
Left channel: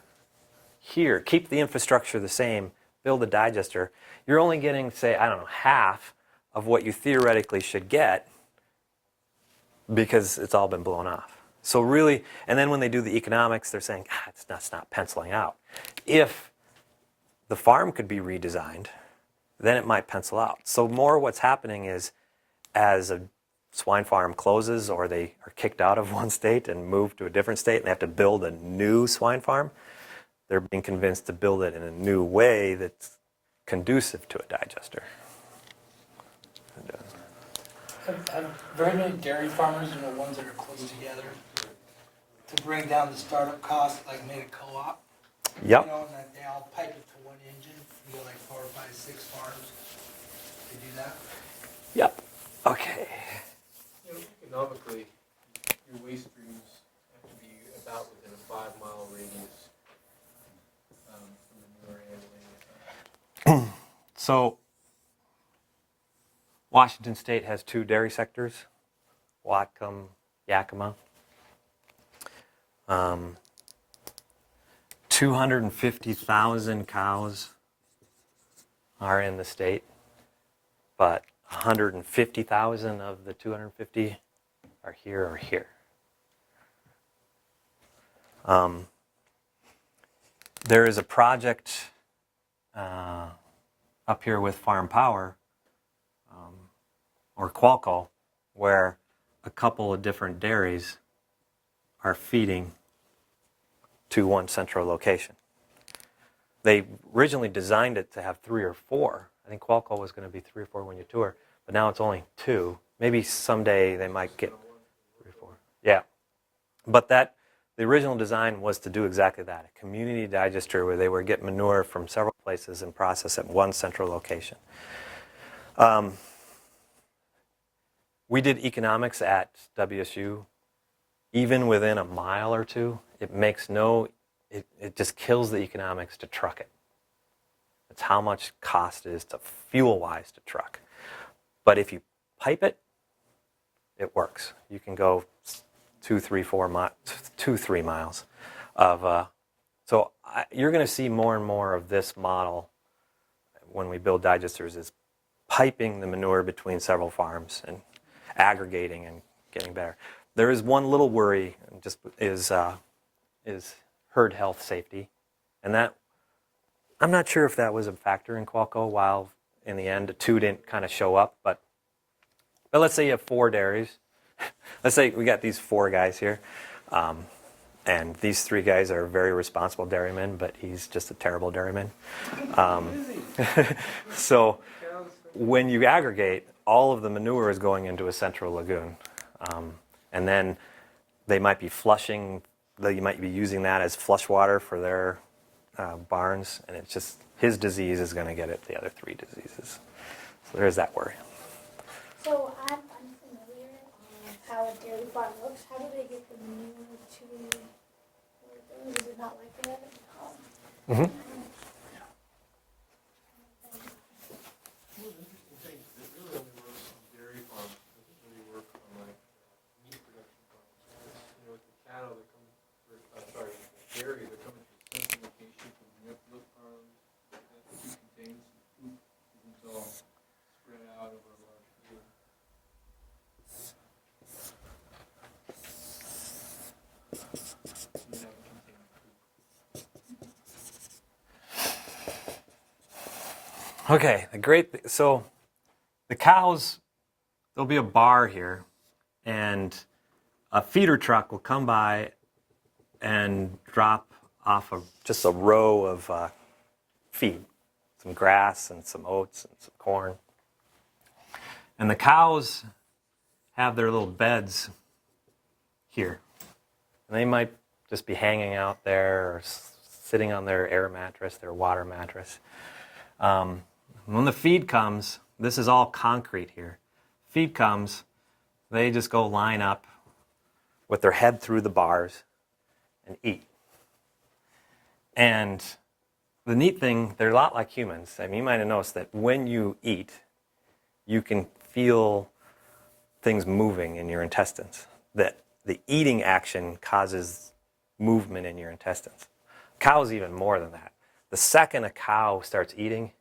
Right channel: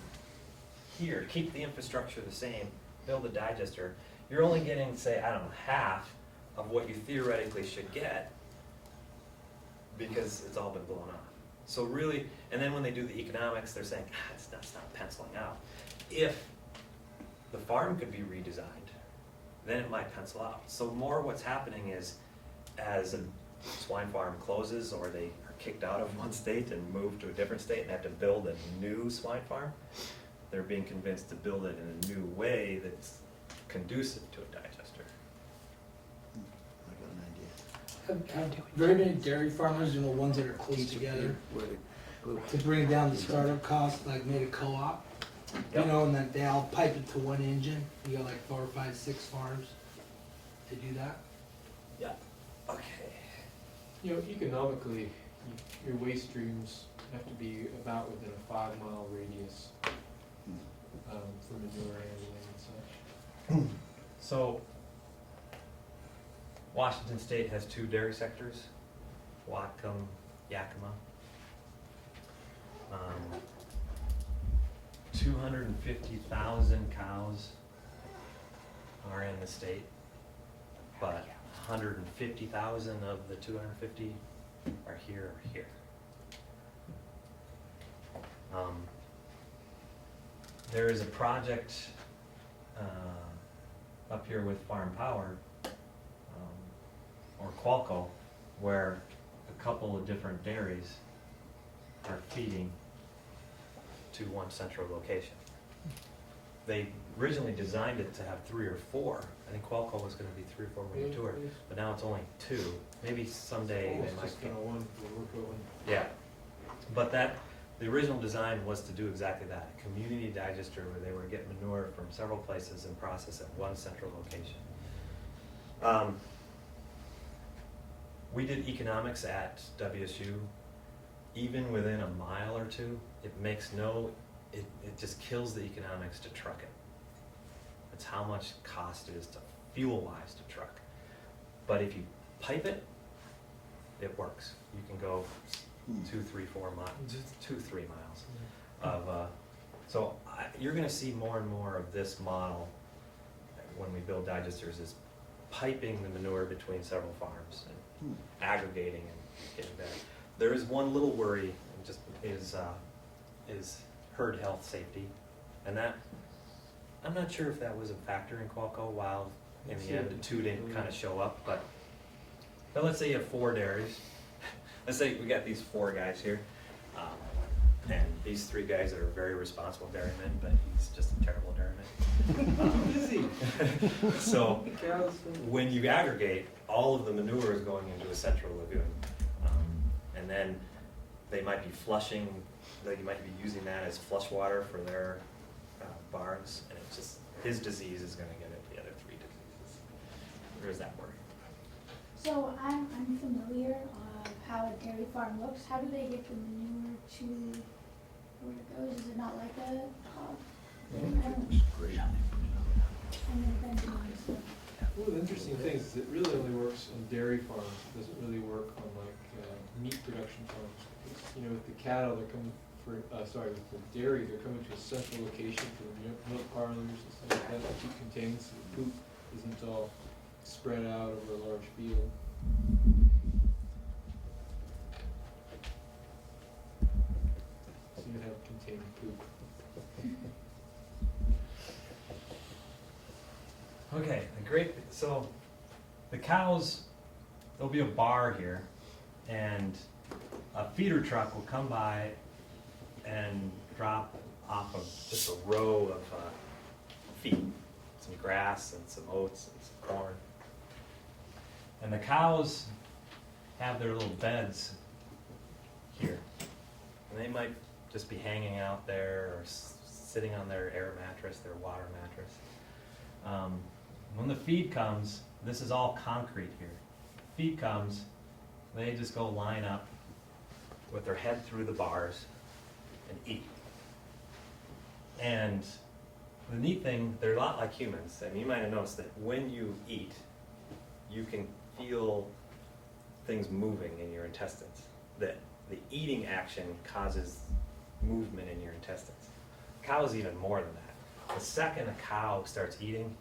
here, keep the infrastructure the same, build a digester, you're only getting, say, I don't know, half of what you theoretically should get because it's all been blown off. So really, and then when they do the economics, they're saying, it's not penciling out. If the farm could be redesigned, then it might pencil out. So more what's happening is, as a swine farm closes or they are kicked out of one state and move to a different state and they have to build a new swine farm, they're being convinced to build it in a new way that's conducive to a digester. Have very many dairy farmers, ones that are close together, to bring down the startup cost, like made a co-op. Yep. And then they all pipe it to one engine. You got like 4 or 5, 6 farms to do that. Yep. Okay. Economically, your waste streams have to be about within a 5-mile radius for manure handling and such. So Washington State has 2 dairy sectors, Whatcom, Yakima. 250,000 cows are in the state, but 150,000 of the 250 are here. There is a project up here with Farm Power, or Qualco, where a couple of different dairies are feeding to one central location. They originally designed it to have 3 or 4. I think Qualco was going to be 3 or 4 when you tour, but now it's only 2. Maybe someday they might get. Yeah, but the original design was to do exactly that, a community digester where they would get manure from several places and process at one central location. We did economics at WSU even within a mile or two, it makes no, it just kills the economics to truck it. It's how much cost it is to fuel-wise to truck. But if you pipe it, it works. You can go 2-3 miles of, you're going to see more and more of this model when we build digesters, is piping the manure between several farms and aggregating and getting better. There is one little worry, just is herd health safety, and that I'm not sure if that was a factor in Qualco. While in the end, the 2 didn't kind of show up, but let's say you have 4 dairies. Let's say we got these 4 guys here, and these 3 guys are very responsible dairymen, but he's just a terrible dairyman. So when you aggregate, all of the manure is going into a central lagoon, and then they might be flushing. They might be using that as flush water for their barns, and it's just his disease is going to get at the other 3 diseases. So there's that worry. So I'm unfamiliar how a dairy farm looks. How do they get the manure to where it goes? Is it not like a hog? Mm-hmm. One of the interesting things is it really only works on dairy farms. It doesn't really work on like meat production farms. You know, with the cattle, they're coming for, with the dairy, they're coming to a central location for milk parlors and stuff like that keep contained so the poop isn't all spread out over a large field. So you have contained poop. Okay, so the cows, there'll be a bar here, and a feeder truck will come by and drop off just a row of feed, some grass and some oats and some corn. And the cows have their little beds here. And they might just be hanging out there or sitting on their air mattress, their water mattress. When the feed comes, this is all concrete here. Feed comes, they just go line up with their head through the bars and eat. And the neat thing, they're a lot like humans. I mean, you might have noticed that when you eat, you can feel things moving in your intestines. That the eating action causes movement in your intestines. Cows even more than that. The second a cow starts eating,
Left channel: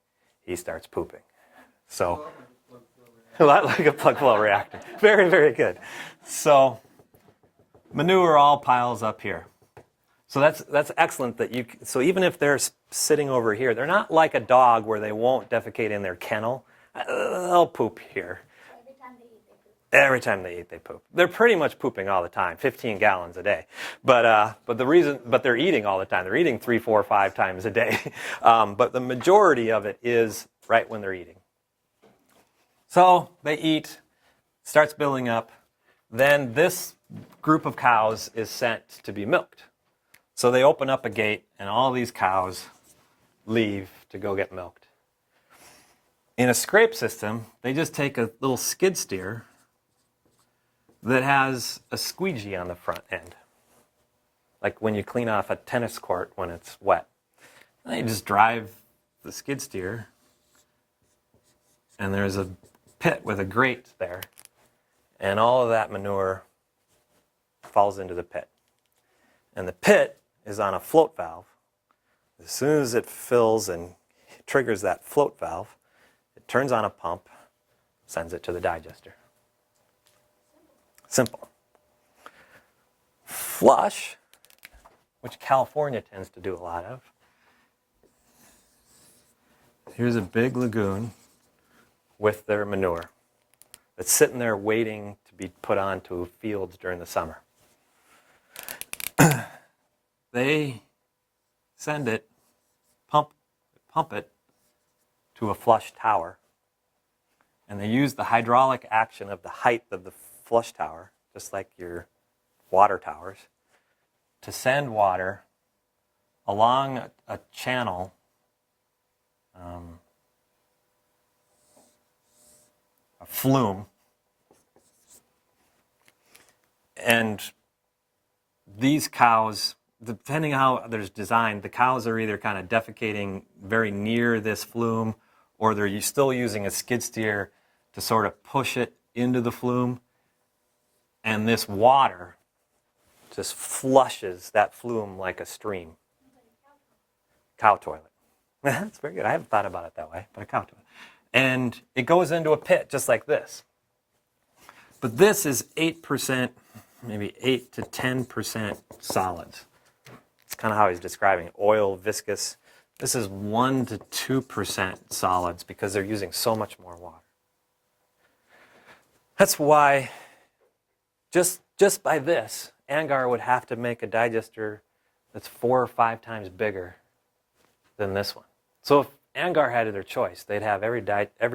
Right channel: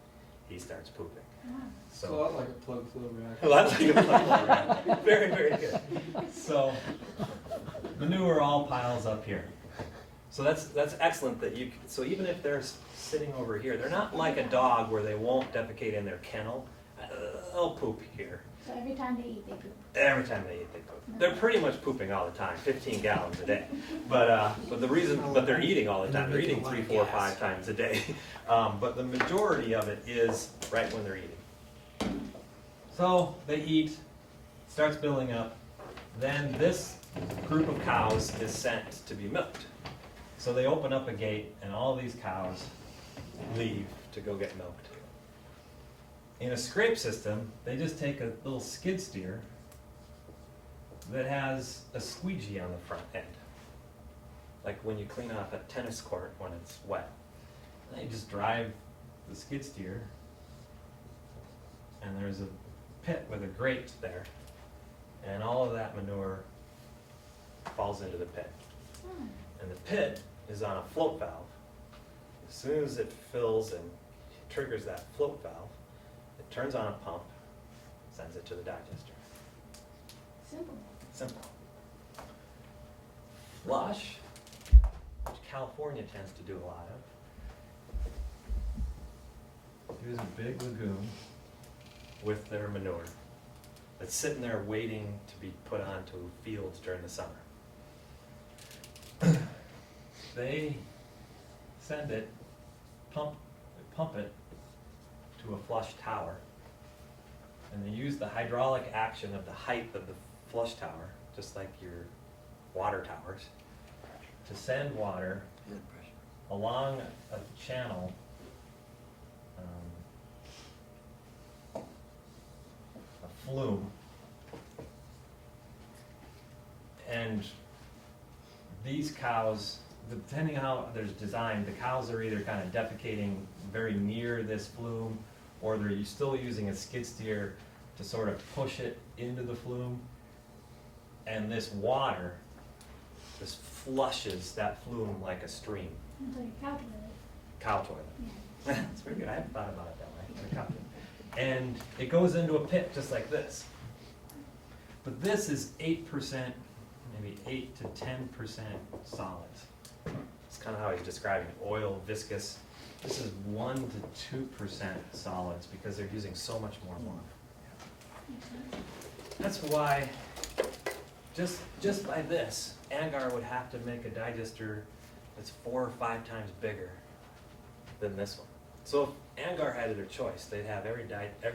he starts pooping. A So lot like a plug flow reactor. a lot like a plug flow reactor. Very, very good. So manure all piles up here. So that's excellent that so even if they're sitting over here, they're not like a dog where they won't defecate in their kennel. They'll poop here. So every time they eat, they poop. Every time they eat, they poop. They're pretty much pooping all the time, 15 gallons a day. But they're eating all the time. They're eating 3, 4, 5 times a day. But the majority of it is right when they're eating. So they eat, starts building up. Then this group of cows is sent to be milked. So they open up a gate, and all these cows leave to go get milked. In a scrape system, they just take a little skid steer that has a squeegee on the front end, like when you clean off a tennis court when it's wet. And they just drive the skid steer, and there's a pit with a grate there, and all of that manure falls into the pit. And the pit is on a float valve. As soon as it fills and triggers that float valve, it turns on a pump, sends it to the digester. Simple. Flush, which California tends to do a lot of. Here's a big lagoon with their manure that's sitting there waiting to be put onto fields during the summer. They send it, pump it to a flush tower, and they use the hydraulic action of the height of the flush tower, just like your water towers, to send water along a channel a flume, and these cows, depending on how they're designed, the cows are either kind of defecating very near this flume, or they're still using a skid steer to sort of push it into the flume. And this water just flushes that flume like a stream. It's like a cow toilet. Cow toilet. That's very good. I haven't thought about it that way. A cow toilet. And it goes into a pit just like this. But this is 8%, maybe 8 to 10% solids. It's kind of how he's describing it. Oil, viscous. This is 1 to 2% solids because they're using so much more water. That's why, just by this, Angar would have to make a digester that's 4 or 5 times bigger than this one. So if Angar had their choice, they'd have every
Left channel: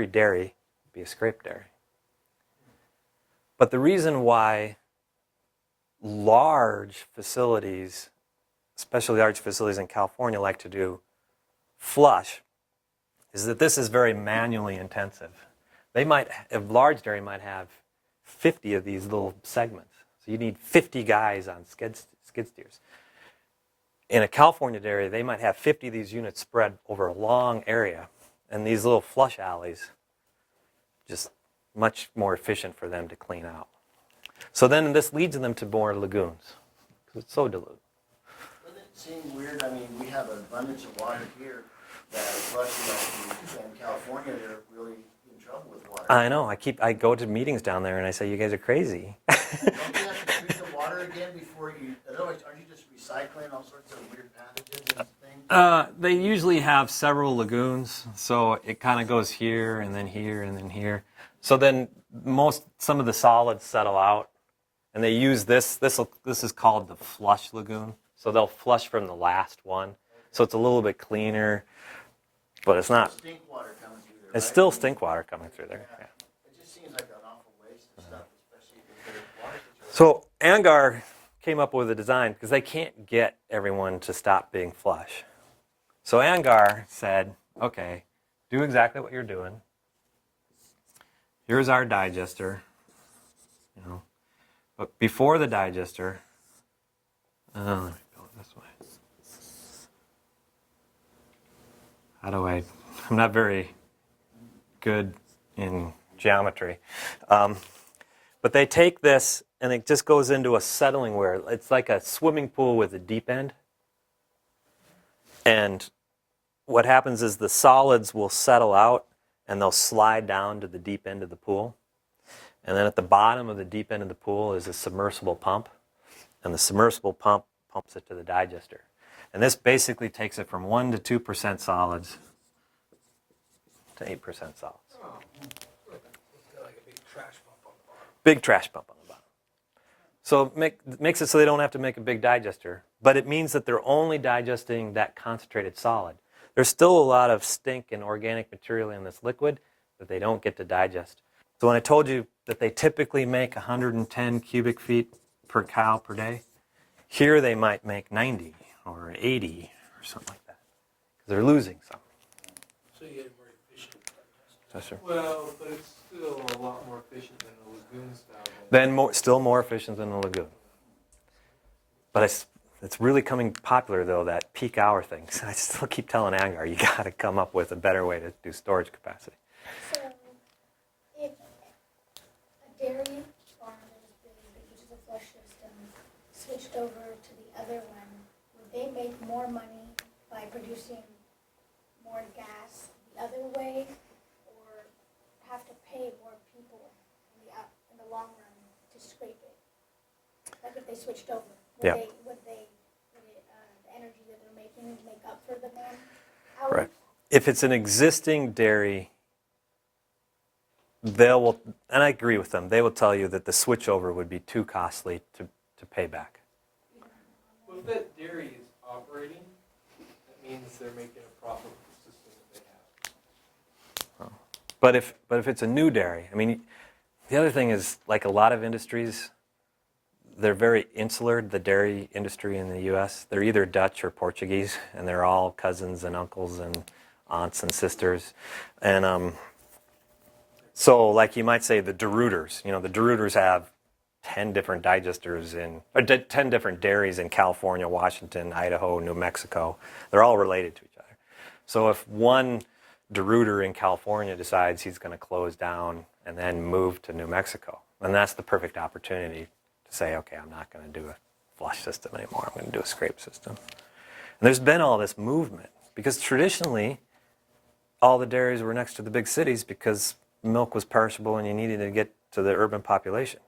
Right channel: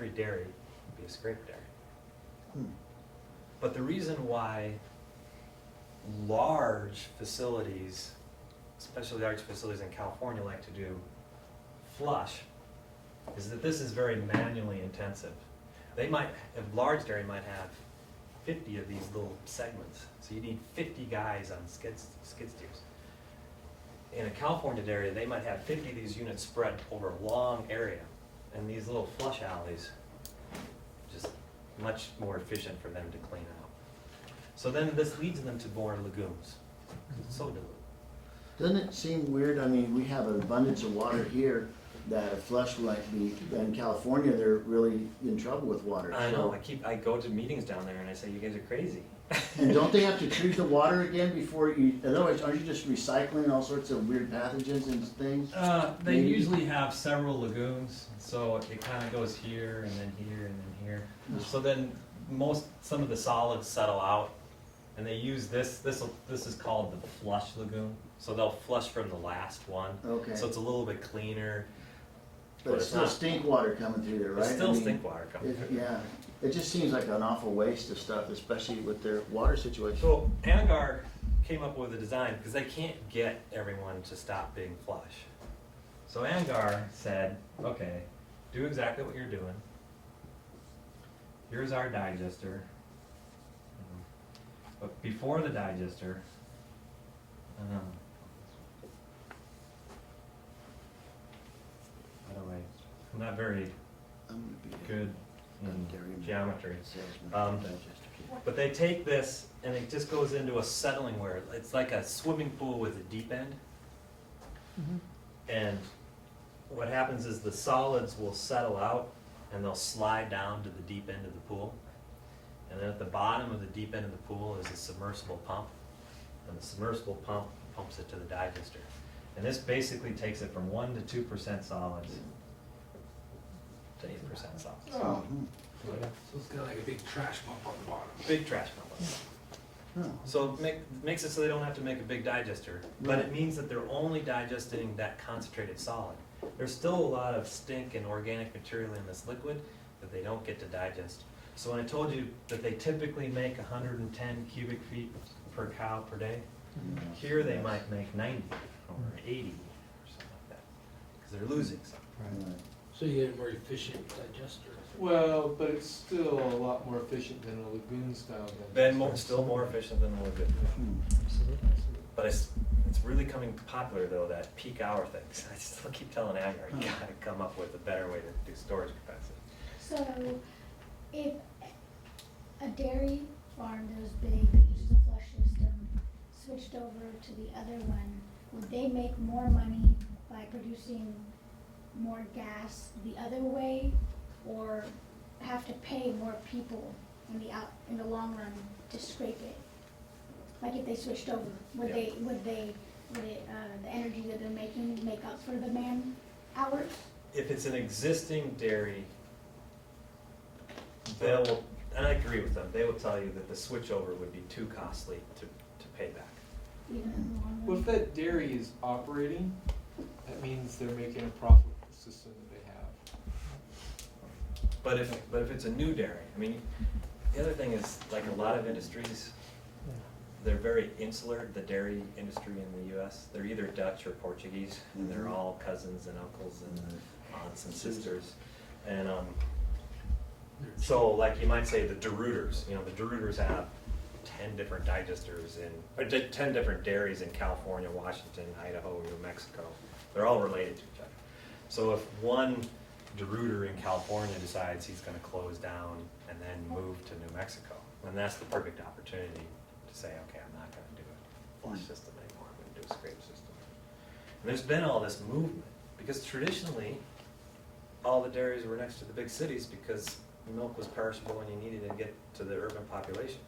dairy be a scrape dairy. But the reason why large facilities, especially large facilities in California, like to do flush, is that this is very manually intensive. They might, a large dairy might have 50 of these little segments. So you need 50 guys on skid steers. In a California dairy, they might have 50 of these units spread over a long area. And these little flush alleys, just much more efficient for them to clean out. So then this leads them to more lagoons. It's so diluted. Doesn't it seem weird? I mean, we have an abundance of water here that flush like in California, they're really in trouble with water. I know. I go to meetings down there and I say, you guys are crazy. And don't they have to treat the water again before you, otherwise aren't you just recycling all sorts of weird pathogens and things? They usually have several lagoons, so it kind of goes here and then here and then here. So then some of the solids settle out, and they use this. This is called the flush lagoon. So they'll flush from the last one. Okay. So it's a little bit cleaner, but it's not. Still stink water coming through there, right? It's still I mean, stink water coming through there. Yeah, it just seems like an awful waste of stuff, especially with their water situation. So Angar came up with a design because they can't get everyone to stop being flush. So Angar said, okay, do exactly what you're doing. Here's our digester. You know. But before the digester, let me go this way. How do I'm not very good in geometry. But they take this and it just goes into a settling where it's like a swimming pool with a deep end. And what happens is the solids will settle out and they'll slide down to the deep end of the pool. And then at the bottom of the deep end of the pool is a submersible pump. And the submersible pump pumps it to the digester. And this basically takes it from 1 to 2% solids to 8% solids. So it's got like a big trash pump on the bottom. Big trash pump. So it makes it so they don't have to make a big digester. But it means that they're only digesting that concentrated solid. There's still a lot of stink and organic material in this liquid that they don't get to digest. So when I told you that they typically make 110 cubic feet per cow per day, here they might make 90 or 80 or something like that. They're losing some. So you get a more efficient digester. That's right. Well, but it's still a lot more efficient than a lagoon style. Still more efficient than the lagoon. But it's really coming popular though, that peak hour thing. So I still keep telling Angar, you got to come up with a better way to do storage capacity. So, if a dairy farm goes big that uses a flush system, switched over to the other one, would they make more money by producing more gas the other way, or have to pay more people in the long run to scrape it? Like if they switched over, would the energy that they're making make up for the man hours? Right. If it's an existing dairy, and I agree with them, they will tell you that the switchover would be too costly to pay back. Even in the long Well, run? if that dairy is operating, that means they're making a profit with the system that they have. But if it's a new dairy, I mean, the other thing is, like a lot of industries, they're very insular, the dairy industry in the U.S. They're either Dutch or Portuguese, and they're all cousins and uncles and aunts and sisters. And so, like you might say, the De Ruiters. You know, the De Ruiters have 10 different digesters or 10 different dairies in California, Washington, Idaho, New Mexico. They're all related to each other. So if one DeRuyter in California decides he's going to close down and then move to New Mexico, then that's the perfect opportunity to say, okay, I'm not going to do a flush system anymore. I'm going to do a scrape system. And there's been all this movement because traditionally, all the dairies were next to the big cities because milk was perishable and you needed to get to the urban population.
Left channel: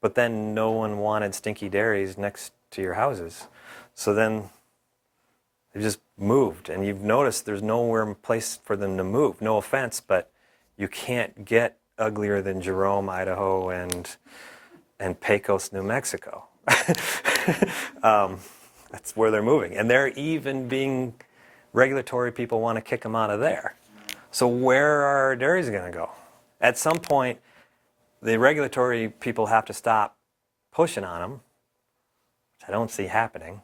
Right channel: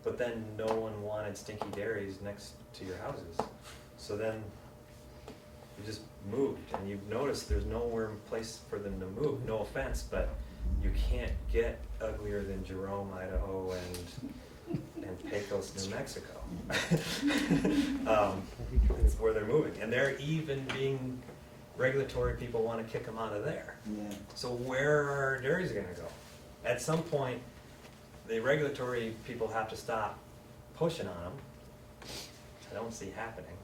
But then no one wanted stinky dairies next to your houses. So then they just moved, and you've noticed there's nowhere place for them to move. No offense, but you can't get uglier than Jerome, Idaho, and Pecos, New Mexico. That's where they're moving, and they're even being regulatory people want to kick them out of there. So where are our dairies going to go? At some point, the regulatory people have to stop pushing on them. I don't see happening.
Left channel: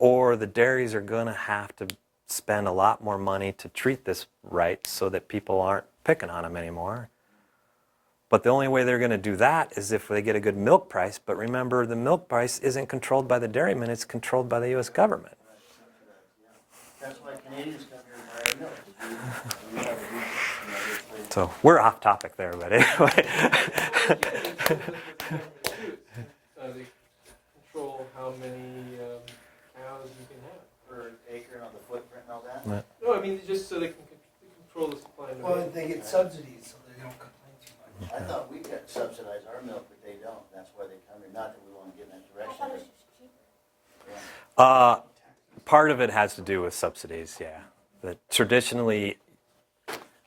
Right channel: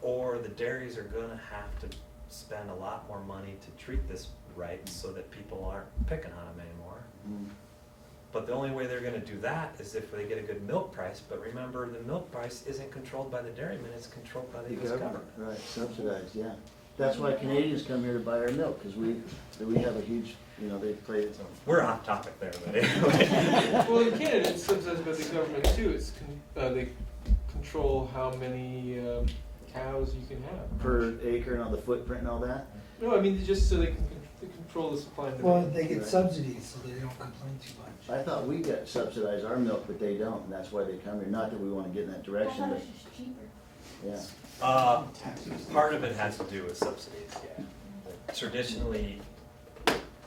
Or the dairies are going to have to spend a lot more money to treat this right so that people aren't picking on them anymore. But the only way they're going to do that is if they get a good milk price. But remember, the milk price isn't controlled by the dairymen, it's controlled by the U.S. government. Right, subsidized, yeah. That's why Canadians come here to buy our milk, because we have a huge, they play. So we're off topic there, but anyway. Well, in Canada, it's something that the government too. It's, they control how many cows you can have. Per acre and all the footprint and all that? Right. No, I mean, just so they control the supply and Well, demand. they get Right. subsidies, so they don't complain too much. I thought we got subsidized our milk, but they don't, and that's why they come here. Not that we want to get in that I direction, thought it but, was just cheaper. yeah. Part of it has to do with subsidies, yeah. But traditionally,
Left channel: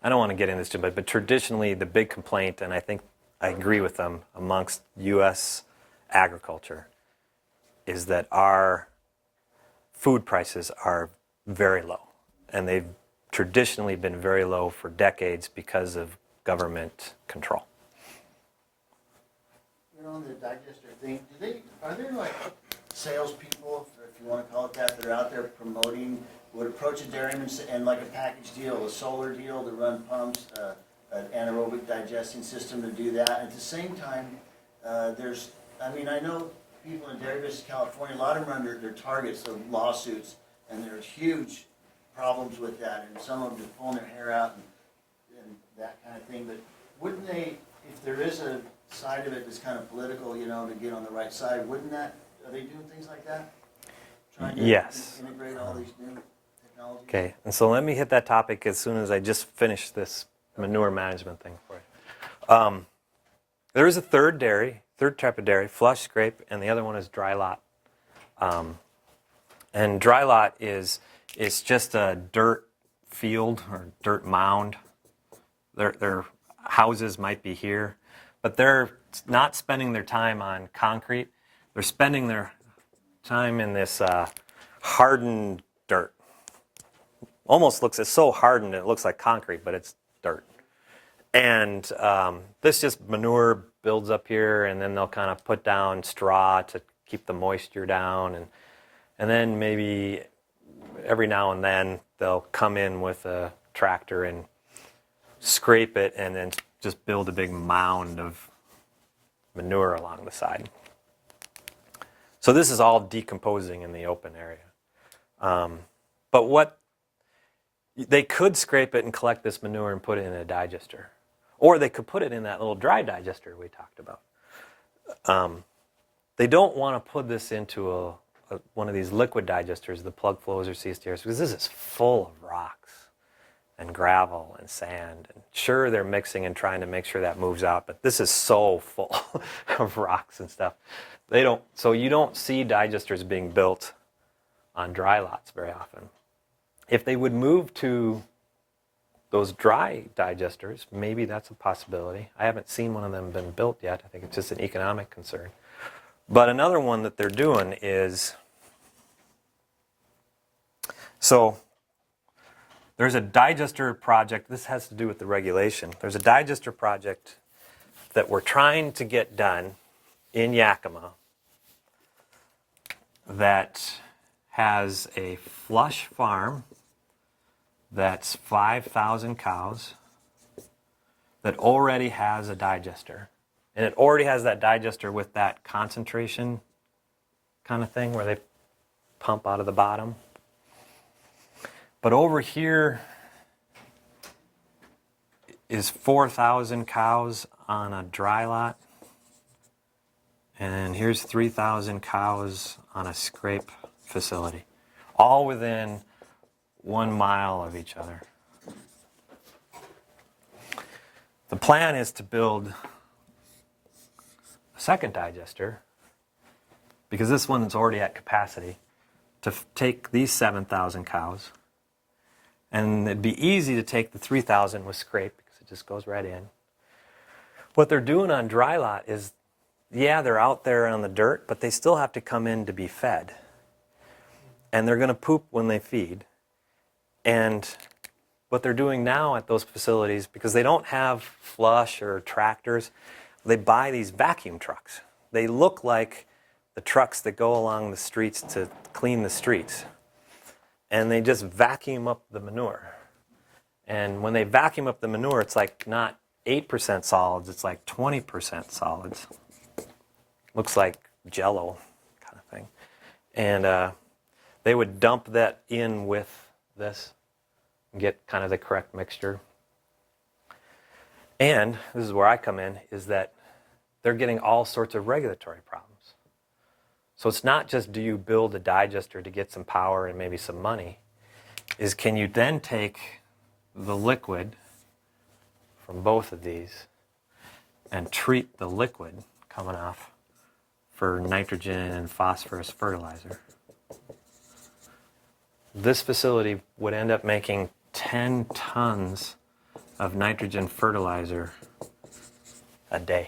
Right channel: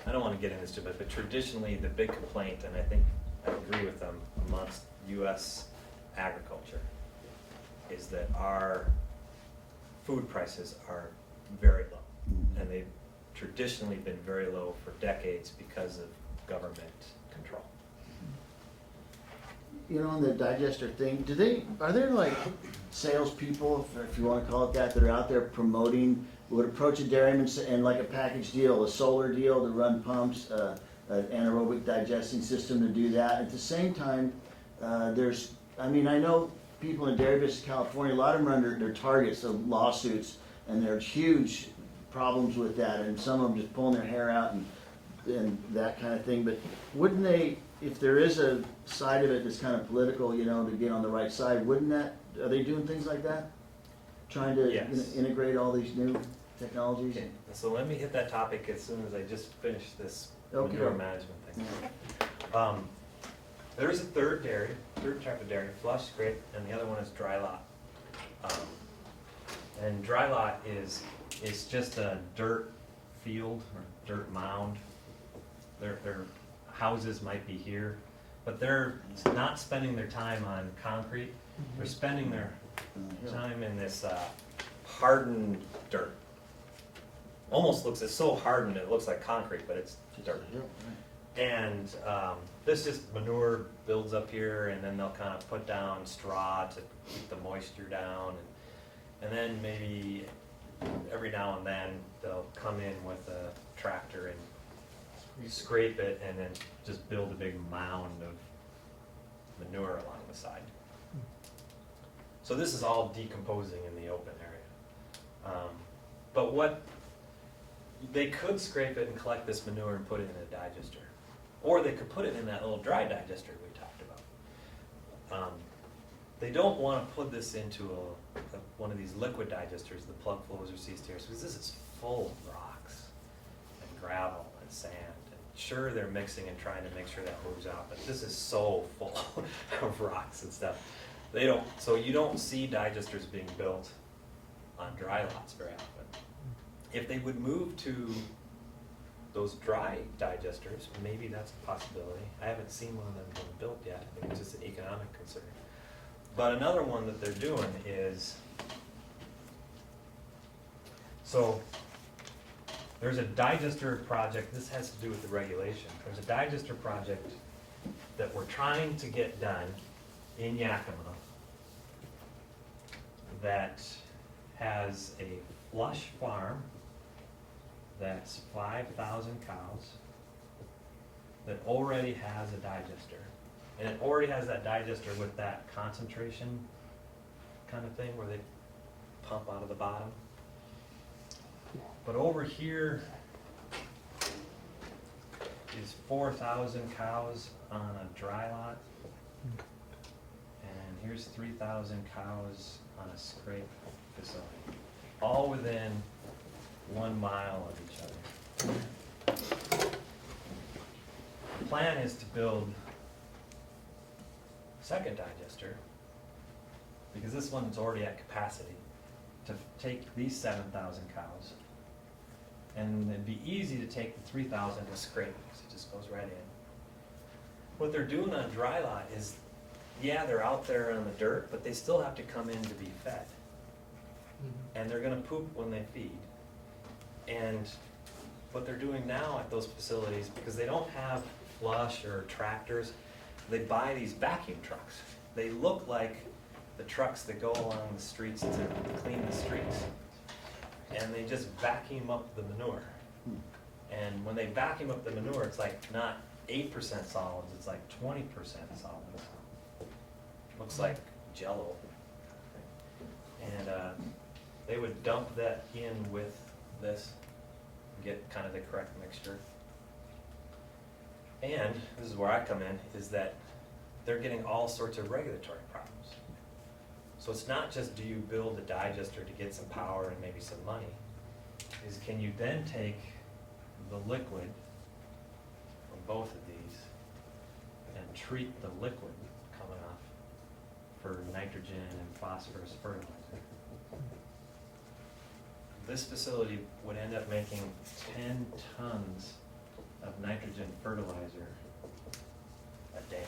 I don't want to get into this too much, but traditionally the big complaint, and I think I agree with them amongst U.S. agriculture, is that our food prices are very low. And they've traditionally been very low for decades because of government control. You know, on the digester thing, are there like salespeople, if you want to call it that are out there promoting, who would approach a dairyman and like a package deal, a solar deal to run pumps, an anaerobic digesting system to do that. At the same time, I know people in dairy business in California, a lot of them are under their targets of lawsuits, and there's huge problems with that, and some of them just pulling their hair out and that kind of thing. But wouldn't they, if there is a side of it that's kind of political, you know, to get on the right side, are they doing things like that? Trying to Yes. integrate all these new technologies? Okay, and so let me hit that topic as soon as I just finish this manure Okay. management thing. Yeah. There is a third type of dairy, flush, scrape, and the other one is dry lot. And dry lot is just a dirt field or dirt mound. Their houses might be here, but they're not spending their time on concrete. They're spending their time in this hardened dirt. It's so hardened it looks like concrete, but it's dirt. And this just manure builds up here, and then they'll kind of put down straw to keep the moisture down, and then maybe every now and then they'll come in with a tractor and scrape it, and then just build a big mound of manure along the side. So this is all decomposing in the open area. But they could scrape it and collect this manure and put it in a digester. Or they could put it in that little dry digester we talked about. They don't want to put this into one of these liquid digesters, the plug flows or CSTRs, because this is full of rocks and gravel and sand. And sure, they're mixing and trying to make sure that moves out, but this is so full of rocks and stuff. So you don't see digesters being built on dry lots very often. If they would move to those dry digesters, maybe that's a possibility. I haven't seen one of them been built yet. I think it's just an economic concern. But another one that they're doing is, so there's a digester project. This has to do with the regulation. There's a digester project that we're trying to get done in Yakima that has a flush farm that's 5,000 cows that already has a digester. And it already has that digester with that concentration kind of thing where they pump out of the bottom. But over here is 4,000 cows on a dry lot. And here's 3,000 cows on a scrape facility, all within 1 mile of each other. The plan is to build a second digester, because this one's already at capacity, to take these 7,000 cows. And it'd be easy to take the 3,000 with scrape, because it just goes right in. What they're doing on dry lot is, yeah, they're out there on the dirt, but they still have to come in to be fed. And they're going to poop when they feed. And what they're doing now at those facilities, because they don't have flush or tractors, they buy these vacuum trucks. They look like the trucks that go along the streets to clean the streets. And they just vacuum up the manure. And when they vacuum up the manure, it's like not 8% solids, it's like 20% solids. Looks like Jell-O kind of thing. And they would dump that in with this and get kind of the correct mixture. And this is where I come in, is that they're getting all sorts of regulatory problems. So it's not just do you build a digester to get some power and maybe some money, is can you then take the liquid from both of these and treat the liquid coming off for nitrogen and phosphorus fertilizer. This facility would end up making 10 tons of nitrogen fertilizer a day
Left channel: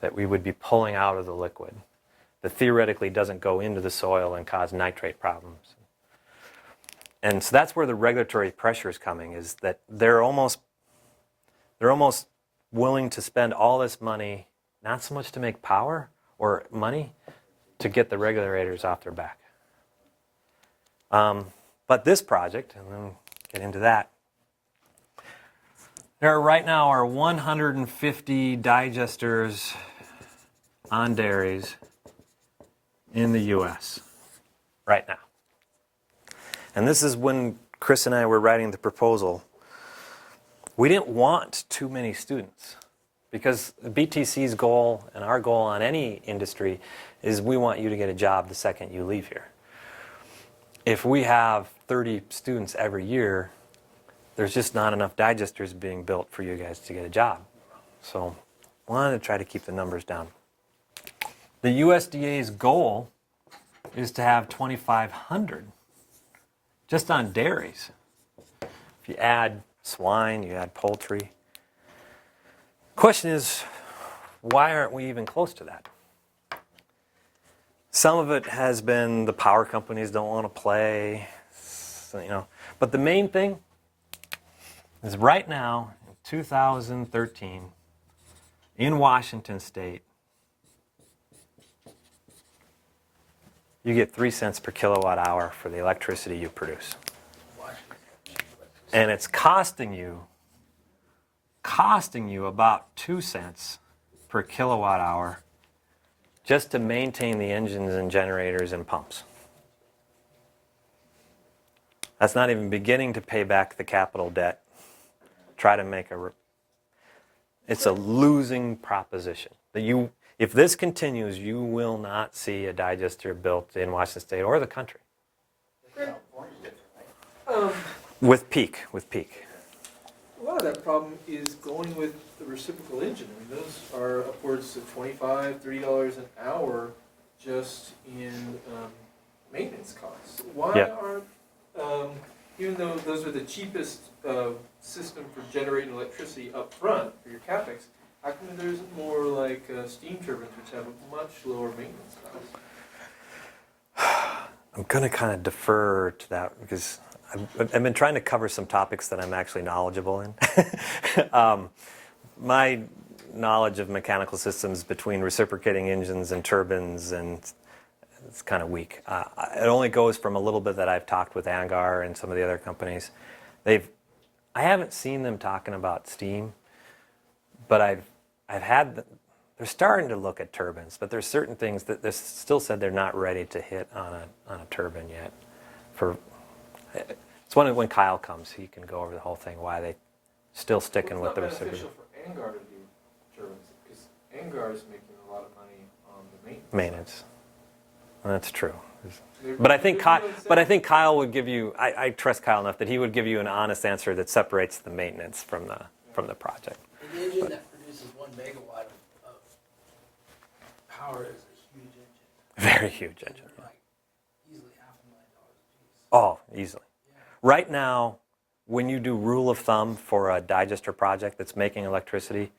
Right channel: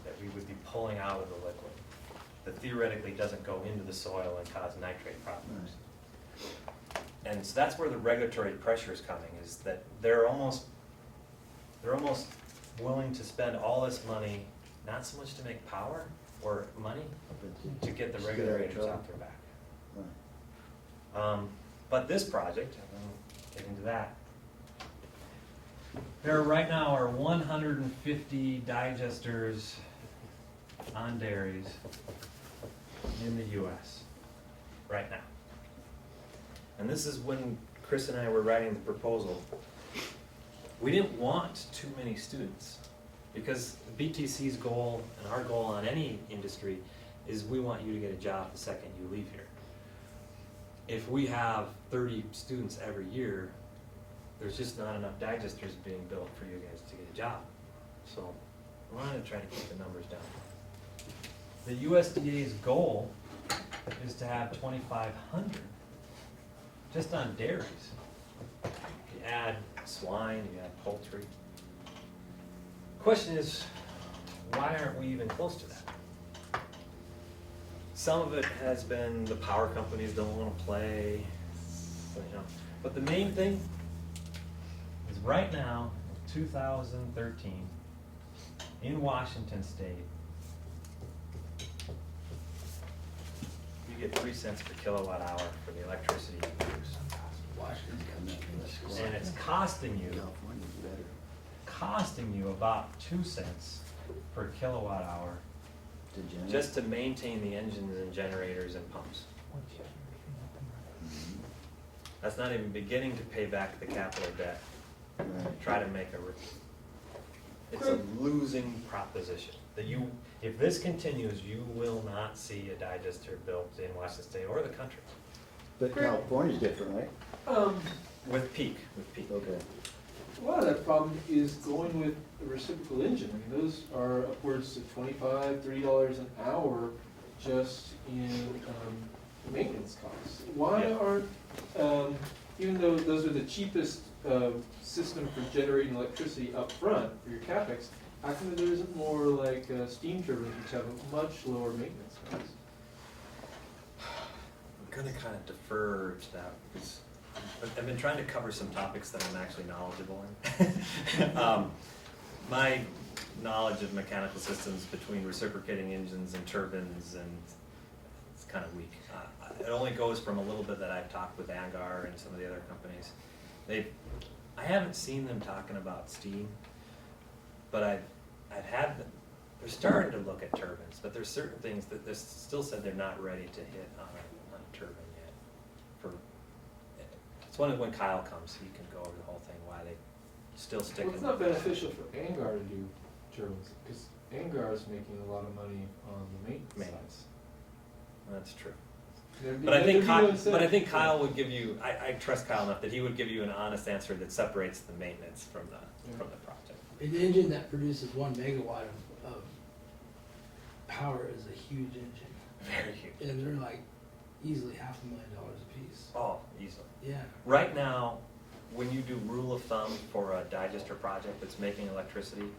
that we would be pulling out of the liquid that theoretically doesn't go into the soil and cause nitrate problems. And so that's where the regulatory pressure is coming, is that they're almost willing to spend all this money, not so much to make power or money, to get the regulators off their back. But this project, and we'll get into that, there right now are 150 digesters on dairies in the US right now. And this is when Chris and I were writing the proposal. We didn't want too many students, because BTC's goal and our goal on any industry is we want you to get a job the second you leave here. If we have 30 students every year, there's just not enough digesters being built for you guys to get a job. So I wanted to try to keep the numbers down. The USDA's goal is to have 2,500 just on dairies. If you add swine, you add poultry. Question is, why aren't we even close to that? Some of it has been the power companies don't want to play, But the main thing is right now, 2013, in Washington State, you get 3 cents per kilowatt hour for the electricity you produce. And it's costing you about 2 cents per kilowatt hour just to maintain the engines and generators and pumps. That's not even beginning to pay back the capital debt. Try to make it's a losing proposition. If this continues, you will not see a digester built in Washington State or the country. But California's different, right? With peak. Okay. A lot of that problem is going with the reciprocal engine. I mean, those are upwards of $25, $30 an hour just in maintenance costs. Why Yeah. aren't, even though those are the cheapest system for generating electricity up front for your capex, how come there isn't more like steam turbines which have a much lower maintenance cost? I'm going to kind of defer to that because I've been trying to cover some topics that I'm actually knowledgeable in. My knowledge of mechanical systems between reciprocating engines and turbines, and it's kind of weak. It only goes from a little bit that I've talked with ANGAR and some of the other companies. I haven't seen them talking about steam, but they're starting to look at turbines, but there's certain things that they still said they're not ready to hit on a turbine yet. It's when Kyle comes, he can go over the whole thing, why they still sticking with their. It's not beneficial for Angar to do turbines, because Angar is making a lot of money on the maintenance. Maintenance. That's true. They're- But I they're think doing Kyle would give you, I trust Kyle enough that he would give you an honest answer that separates the maintenance from the project. An engine that produces 1 megawatt of power is a huge engine. Very huge. And they're like easily $500,000 a piece. Oh, easily. Yeah. Right now, when you do rule of thumb for a digester project that's making electricity,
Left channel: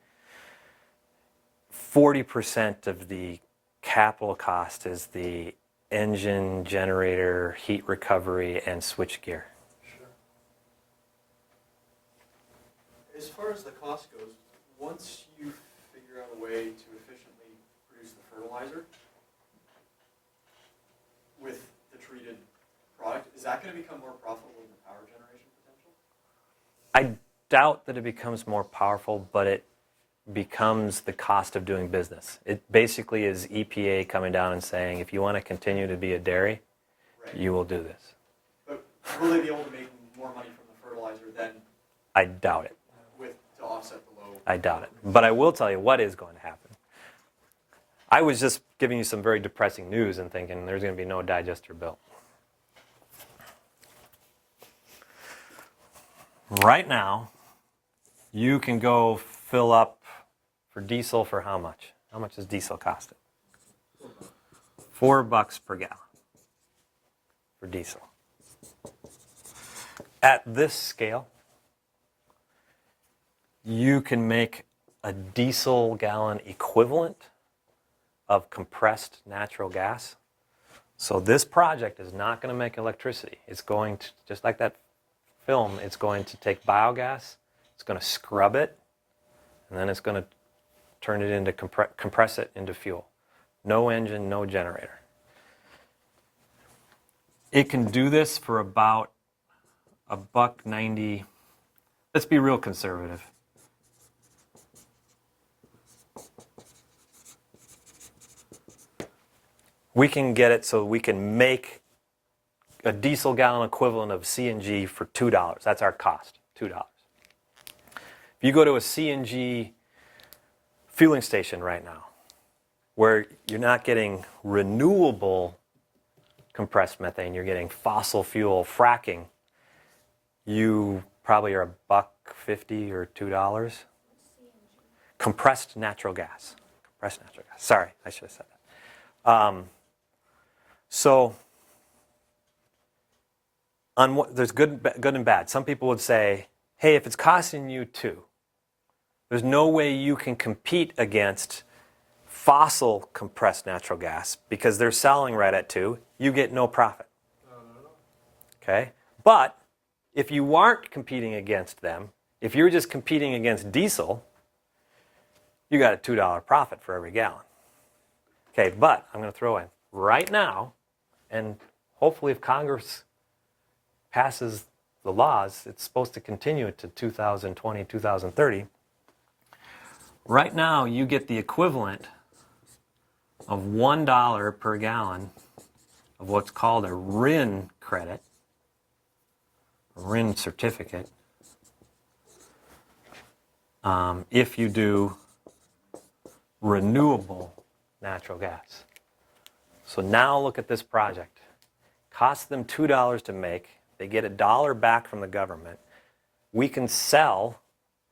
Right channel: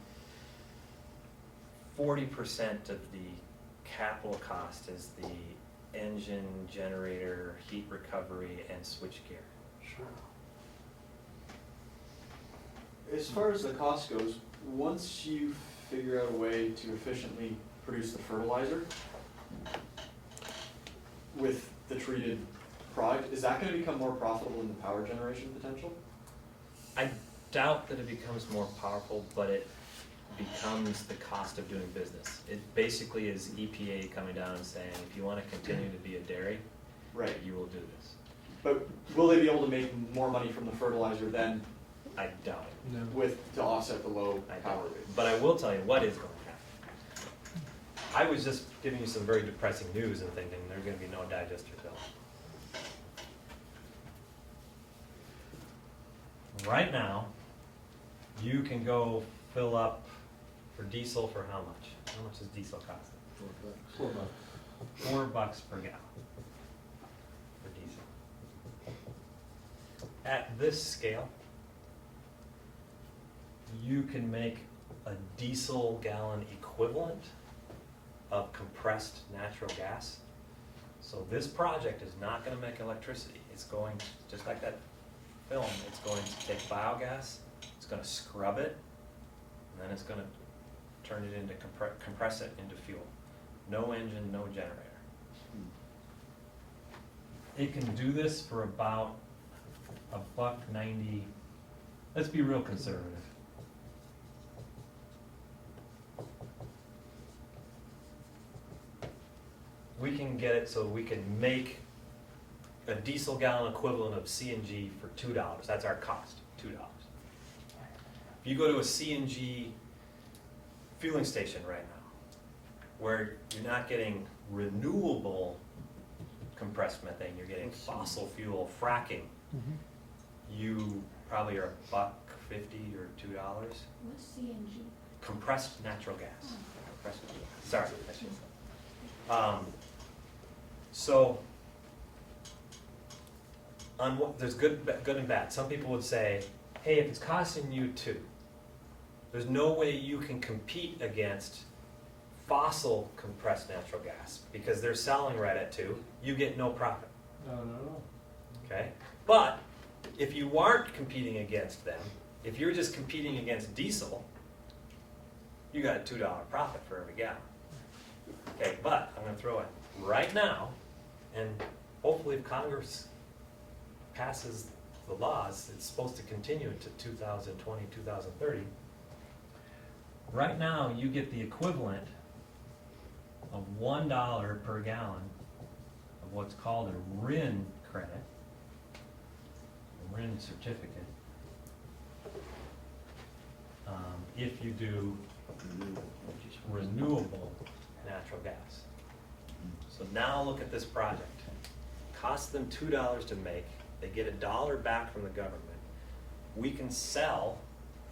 40% of the capital cost is the engine, generator, heat recovery, and switchgear. As far as the cost goes, once you figure out a way to efficiently produce the fertilizer with the treated product, is that gonna become more profitable than the power generation potential? I doubt that it becomes more powerful, but it becomes the cost of doing business. It basically is EPA coming down and saying, if you want to continue to be a dairy, Right. you will do this. But will they be able to make more money from the fertilizer than I doubt it. to offset the low? I doubt it. But I will tell you what is going to happen. I was just giving you some very depressing news and thinking there's going to be no digester built. Right now, you can go fill up for diesel for how much? How much does diesel cost? $4 per gallon for diesel. At this scale, you can make a diesel gallon equivalent of compressed natural gas. So this project is not going to make electricity. It's going to, just like that film, it's going to take biogas, it's going to scrub it, and then it's going to turn it into, compress it into fuel. No engine, no generator. It can do this for about $1.90. Let's be real conservative. We can get it so we can make a diesel gallon equivalent of CNG for $2. That's our cost, $2. If you go to a CNG fueling station right now, where you're not getting renewable compressed methane, you're getting fossil fuel fracking, you probably are $1.50 or $2. What's CNG? Compressed natural gas. Compressed natural gas. Sorry, I should have said that. So, there's good and bad. Some people would say, hey, if it's costing you $2, there's no way you can compete against fossil compressed natural gas because they're selling right at $2. You get no profit. No. Okay? But if you aren't competing against them, if you're just competing against diesel, you got a $2 profit for every gallon. Okay, but I'm going to throw in right now, and hopefully if Congress passes the laws, it's supposed to continue it to 2020, 2030. Right now, you get the equivalent of $1 per gallon of what's called a RIN credit, a RIN certificate, if you do renewable natural gas. So now look at this project. Costs them $2 to make. They get $1 back from the government. We can sell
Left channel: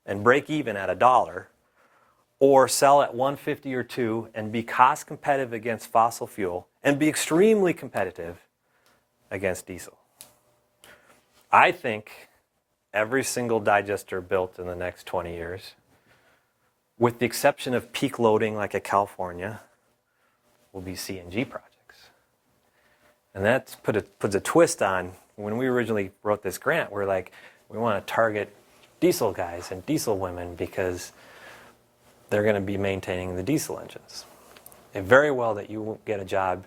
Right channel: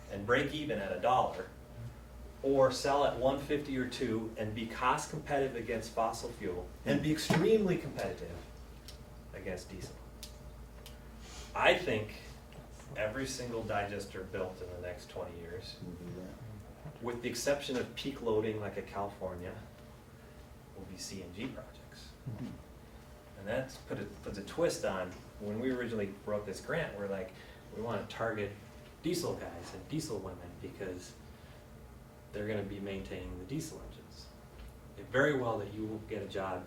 and break even at $1, or sell at $1.50 or $2 and be cost competitive against fossil fuel and be extremely competitive against diesel. I think every single digester built in the next 20 years, with the exception of peak loading like at California, will be CNG projects. And that puts a twist on, when we originally wrote this grant, we're like, we want to target diesel guys and diesel women because they're going to be maintaining the diesel engines. And very well that you will get a job,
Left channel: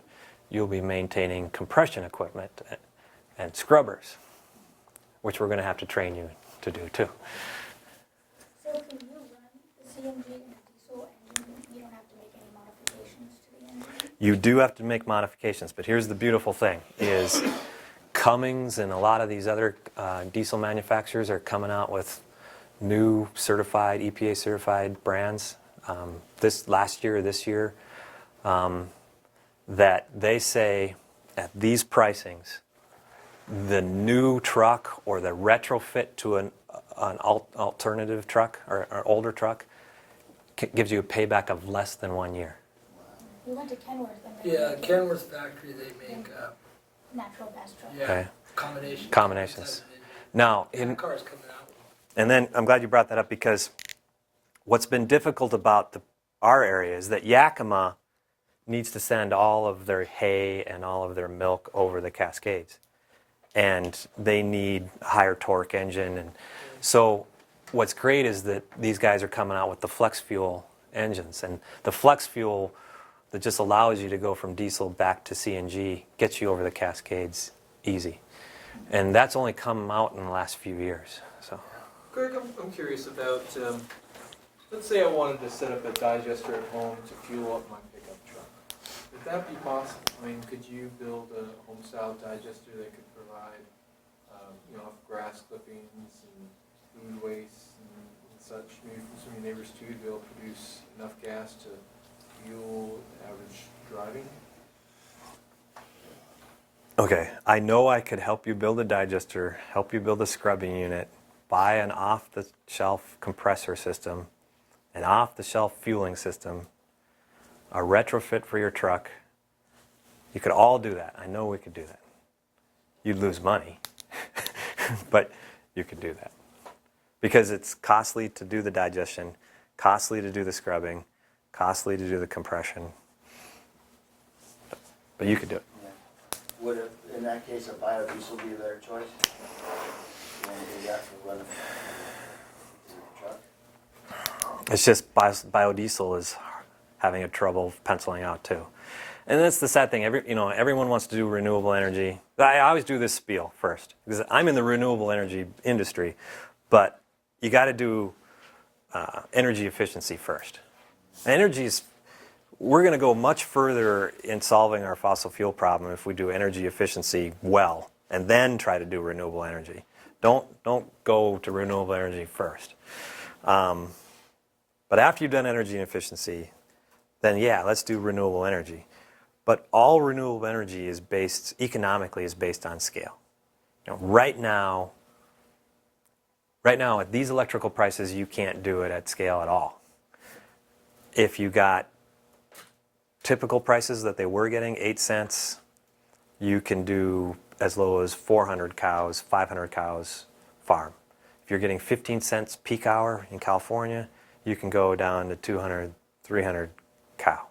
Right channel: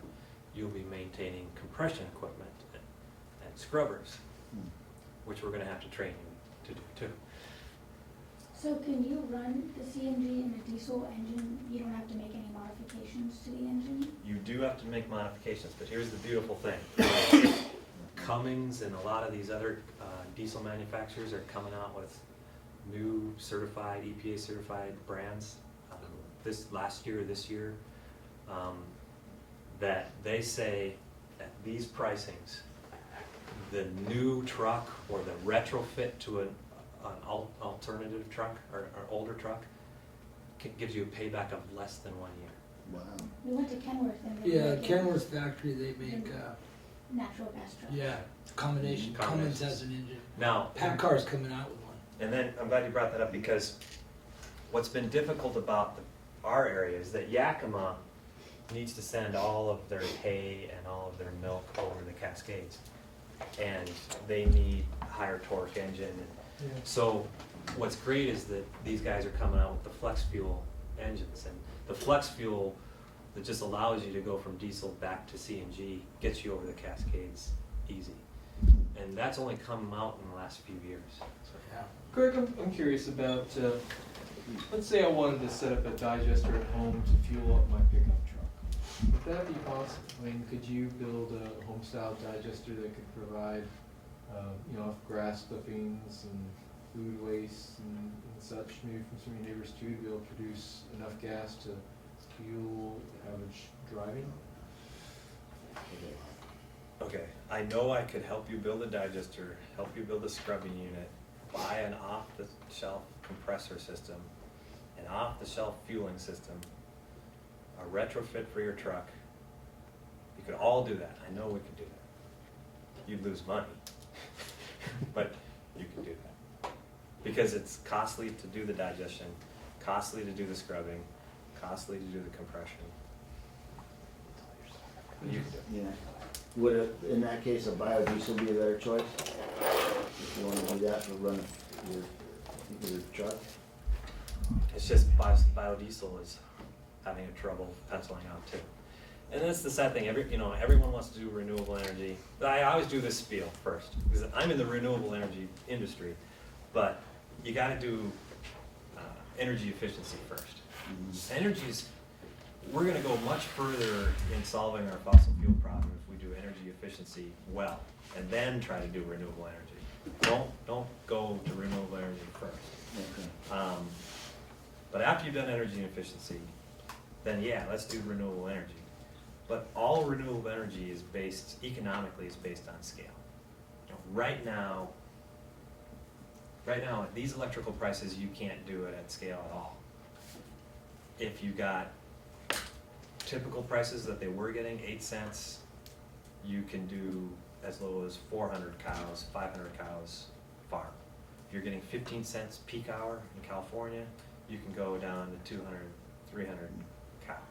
you'll be maintaining compression equipment and scrubbers, which we're going to have to train you to do too. So So can you run the CNG in a diesel engine? You don't have to make any modifications to the engine? You do have to make modifications, but here's the beautiful thing, is Cummins and a lot of these other diesel manufacturers are coming out with new certified, EPA certified brands this year, that they say at these pricings, the new truck or the retrofit to an alternative truck or older truck gives you a payback of less than 1 year. Wow. We went to Kenworth and they Yeah, make Kenworth factory, they make, natural gas trucks. yeah, Okay. combinations. Combinations. Cummins has an engine. Now, in, PACCAR's coming out with one. and then I'm glad you brought that up, because what's been difficult about our area is that Yakima needs to send all of their hay and all of their milk over the Cascades. And they need a higher torque engine. And so what's great is that these guys are coming out with the flex fuel engines. And the flex fuel that just allows you to go from diesel back to CNG gets you over the Cascades easy. And that's only come out in the last few years. So. Greg, I'm curious about, let's say I wanted to set up a digester at home to fuel up my pickup truck. Would that be possible? I mean, could you build a home-style digester that could provide, grass clippings and food waste and such, maybe from some of your neighbors too, to be able to produce enough gas to fuel the average driving? Okay, I know I could help you build a digester, help you build a scrubbing unit, buy an off-the-shelf compressor system, an off-the-shelf fueling system, a retrofit for your truck. You could all do that. I know we could do that. You'd lose money, but you could do that. Because it's costly to do the digestion, costly to do the scrubbing, costly to do the compression. But you could do it. Yeah. Would, in that case, a biodiesel be a better choice? If you want to do that to run your truck? It's just biodiesel is having a trouble penciling out too. And that's the sad thing. Everyone wants to do renewable energy. I always do this spiel first because I'm in the renewable energy industry, but you got to do energy efficiency first. We're going to go much further in solving our fossil fuel problem if we do energy efficiency well and then try to do renewable energy. Don't go to renewable energy first. But after you've done energy efficiency, then yeah, let's do renewable energy. But all renewable energy is economically based on scale. Right now at these electrical prices, you can't do it at scale at all. If you got typical prices that they were getting, 8 cents, you can do as low as 400 cows, 500 cows farm. If you're getting 15 cents peak hour in California, you can go down to 200, 300 cow.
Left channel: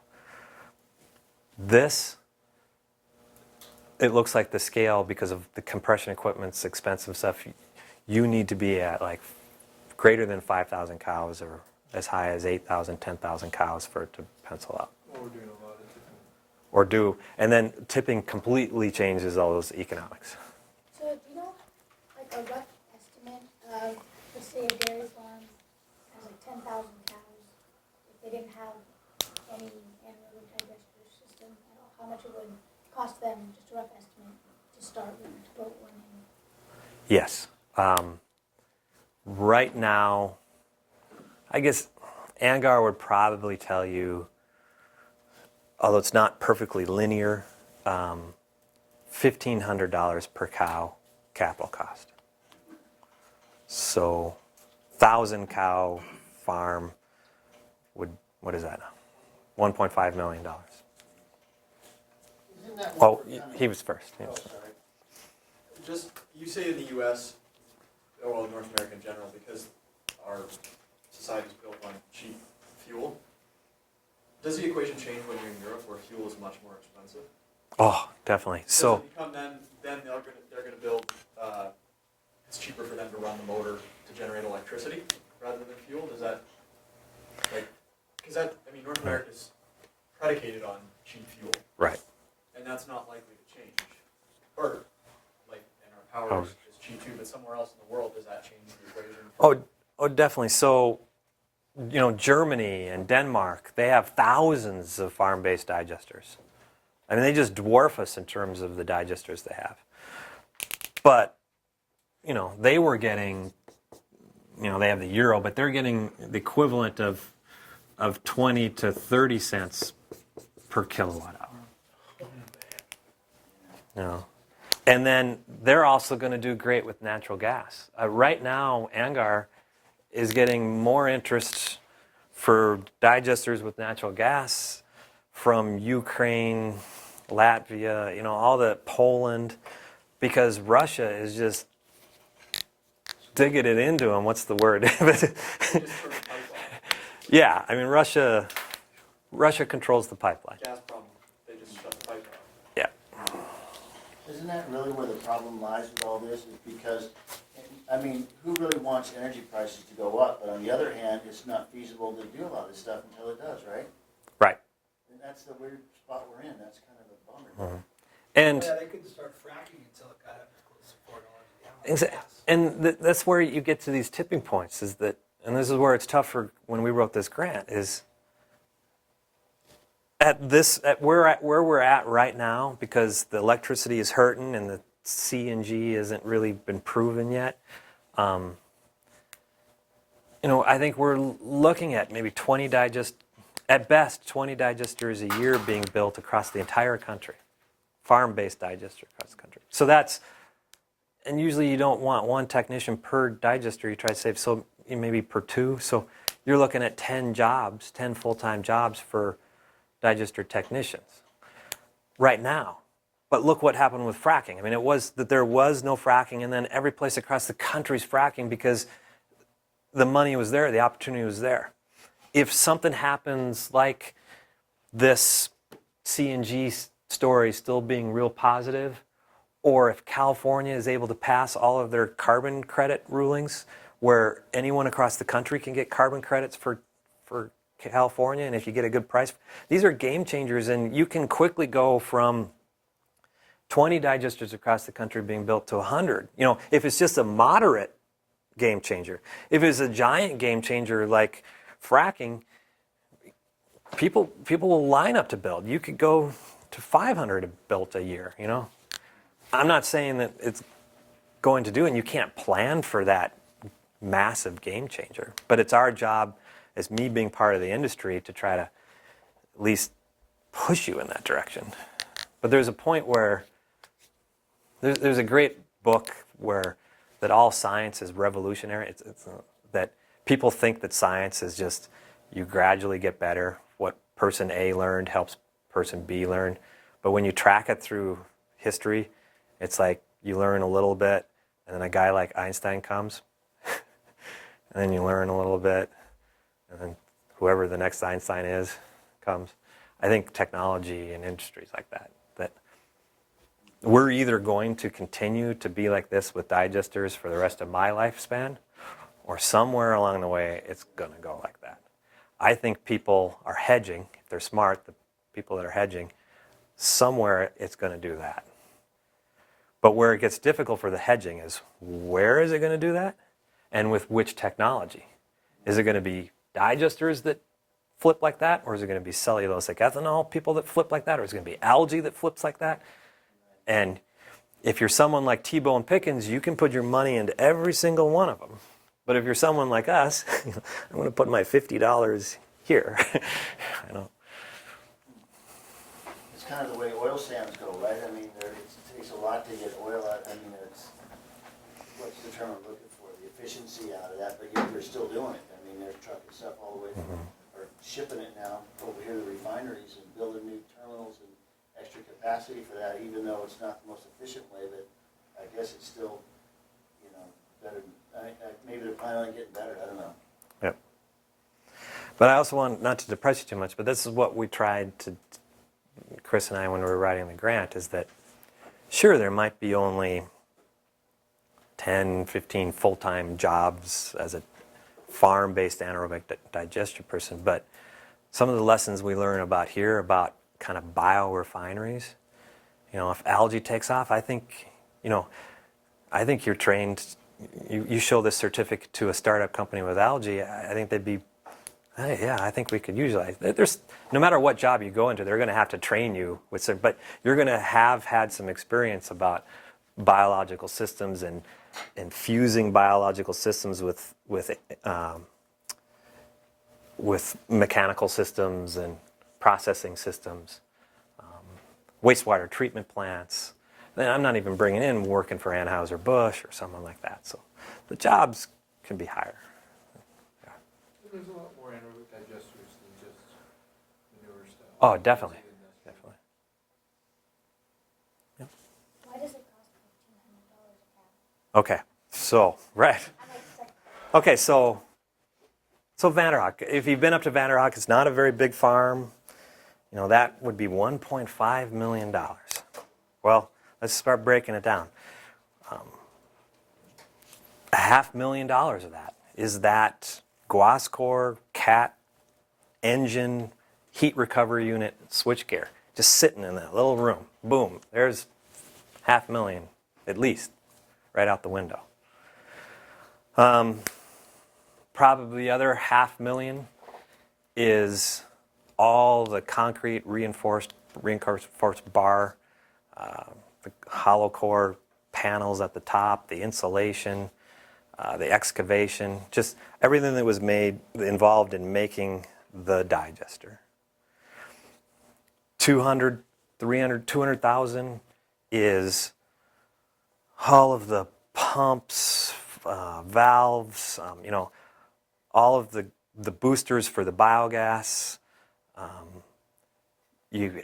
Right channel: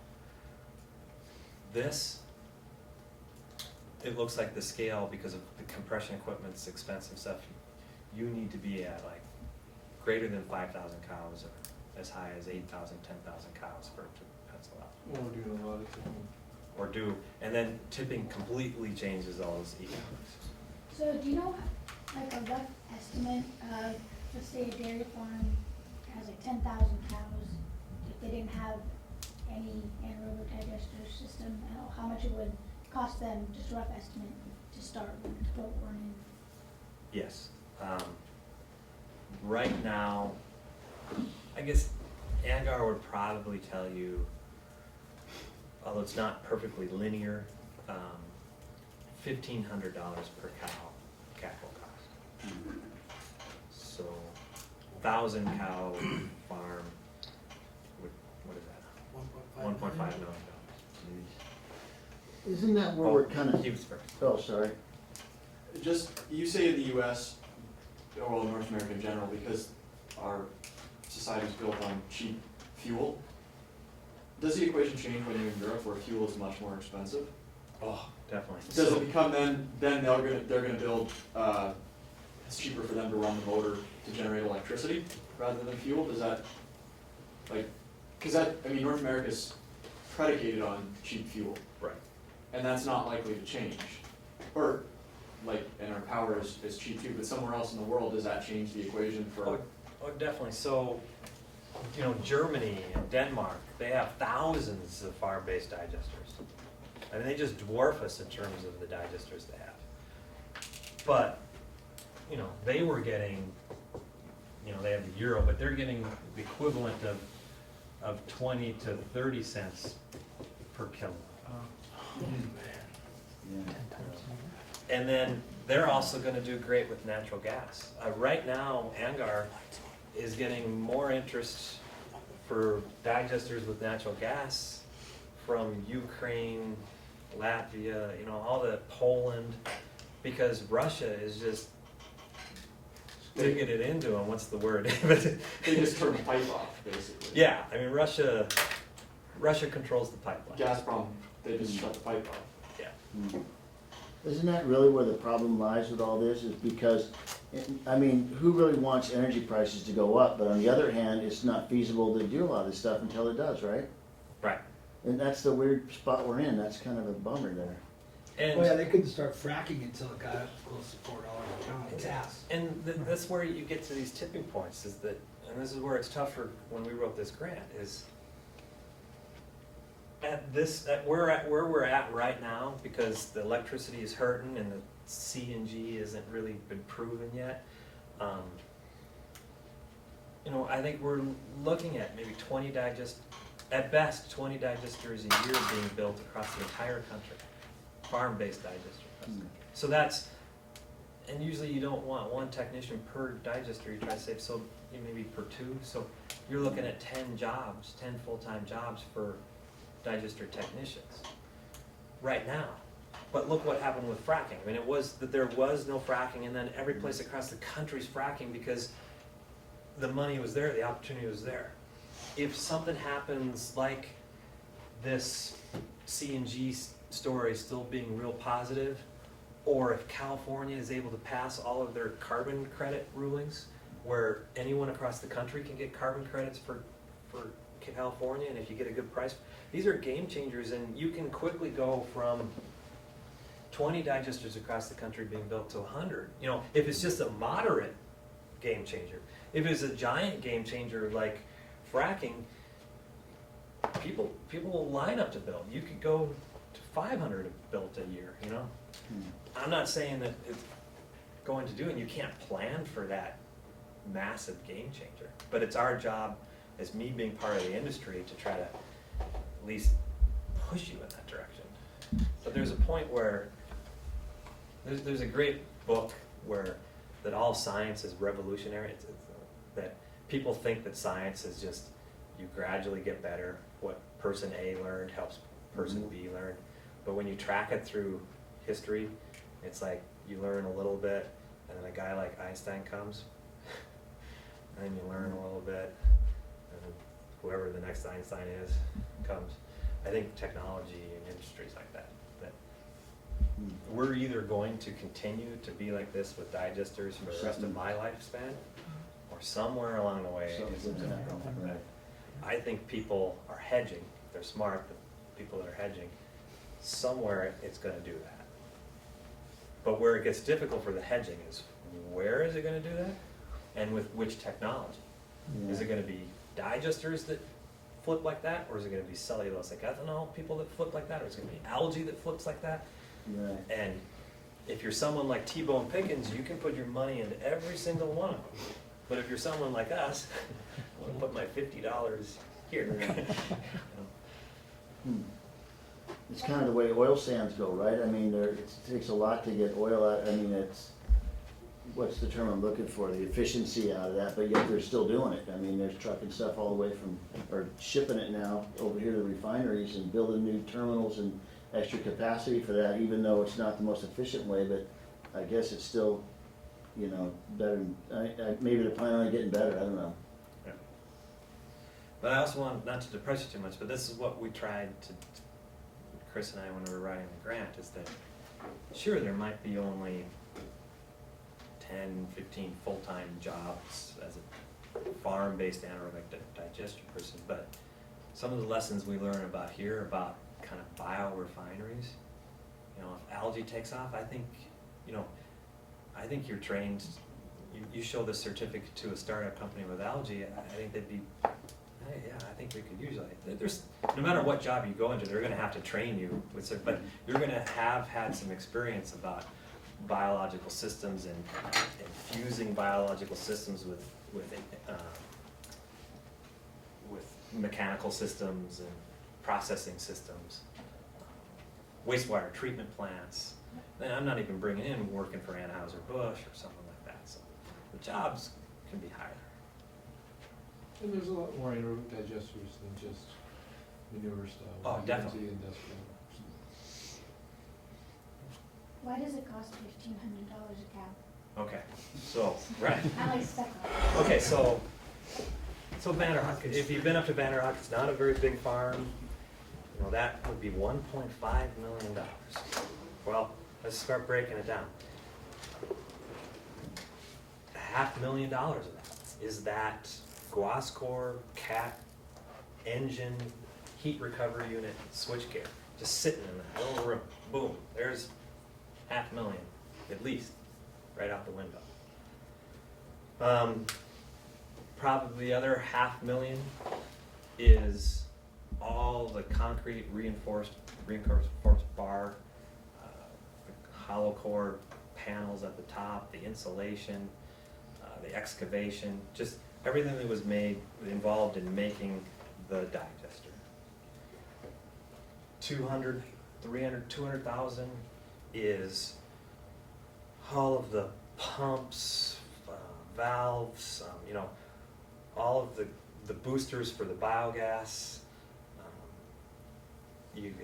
It looks like the scale, because of the compression equipment's expensive stuff, you need to be at like greater than 5,000 cows or as high as 8,000, 10,000 cows for it to pencil out. Or we're doing a lot of tipping. And then tipping completely changes all those economics. So do you know like a rough estimate of, let's say a dairy farm has like 10,000 cows, if they didn't have any anaerobic digester system, how much it would cost them, just a rough estimate, to start with, to put one in? Yes. Right now, I guess ANGAR would probably tell you, although it's not perfectly linear, $1,500 per cow capital cost. So 1,000 cow farm would, what is that? $1.5 million. Isn't that what Oh, we're kind of? he was first. Oh, sorry. Just, you say in the US, or well, North America in general, because our society is built on cheap fuel, does the equation change when you're in Europe where fuel is much more expensive? Oh, definitely. Does So, it become then they're gonna build, it's cheaper for them to run the motor to generate electricity rather than fuel? Does that, North America's predicated on cheap fuel. right. And that's not likely to change. And our power is cheap too, but somewhere else in the world, does that change the equation Oh, for Oh, definitely. So, Germany and Denmark, they have thousands of farm-based digesters. I mean, they just dwarf us in terms of the digesters they have. But, they were getting, they have the euro, but they're getting the equivalent of 20 to 30 cents per kilowatt hour. And then they're also going to do great with natural gas. Right now, Angar is getting more interest for digesters with natural gas from Ukraine, Latvia, all the Poland, because Russia is just digging it into them. What's the word? You just turn the pipe off, basically. Yeah, I mean Russia controls the pipeline. Gazprom, they just shut the pipe off. Yeah. Isn't that really where the problem lies with all this, is because, who really wants energy prices to go up? But on the other hand, it's not feasible to do a lot of this stuff until it does, right? Right. And that's the weird spot we're in. That's kind of a bummer there. And Well, yeah, they couldn't start fracking until it got up close to $4 a Exa- gallon. Gas. And that's where you get to these tipping points, is that, and this is where it's tough for when we wrote this grant, is where we're at right now, because the electricity is hurting and the CNG hasn't really been proven yet. I think we're looking at maybe 20 digesters a year being built across the entire country, farm-based digester across the country. So that's, and usually you don't want one technician per digester. You try to save maybe per two. So you're looking at 10 full-time jobs for digester technicians right now. But look what happened with fracking. I mean, it was that there was no fracking, and then every place across the country's fracking because the money was there, the opportunity was there. If something happens like this CNG story still being real positive, or if California is able to pass all of their carbon credit rulings where anyone across the country can get carbon credits for California, and if you get a good price, these are game changers, and you can quickly go from 20 digesters across the country being built to 100. If it's just a moderate game changer. If it's a giant game changer like fracking, people will line up to build. You could go to 500 built a year, I'm not saying that it's going to do it, and you can't plan for that massive game changer. But it's our job, as me being part of the industry, to try to at least push you in that direction. But there's a point where there's a great book that all science is revolutionary. It's that people think that science is just you gradually get better. What person A learned helps person B learn. But when you track it through history, it's like you learn a little bit, and then a guy like Einstein comes, and then you learn a little bit, and then whoever the next Einstein is comes. I think technology and industries like that we're either going to continue to be like this with digesters for the rest of my lifespan, or somewhere along the way it's going to go like that. I think people are hedging. If they're smart, the people that are hedging, somewhere it's going to do that. But where it gets difficult for the hedging is, where is it going to do that, and with which technology? Is it going to be digesters that flip like that, or is it going to be cellulosic ethanol people that flip like that, or is it going to be algae that flips like that? Right. And if you're someone like Tebow and Pickens, you can put your money into every single one of them. But if you're someone like us, I'm going to put my $50 here. It's kind of the way oil sands go, right? I mean, it takes a lot to get oil out. I mean, what's the term I'm looking for? The efficiency out of that, but yet they're still doing it. I mean, they're trucking stuff all the way from, or shipping it now over here to refineries and building new terminals and extra capacity for that, even though it's not the most efficient way, but I guess it's still, better. Maybe they're planning on getting better, I don't know. Yep. But I also want not to depress you too much, but this is what we tried to, Chris and I, when we were writing the grant, is that sure, there might be only 10, 15 full-time jobs as a farm-based anaerobic digestion person, but some of the lessons we learn about here about kind of biorefineries, if algae takes off, I think you're trained you show this certificate to a startup company with algae, I think they'd be, hey, yeah, I think we could utilize. There's no matter what job you go into, they're going to have to train you with, but you're going to have had some experience about biological systems and fusing biological systems with mechanical systems and processing systems, wastewater treatment plants. Then I'm not even bringing in working for Anheuser-Busch or someone like that. So the jobs can be higher. And there's a lot more anaerobic digesters than just manure stuff. Oh, definitely. Into the industrial. Why does it cost $1,500 a cow? Okay, so, right. I like second. Okay, so Vanderhoek, if you've been up to Vanderhoek, it's not a very big farm. You know, that would be $1.5 million. Well, let's start breaking it down. $500,000 of that is that Guascor Cat engine heat recovery unit switchgear just sitting in that little room. Boom, there's $500,000 at least right out the window. Probably the other $500,000 is all the concrete reinforced bar, the hollow core panels at the top, the insulation, the excavation, just everything that was involved in making the digester. 200,000 is all of the pumps, valves, all of the boosters for the biogas. You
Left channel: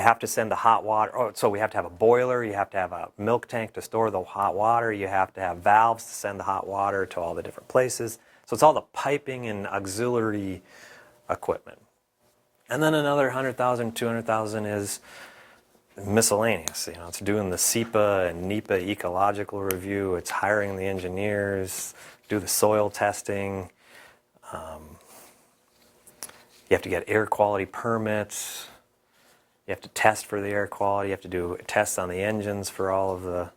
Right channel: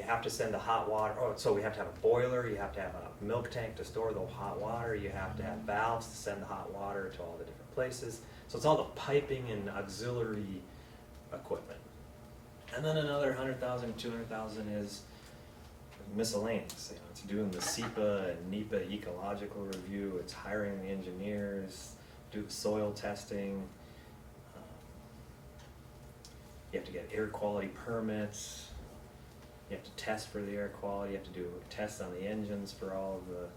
have to send the hot water. Oh, so we have to have a boiler. You have to have a milk tank to store the hot water. You have to have valves to send the hot water to all the different places. So it's all the piping and auxiliary equipment. And then another 100,000, 200,000 is miscellaneous. It's doing the SEPA and NEPA ecological review. It's hiring the engineers, do the soil testing. You have to get air quality permits. You have to test for the air quality. You have to do tests on the engines for all of the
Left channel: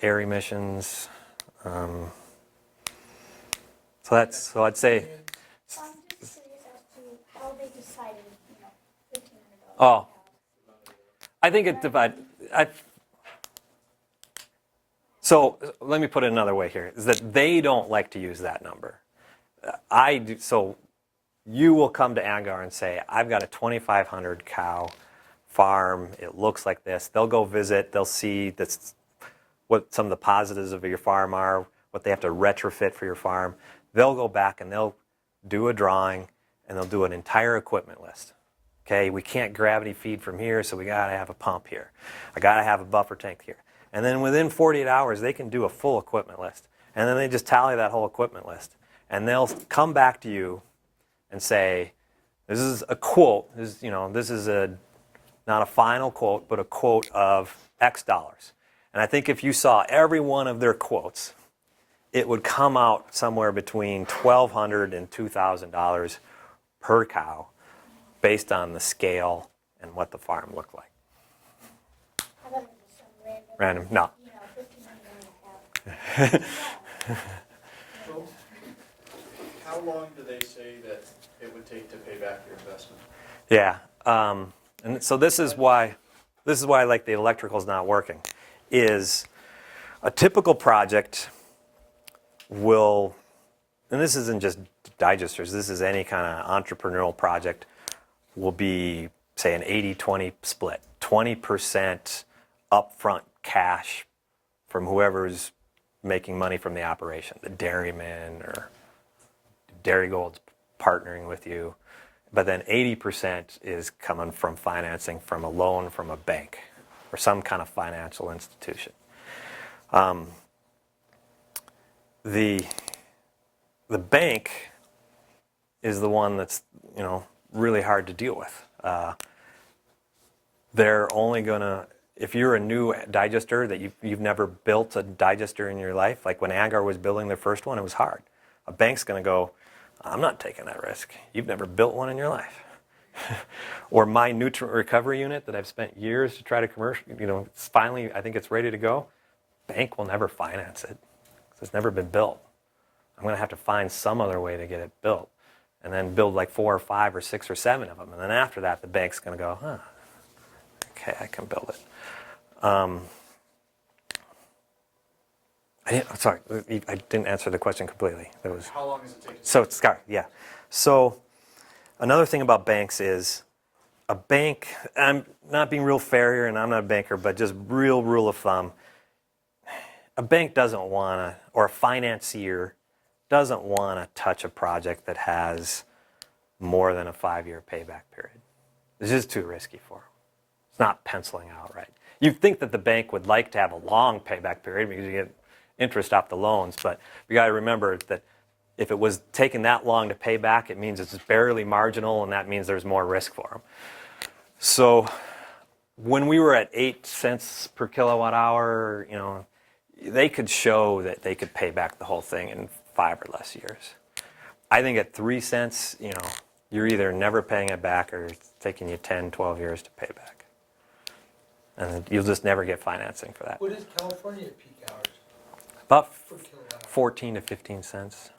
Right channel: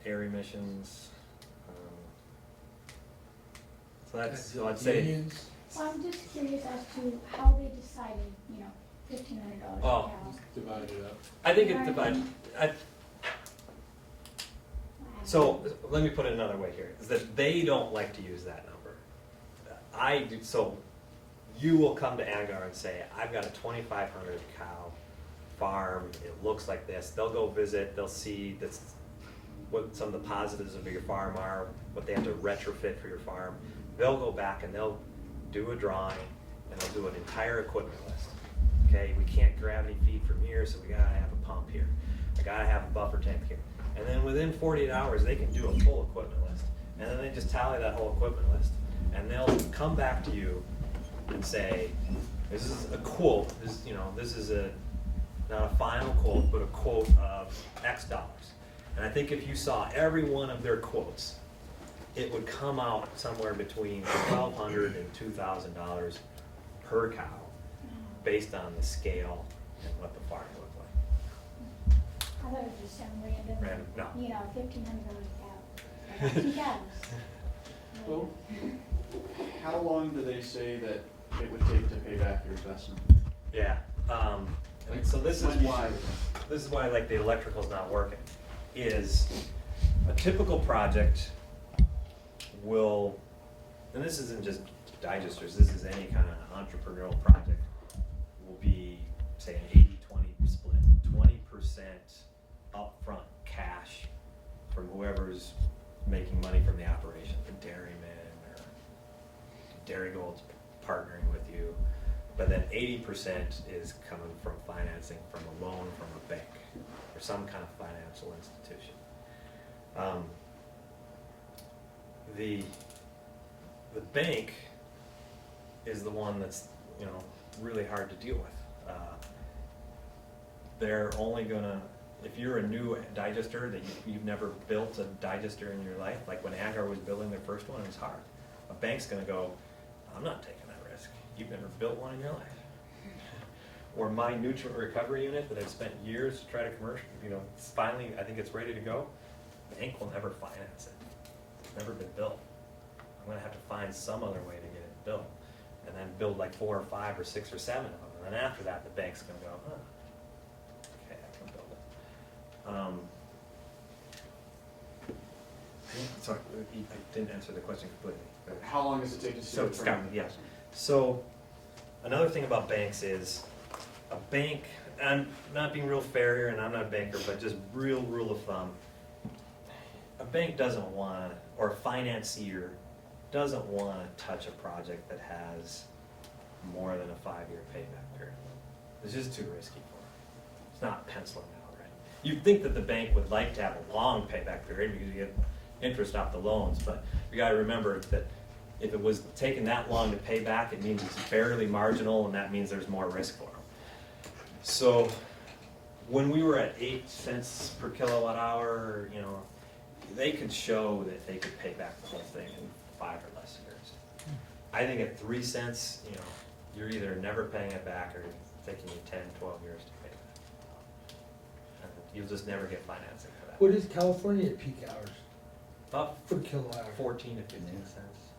air emissions. So I'd say. So I'm just curious as to how they decided, $1,500 Oh. a cow. Divide it up. I think it divides. So let me put it another way here: is that they don't like to use that number. I do. So you will come to Angar and say, "I've got a 2,500 cow farm. It looks like this." They'll go visit. They'll see that's what some of the positives of your farm are, what they have to retrofit for your farm. They'll go back and they'll do a drawing and they'll do an entire equipment list. Okay, we can't gravity feed from here, so we gotta have a pump here. I gotta have a buffer tank here. And then within 48 hours, they can do a full equipment list. And then they just tally that whole equipment list. And they'll come back to you and say, this is a quote, this is not a final quote, but a quote of X dollars. And I think if you saw every one of their quotes, it would come out somewhere between $1,200 and $2,000 per cow, based on the scale and what the farm looked like. I thought it was just some random. Random, no. $1,500 a cow. Well, how long do they say that it would take to pay back your investment? Yeah, and so this is why like the electrical's not working, is a typical project will, and this isn't just digesters, this is any kind of entrepreneurial project, will be, say, an 80-20 split. 20% upfront cash from whoever's making money from the operation, the dairyman or Dairygold's partnering with you. But then 80% is coming from financing from a loan from a bank or some kind of financial institution. The bank is the one that's really hard to deal with. They're only gonna, if you're a new digester that you've never built a digester in your life, like when Angar was building their first one, it was hard. A bank's gonna go, I'm not taking that risk. You've never built one in your life. Or my nutrient recovery unit that I've spent years to try to commercial, it's finally, I think it's ready to go. Bank will never finance it. It's never been built. I'm going to have to find some other way to get it built, and then build like 4 or 5 or 6 or 7 of them. And then after that, the bank's going to go, huh, okay, I can build it. Sorry, I didn't answer the question completely. That was, How long does it take to? so Scott, yeah. So another thing about banks is a bank, I'm not being real fair here, and I'm not a banker, but just real rule of thumb, a bank doesn't want to, or a financier doesn't want to touch a project that has more than a 5-year payback period. It's just too risky for them. It's not penciling out right. You'd think that the bank would like to have a long payback period because you get interest off the loans, but you got to remember that if it was taking that long to pay back, it means it's barely marginal, and that means there's more risk for them. So when we were at 8 cents per kilowatt hour, you know, they could show that they could pay back the whole thing in 5 or less years. I think at 3 cents, you know, you're either never paying it back or it's taking you 10, 12 years to pay back. And you'll just never get financing for that. What is California at peak hours About per kilowatt hour? 14 to 15 cents.